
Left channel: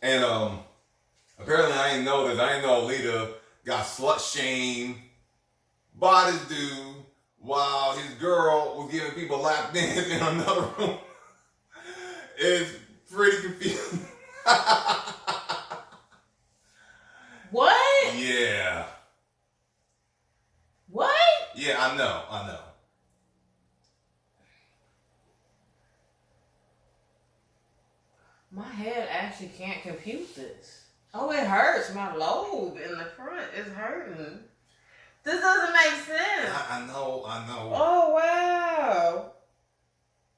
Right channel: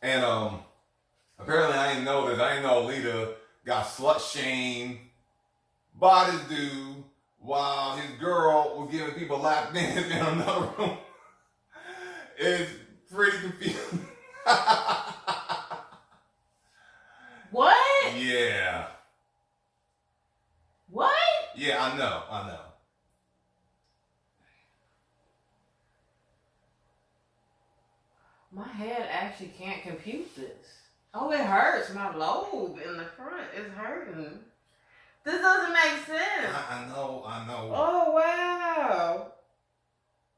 And apparently I didn't know this. I didn't know Alita got slut shamed by this dude while his girl was giving people lap dance in another room. It's pretty confusing. What? Yeah. What? Yeah, I know. My head actually can't compute this. Oh, it hurts. My lobe in the front is hurting. This doesn't make sense. I know. Oh, wow.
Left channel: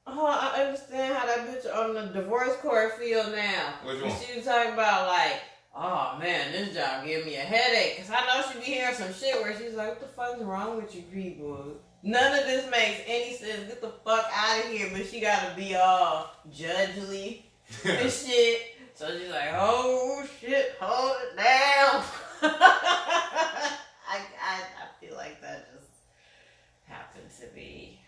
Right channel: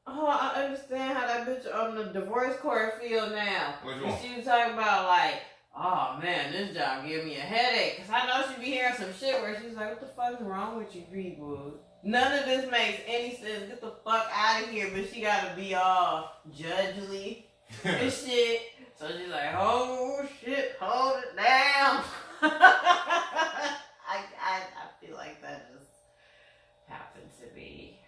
Oh, I understand how that bitch on the divorce court feel now. Which one? She was talking about like, oh man, this job give me a headache. Cause I know she be hearing some shit where she's like, what the fuck's wrong with you people? None of this makes any sense. Get the fuck out of here. But she gotta be all judgely and shit. So she's like, oh shit, hold it down. I feel like that just happened to be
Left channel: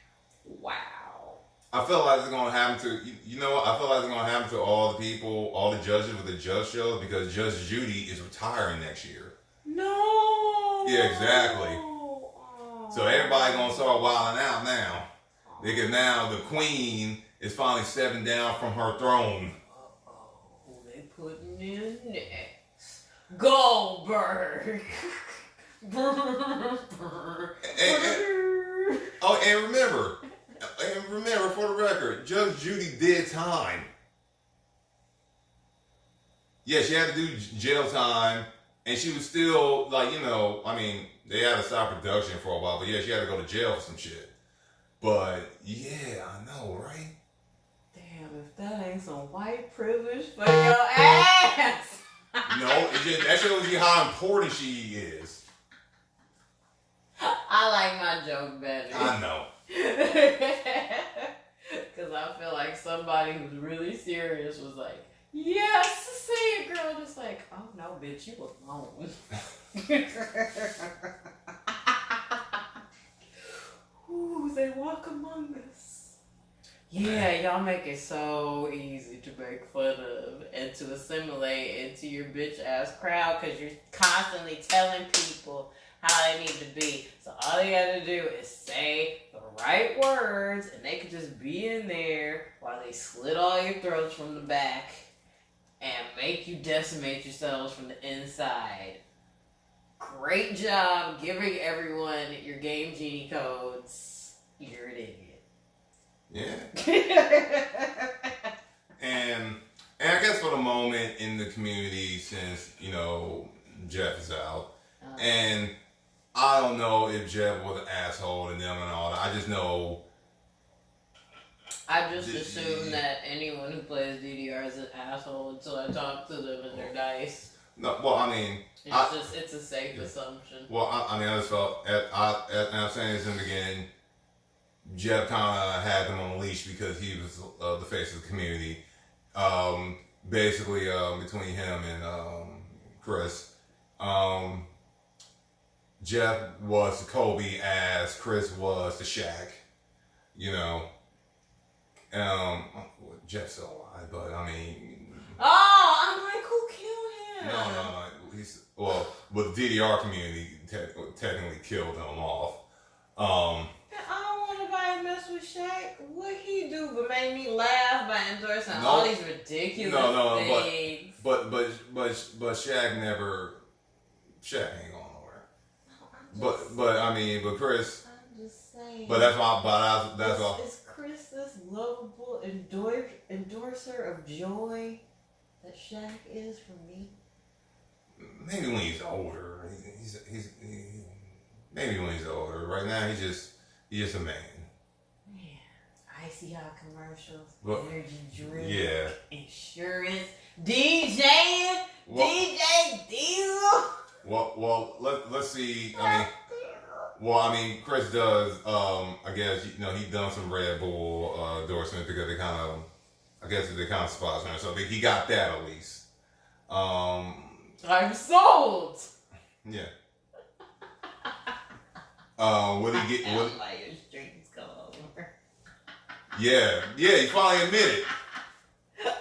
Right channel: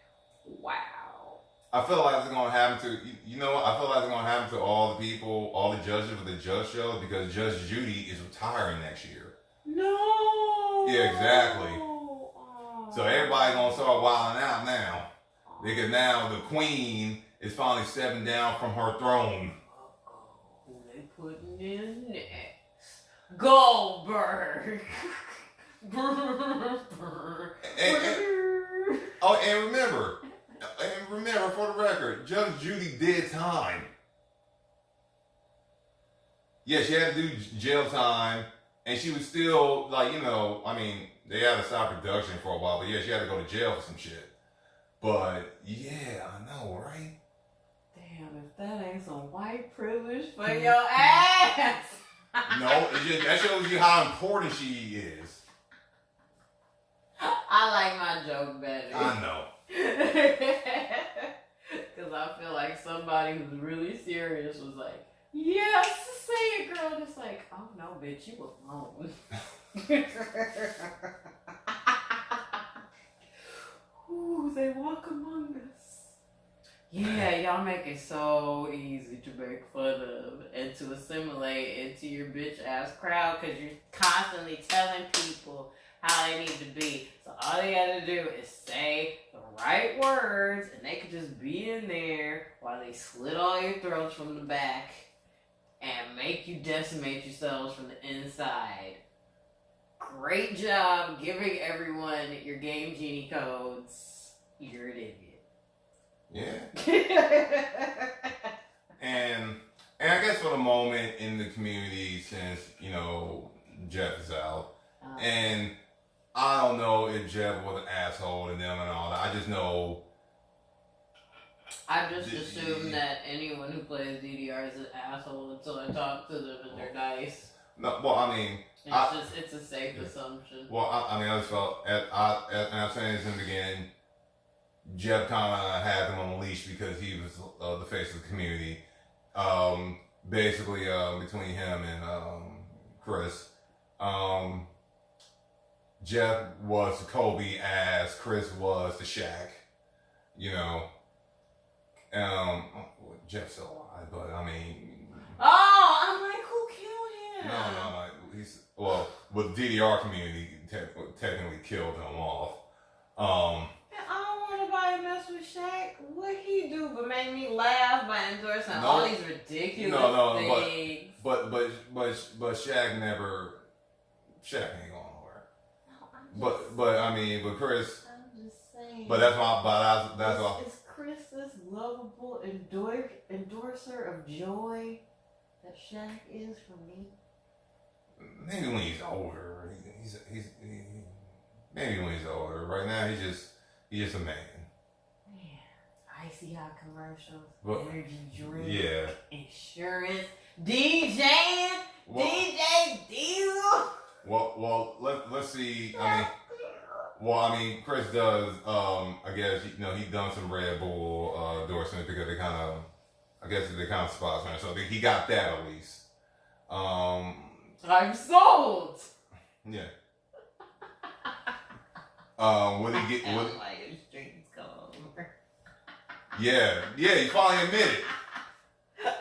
wow. I feel like it's gonna happen to I feel like it's gonna happen to all the people, all the judges with the judge show because Judge Judy is retiring next year. No. Yeah, exactly. Oh. So everybody gonna start wilding out now because now the queen is finally stepping down from her throne. Who they putting in next? Goldberg. And remember, for the record, Judge Judy did time. Yeah, she had to do jail time, and she was still, they had to stop production for a while, but yeah, she had to go to jail for some shit. But, yeah, I know, right? Damn, if that ain't some white privilege for your ass! No, that shows you how important she is. I like my joke better. I know. Because I feel like somebody who's really serious was like, yes, say it, girl. Just like, oh no, bitch, you alone. Ooh, they walk among us. Yeah, y'all make it so easy to make fun of and to assimilate into your bitch ass crowd because you're constantly telling people how they need to be. So all you gotta do is say the right words and they can just be in there while they slit all your throats from the back and make you decimate yourselves from the inside. Great job giving everyone your Game Genie codes. You're an idiot. Yeah. and I guess for the moment in the community since, Jeff is out. And I don't know if Jeff was an asshole to them and all that. I just know. I just assume that anyone who plays DDR is an asshole until I talk to them and they're nice. No, well, I mean. It's a safe assumption. Well, I just felt, I'm saying this in the beginning, Jeff kind of had them on a leash because he was the face of the community. Basically, between him and Chris. Jeff was the Kobe as Chris was the Shaq. you know, Jeff's still alive, but I mean. Oh, I'm like, who killed him? No. He's but the DDR community technically killed him off. I don't want nobody to mess with Shaq. What he do but make me laugh by endorsing all these ridiculous things. But Shaq ain't going nowhere. But Chris. I'm just saying. But that's why. Is Chris this lovable endorser of joy that Shaq is for me? Maybe when he's older. Maybe when he's older. Right now, he's just a man. Yeah, icy hot commercials, energy drink, insurance, DJ Diesel. Well, let's see. I mean, Chris does. I guess he done some Red Bull endorsements because they kind of sponsor him, so he got that at least. I'm sold. Yeah. When he get when like your strings come over. Yeah, he finally admitted.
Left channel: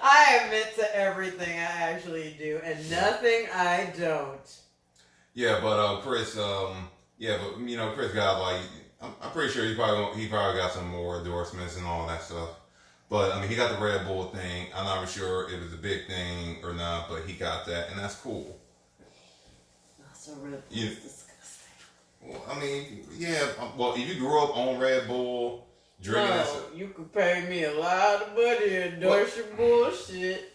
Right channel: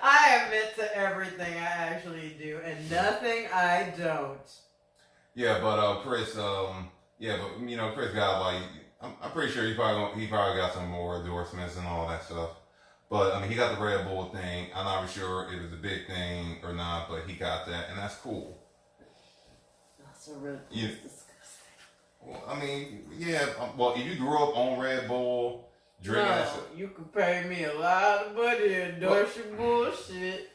I admit to everything I actually do and nothing I don't. Yeah, but Chris, Chris got like I'm pretty sure he probably got some more endorsements and all that stuff. But I mean, he got the Red Bull thing. I'm not sure if it was a big thing or not, but he got that, and that's cool. Also, Red Bull is disgusting. Well, I mean, yeah. Well, if you grew up on Red Bull, drinking that stuff, you could pay me a lot of money to endorse your bullshit.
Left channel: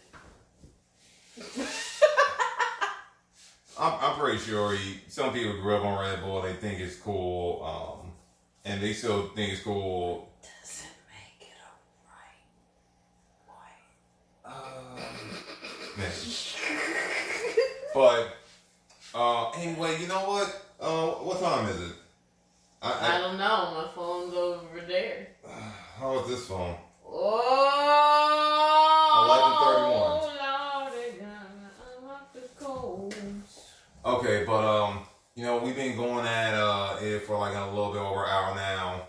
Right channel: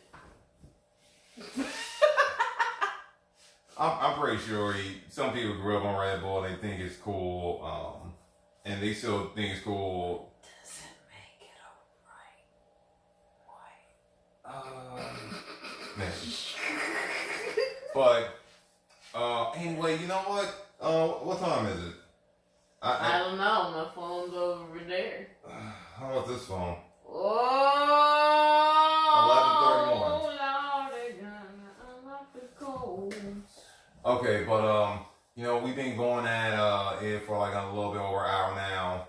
I'm pretty sure some people grew up on Red Bull. They think it's cool, and they still think it's cool. Doesn't make it a right white. But anyway, you know what? What time is it? I don't know. My phone's over there. How about this phone? Oh, 11:31. Okay, but we've been going at it for like a little bit over an hour now.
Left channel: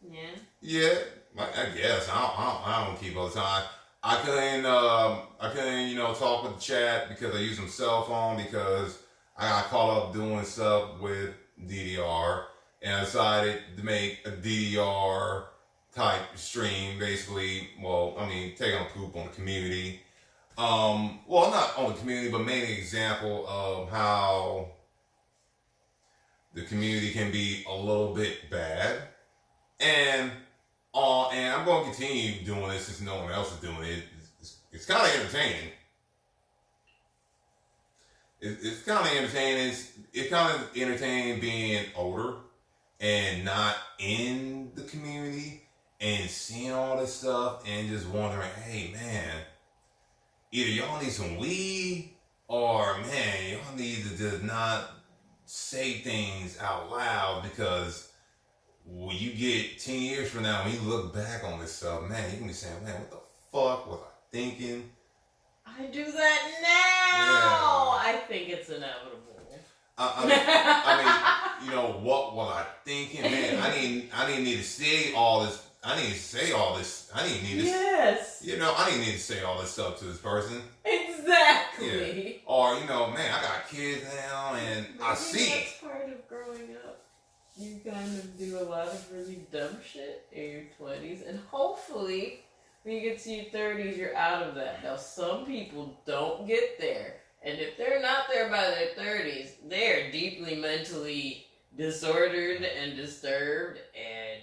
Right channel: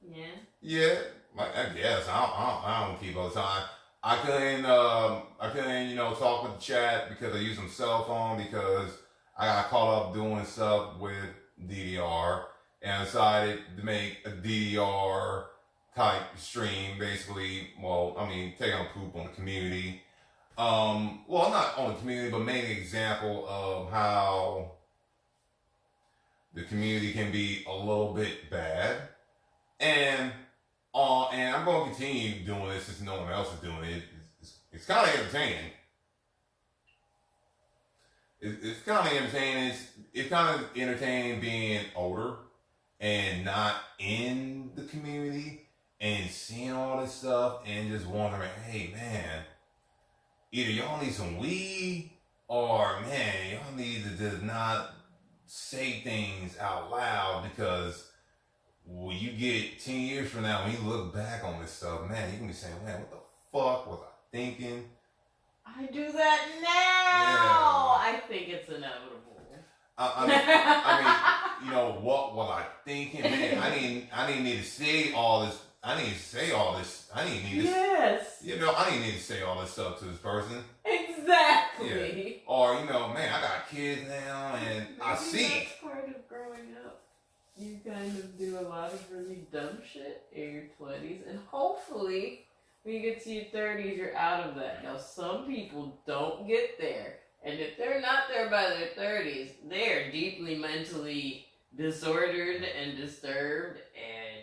Yeah. Yeah, I guess I don't keep all the time. I couldn't talk with the chat because I use my cell phone because I got caught up doing stuff with DDR and I decided to make a DDR type stream, basically. Well, I mean, taking a poop on the community. Well, not on the community, but mainly an example of how the community can be a little bit bad. And I'm going to continue doing this since no one else is doing it. It's kind of entertaining. It's kind of entertaining. It's kind of entertaining being older and not in the community and seeing all this stuff and just wondering, hey, man, either y'all need some weed or, man, y'all need to just not say things out loud because when you get 10 years from now, when you look back on this stuff, man, you're going to be saying, man, what the fuck was I thinking? I do that now. Yeah. I think it's inevitable. I mean, what was I thinking? Man, I didn't need to say all this. I didn't say all this. I didn't need to. Yes. I didn't need to say all this stuff to this person. Exactly. Yeah. Or man, I got kids now, and I see. That's part of growing up. You kind of do a lot of really dumb shit in your 20s, and hopefully, when you get to your 30s, you're out of that. Now, some people don't get there, and if they're not there by their 30s, they are deeply mentally disordered and disturbed, and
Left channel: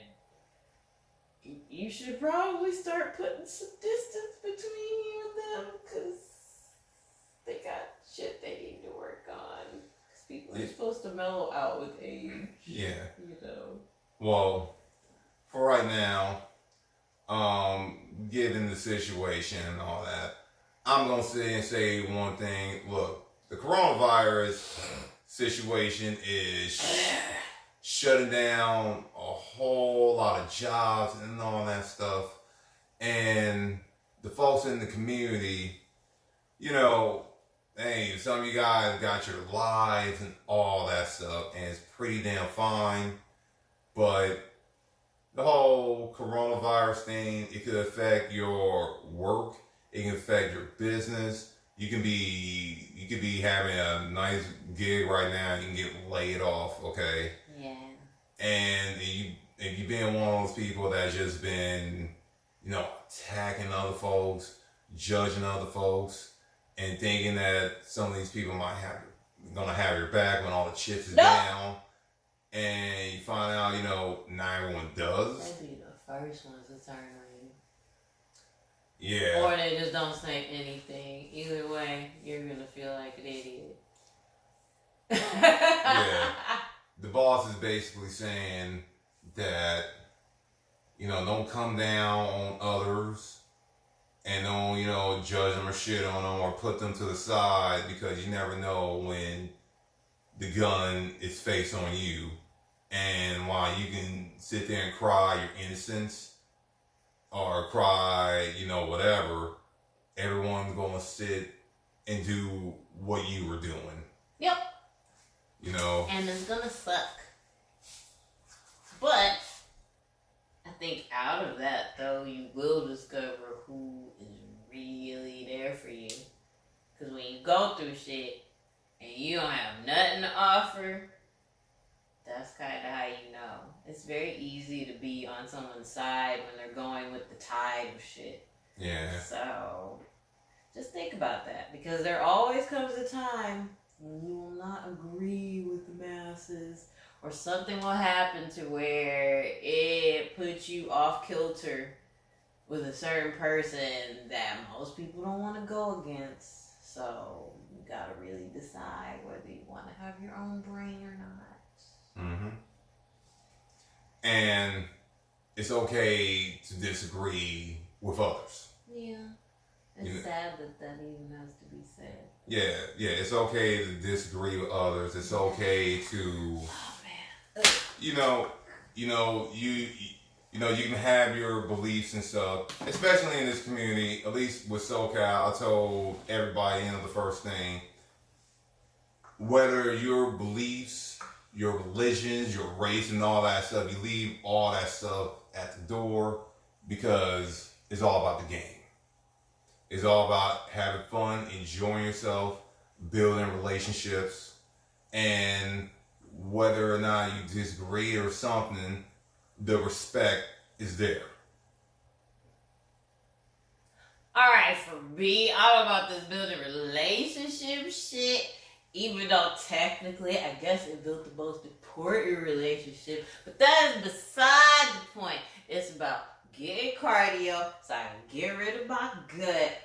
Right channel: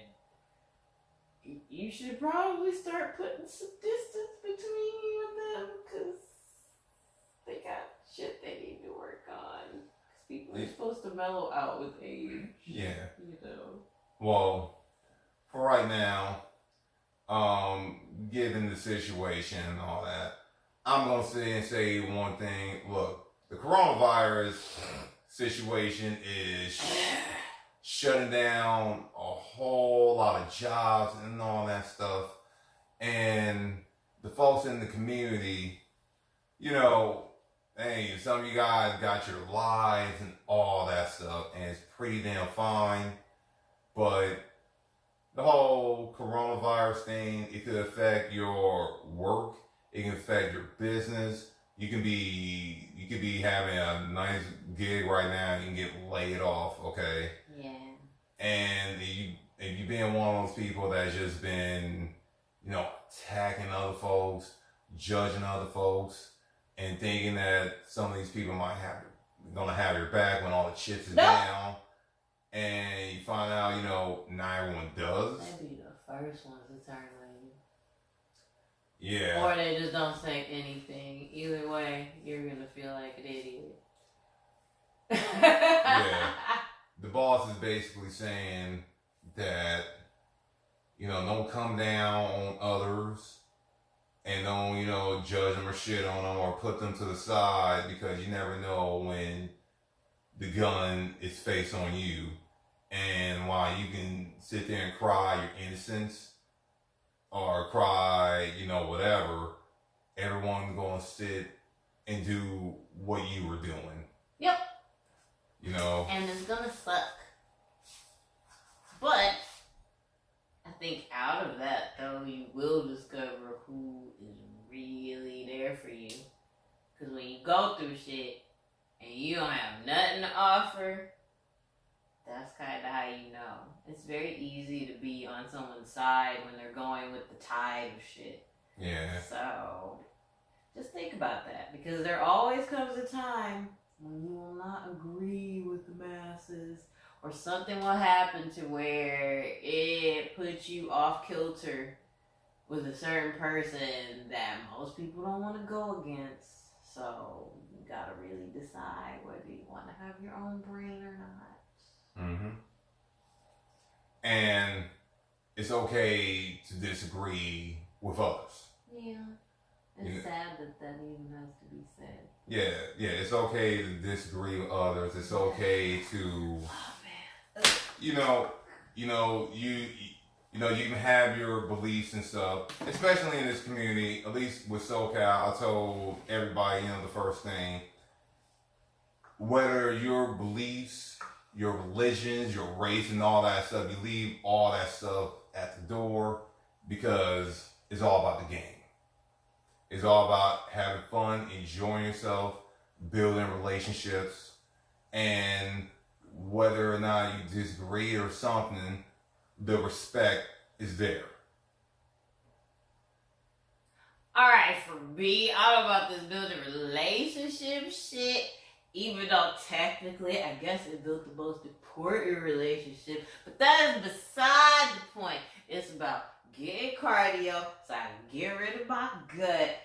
you should probably start putting some distance between you and them, because they got shit they need to work on. Because people are supposed to mellow out with age. Yeah. Well, for right now, given the situation and all that, I'm going to sit and say one thing. Look, the coronavirus situation is shutting down a whole lot of jobs and all that stuff. And the folks in the community, hey, some of you guys got your lives and all that stuff, and it's pretty damn fine. But the whole coronavirus thing, it could affect your work. It can affect your business. You could be having a nice gig right now and you can get laid off, okay? Yeah. And if you've been one of those people that's just been, attacking other folks, judging other folks, and thinking that some of these people gonna have your back when all the chips is down, and you find out, not everyone does. They'd be the first ones to turn on you. Yeah. Or they just don't say anything. Either way, you're gonna feel like an idiot. Yeah. The boss is basically saying that, don't come down on others and don't, judge them or shit on them or put them to the side because you never know when the gun is faced on you. And while you can sit there and cry your innocence or cry, whatever, everyone's going to sit and do what you were doing. Yep. And it's going to suck. But I think out of that, though, you will discover who is really there for you. Because when you go through shit and you don't have nothing to offer, that's kind of how you know. It's very easy to be on someone's side when they're going with the tide of shit. Yeah. So just think about that, because there always comes a time when you will not agree with the masses, or something will happen to where it puts you off kilter with a certain person that most people don't want to go against. So you gotta really decide whether you want to have your own brain or not. Mm-hmm. And it's okay to disagree with others. Yeah. It's sad that even has to be said. Yeah, it's okay to disagree with others. It's okay to, you can have your beliefs and stuff, especially in this community, at least with SoCal. I told everybody, the first thing, whether your beliefs, your religions, your race, and all that stuff, you leave all that stuff at the door, because it's all about the game. It's all about having fun, enjoying yourself, building relationships, and whether or not you disagree or something, the respect is there. Alright, for me, I'm about this building relationship shit. Even though technically, I guess it built the most important relationship. But that is beside the point. It's about getting cardio so I can get rid of my gut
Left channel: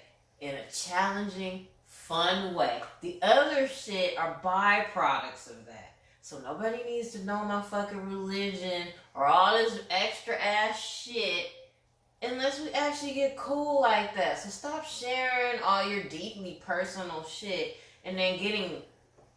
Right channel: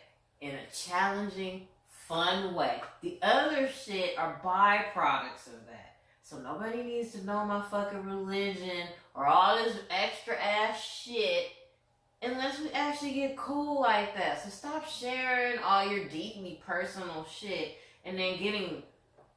in a challenging, fun way. The other shit are byproducts of that. So nobody needs to know my fucking religion or all this extra ass shit unless we actually get cool like that. So stop sharing all your deeply personal shit and then getting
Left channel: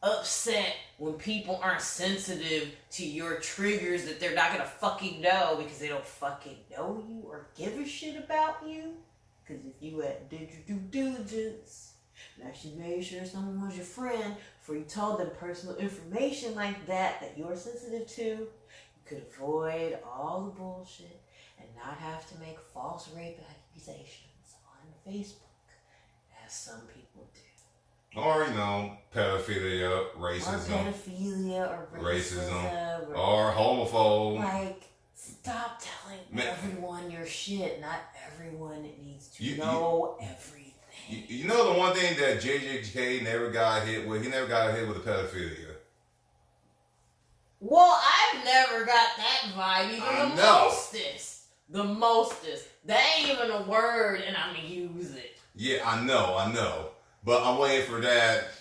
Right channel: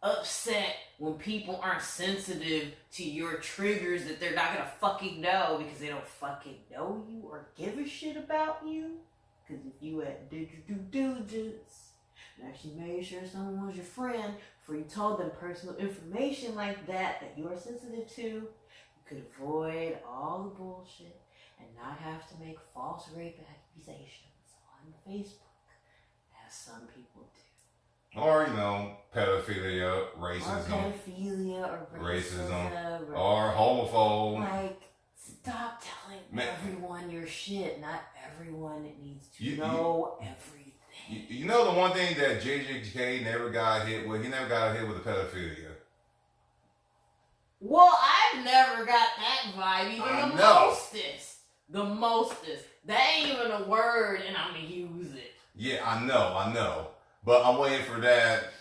upset when people aren't sensitive to your triggers that they're not gonna fucking know because they don't fucking know you or give a shit about you. Because if you did your due diligence and actually made sure someone was your friend before you told them personal information like that you're sensitive to, you could avoid all the bullshit and not have to make false rape accusations on Facebook, as some people do. Or, pedophilia, racism. Or racism. Or homophobe. Like, stop telling everyone your shit. Not everyone needs to know everything. You know the one thing that JJK never got hit with? He never got hit with the pedophilia. Well, I've never got that vibe. Even the mostest. That ain't even a word, and I'm gonna use it. Yeah, I know. But I'm waiting for that.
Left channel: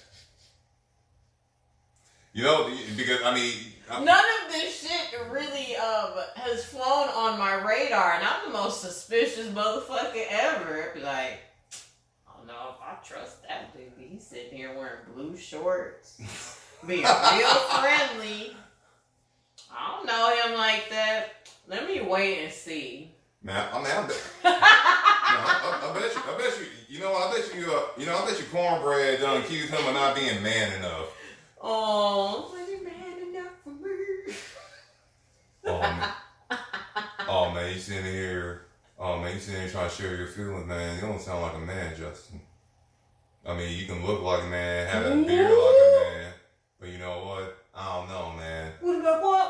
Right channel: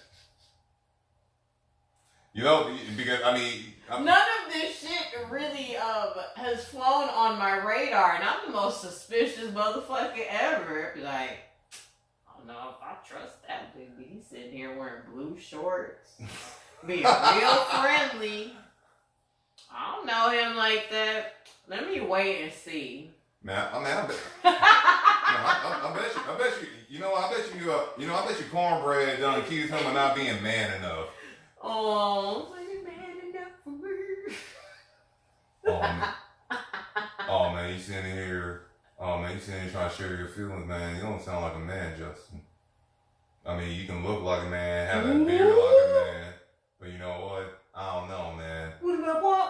Because, none of this shit really has flown on my radar, and I'm the most suspicious motherfucker ever. Like, I don't know if I trust that dude. He's sitting here wearing blue shorts, being real friendly. I don't know him like that. Let me wait and see. Man, I bet you. I bet you Cornbread done accused him of not being man enough. Oh, so you man enough for me? oh man, you sitting here trying to share your feelings, man. You don't sound like a man, Justin. I mean, you can look like a man, have that beard like a man, but you know what? I don't know, man. What about what?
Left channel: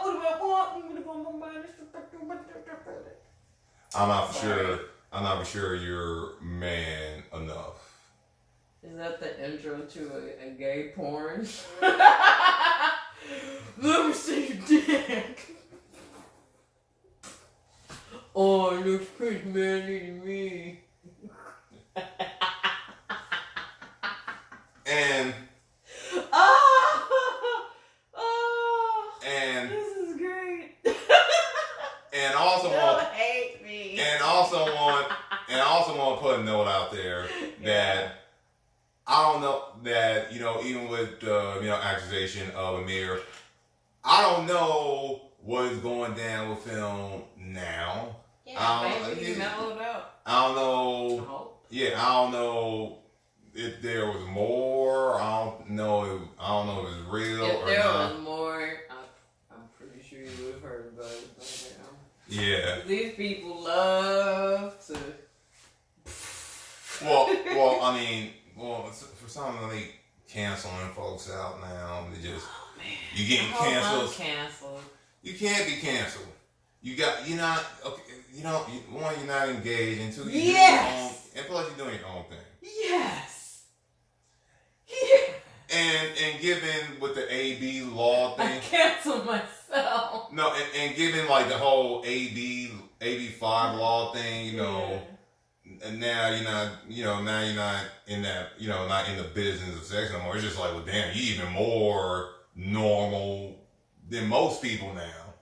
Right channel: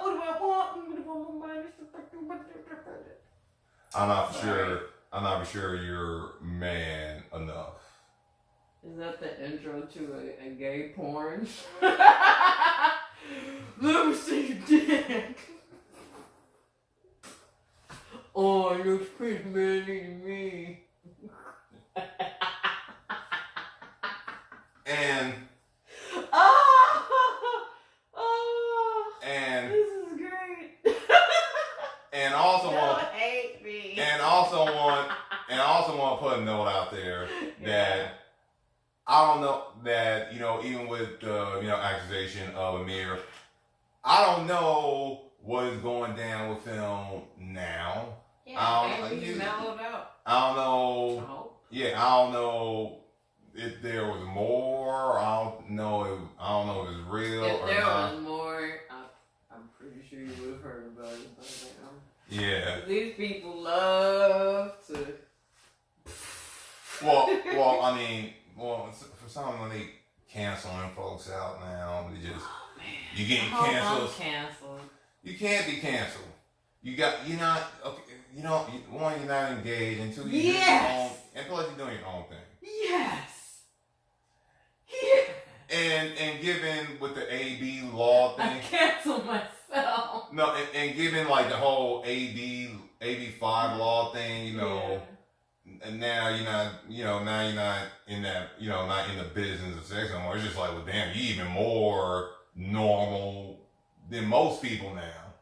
I'm not for sure you're man enough. Is that the intro to a gay porn? Let me see your dick. Oh, it looks pretty manly to me. And this is great. And also don't hate me. And I also want to put a note out there that I don't know that, even with the accusation of Amir, I don't know what is going down with him now. Yeah, maybe he mellowed out. I don't know. Yeah, I don't know if there was more. I don't know if it was real if or there not. was more, I'm pretty sure you would have heard about it by now. Yeah. These people love to. Well, I mean, for some of them, they canceling folks out now. They just you getting canceled. You can't be canceled. You're not okay. One, you're not engaged, and two, you're doing your own, and plus you're doing your own thing. Yes. Yeah. And given with the AB law thing, I cancel myself. No, and given like the whole AB5 law thing, and now you're not, now you're not in that, not in the business of sex no more. It's just like, well, damn, you even more normal than most people now.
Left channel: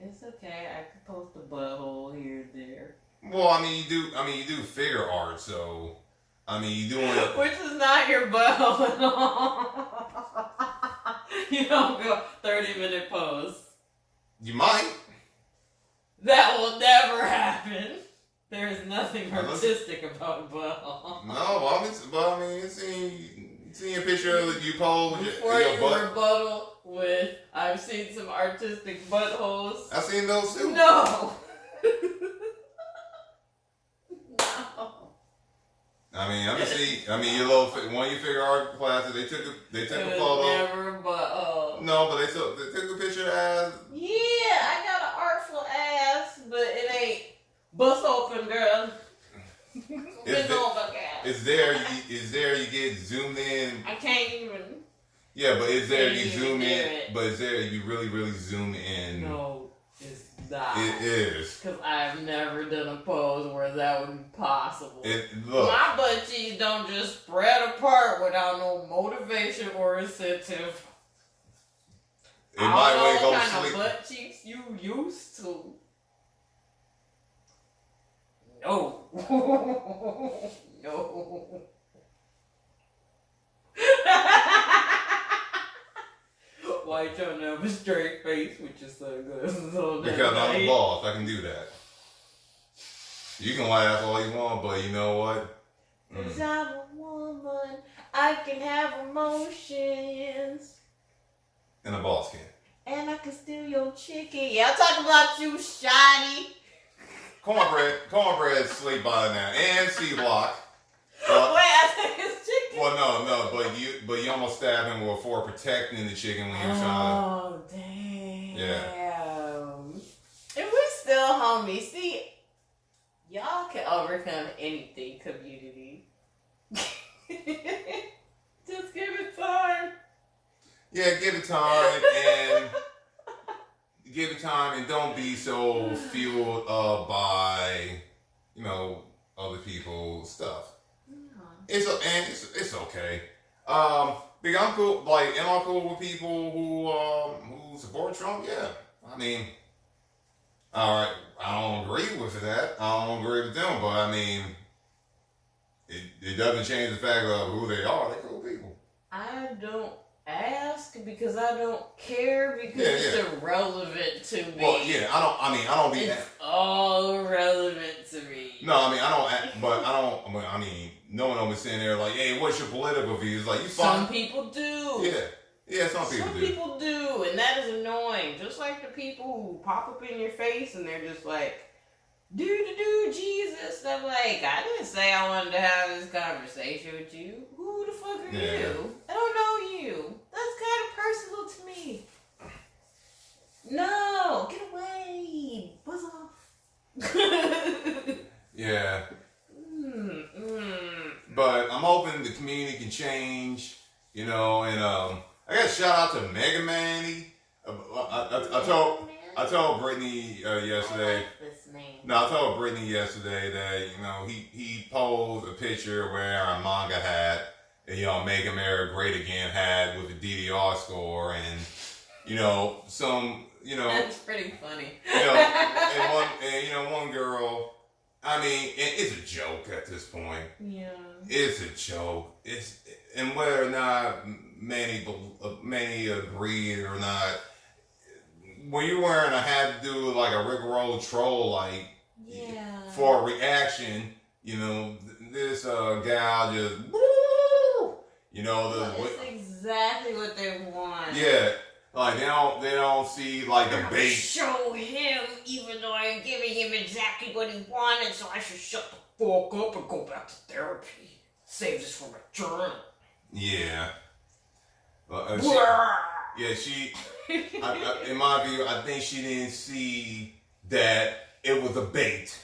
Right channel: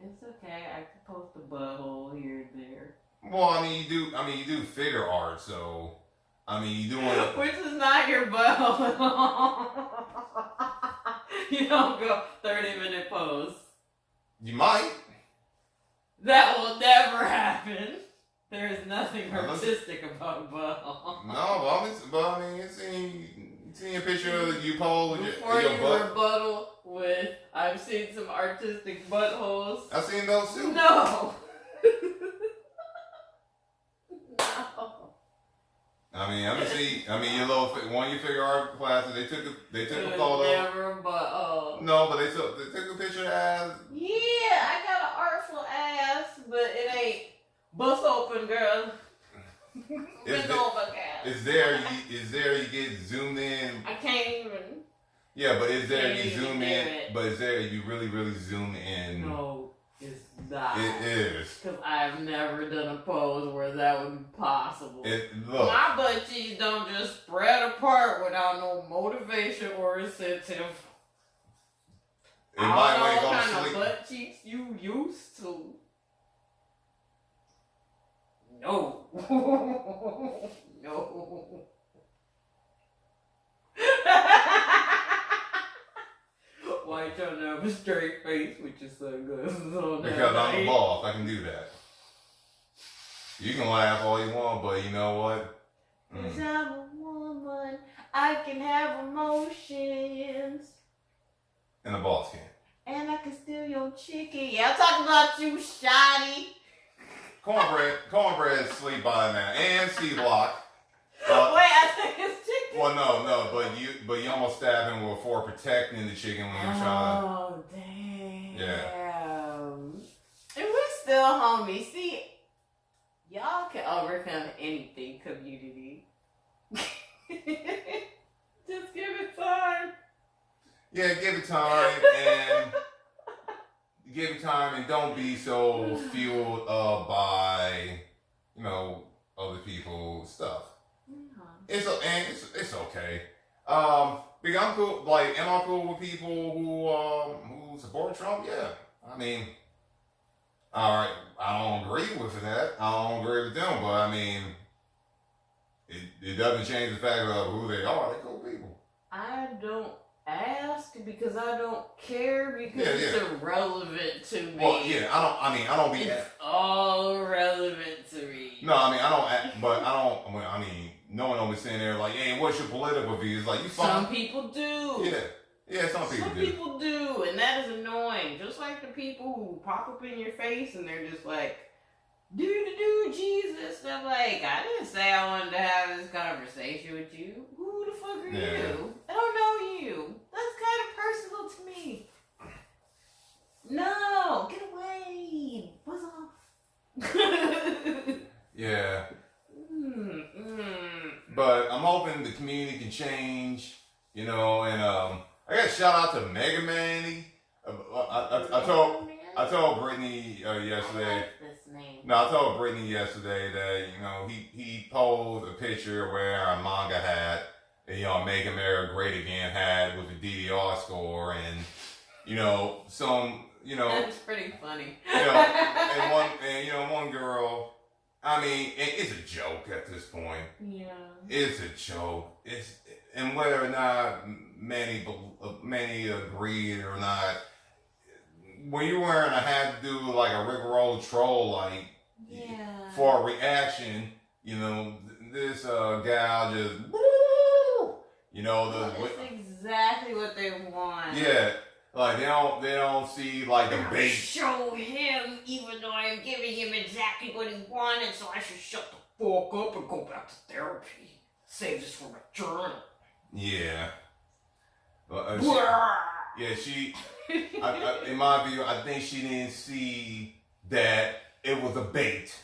It's okay. I can post a butthole here and there. Well, I mean, you do figure art, so I mean, you doing which is not your butthole at all. You don't go 30-minute pose. You might. That will never happen. There is nothing artistic about a butthole. No, but I mean, seeing a picture of you pose with Before your you butt. rebuttal with, I've seen some artistic buttholes. I've seen those too. No. No. I mean, your little one of your figure art classes. They took a photo. Never a butthole. No, but they took a picture of ass. Yeah, I got an artful ass, but it ain't bust open, girl. It's there. You get zoomed in. I can't even. Yeah, but it's there. You zoom in. But it's there. You really, really zoom in. No, it's not. It is. Because I've never done a pose where that would be possible. Look. My butt cheeks don't just spread apart without no motivation or incentive. It might know go what kind sleep. of butt cheeks you used to. No. No. Why you trying to have a straight face with your sunglasses on? Because I'm the boss. I can do that. You can laugh all you want, but you know what? Because I'm a woman, I can have emotions. And the boss can. And I can steal your chicken. Yeah, I'm talking about you, Shotty. Cornbread sleep by now, and C-Block. Wait, I think it's chicken. Well, no, but you almost stabbed him for protecting the chicken when you were trying to. Oh, damn. Yeah. And we're still homies. See, y'all can overcome anything, community. Just give it time. Yeah, give it time and don't be so fueled by, other people's stuff. It's okay. Big, I'm cool. Like, am I cool with people who support Trump? Yeah. I mean, all right. I don't agree with that. I don't agree with them, but I mean, it doesn't change the fact of who they are. They're cool people. I don't ask because I don't care because it's irrelevant to me. Well, yeah, I don't be. It's all irrelevant to me. No, I mean, no one will be sitting there like, hey, what's your political views? Like, you fine. Some people do. Yeah. Yeah, some people do, and that is annoying. Just like the people who pop up in your face and they're just like, do Jesus. I'm like, I didn't say I wanted to have this conversation with you. Who the fuck are you? I don't know you. That's kind of personal to me. No, get away. Buzz off. Yeah. But I'm hoping the community can change, and I got a shout out to Mega Manny. I told Brittany yesterday. I like this name. No, I told Brittany yesterday that he posed a picture wearing a manga hat, and Make America Great Again hat with the DDR score, and some That's pretty funny. And one girl. I mean, it's a joke at this point. Yeah. It's a joke. And whether or not many agree or not, when you're wearing a hat to do like a Rick Roll troll, for a reaction, this gal just, that's exactly what they want. Yeah. Like they don't see like the bait. Show him, even though I'm giving him exactly what he wanted, so I should shut the fuck up and go back to therapy. Save this for my journal. Yeah. She in my view, I think she didn't see that it was a bait.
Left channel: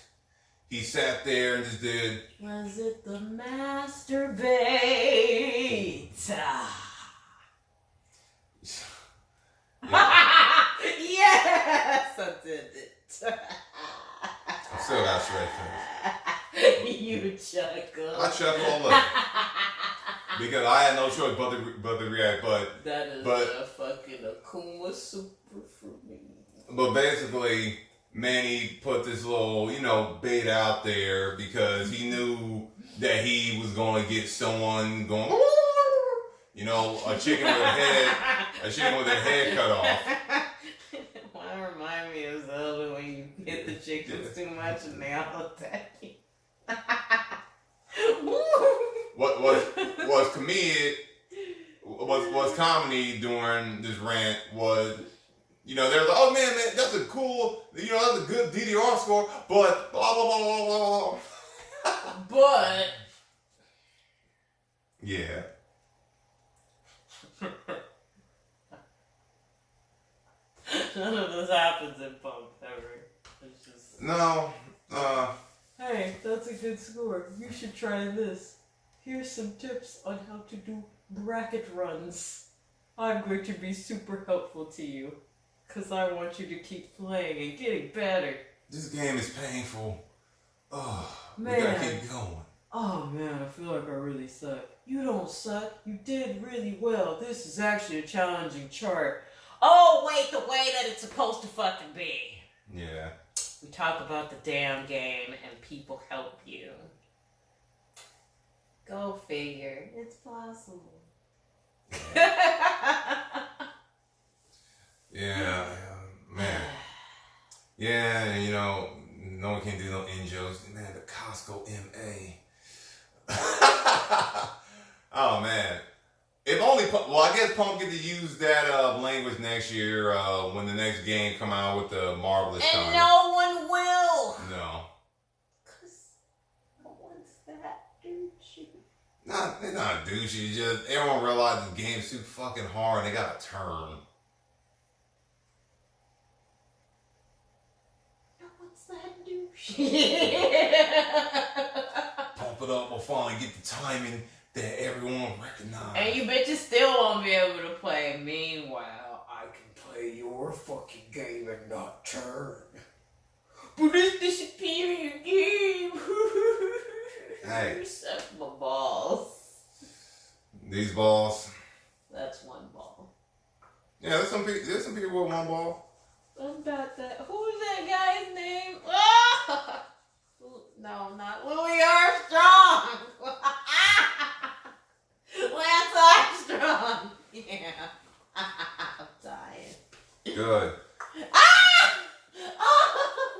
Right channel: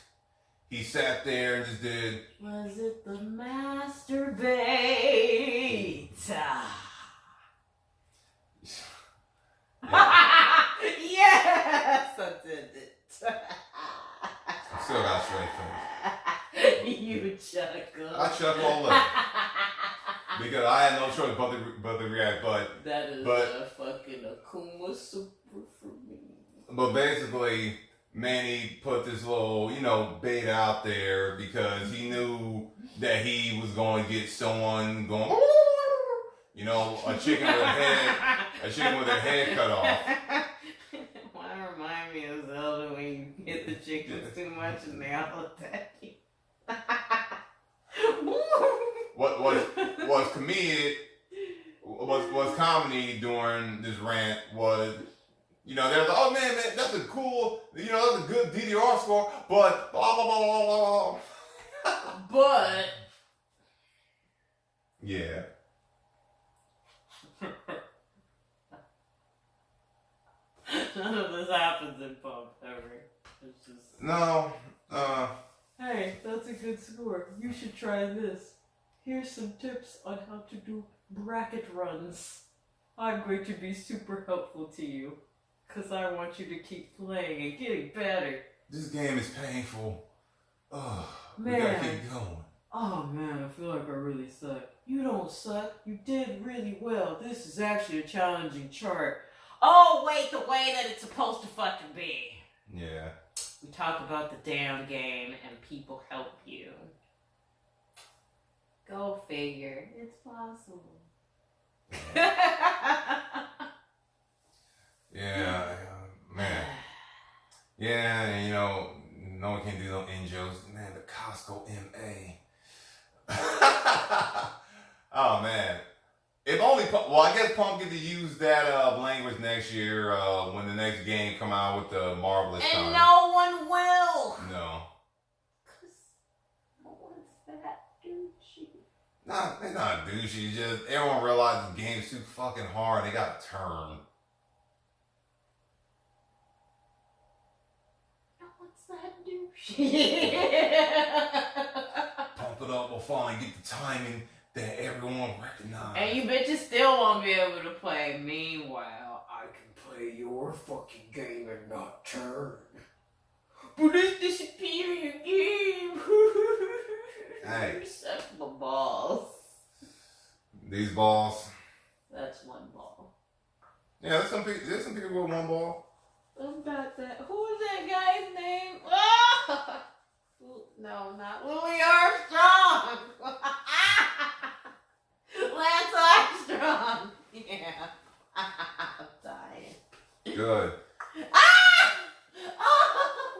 He sat there and just did. Was it the master bait? Yes, I did it. I still got a straight face. You chuckle. I chuckle all over. Because I had no choice but to react. But that is a fucking Akuma super for me. But basically, Manny put this little, bait out there because he knew that he was going to get someone going, a chicken with a head cut off. Why remind me of Zelda when you hit the chickens too much and they all attack you? What was comedy during this rant was, they're like, oh man, that's a cool, that's a good DDR score, but blah blah blah blah blah. But yeah. None of this happens in pump ever. It's just no. Hey, that's a good score. You should try this. Here's some tips on how to do bracket runs. I'm going to be super helpful to you, because I want you to keep playing and getting better. This game is painful. Oh, man. We gotta keep going. Oh man, I feel like I really suck. You don't suck. You did really well. This is actually a challenging chart. Oh, wait, the way that it's supposed to fucking be. Yeah. We talk about the damn game and people help you. Go figure. It's possible. Yeah, man. Yeah, and no one can do no in-jokes. Man, the Costco MA. Oh, man. If only, I guess Pump get to use that language next year when the next game come out with the Marvelous And time. no one will. No. Because no one's that douchey. They're not douchey. Just everyone realizes the game's too fucking hard. They got to turn. No one's that douchey. Pump it up. We'll finally get the timing that everyone recognizes. And you bitches still won't be able to play. Meanwhile, I can play your fucking game and not turn. But it's disappearing your game. Hey. Suck my balls. These balls. That's one ball. Yeah, there's some people with one ball. What about that? Who was that guy's name? Oh! No, not Louis Armstrong. Lance Armstrong. Yeah. I'm dying. Good. Ah! Oh,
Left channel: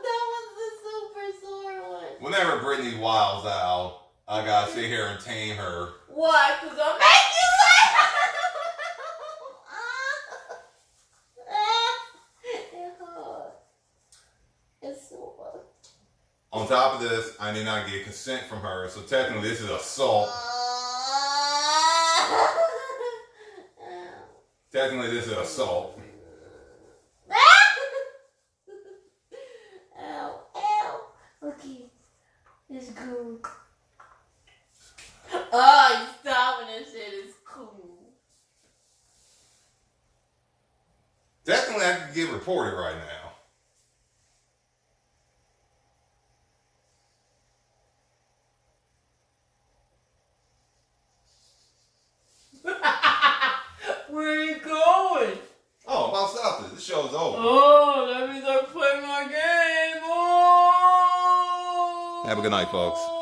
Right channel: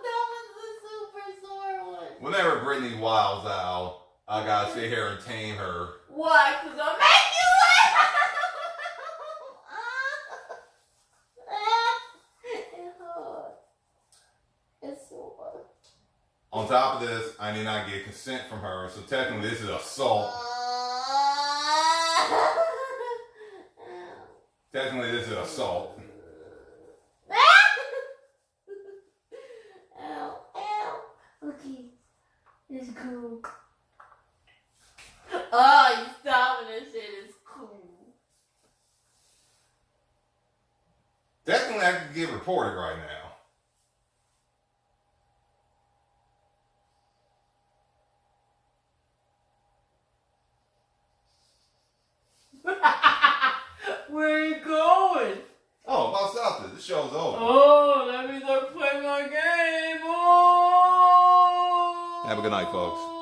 that was the super sore one. Whenever Brittany wilds out, I gotta sit here and tame her. Why? Because I'm making laugh. top of this, I did not get consent from her, so technically this is assault. Technically this is assault. Ow, ow. Okay, it's cool. Oh, you stop when that shit is cool. Technically I could get reported right now. Where are you going? Oh, I'm about to stop this. This show's over. Oh, that means I play my game. Oh. Have a good night, folks.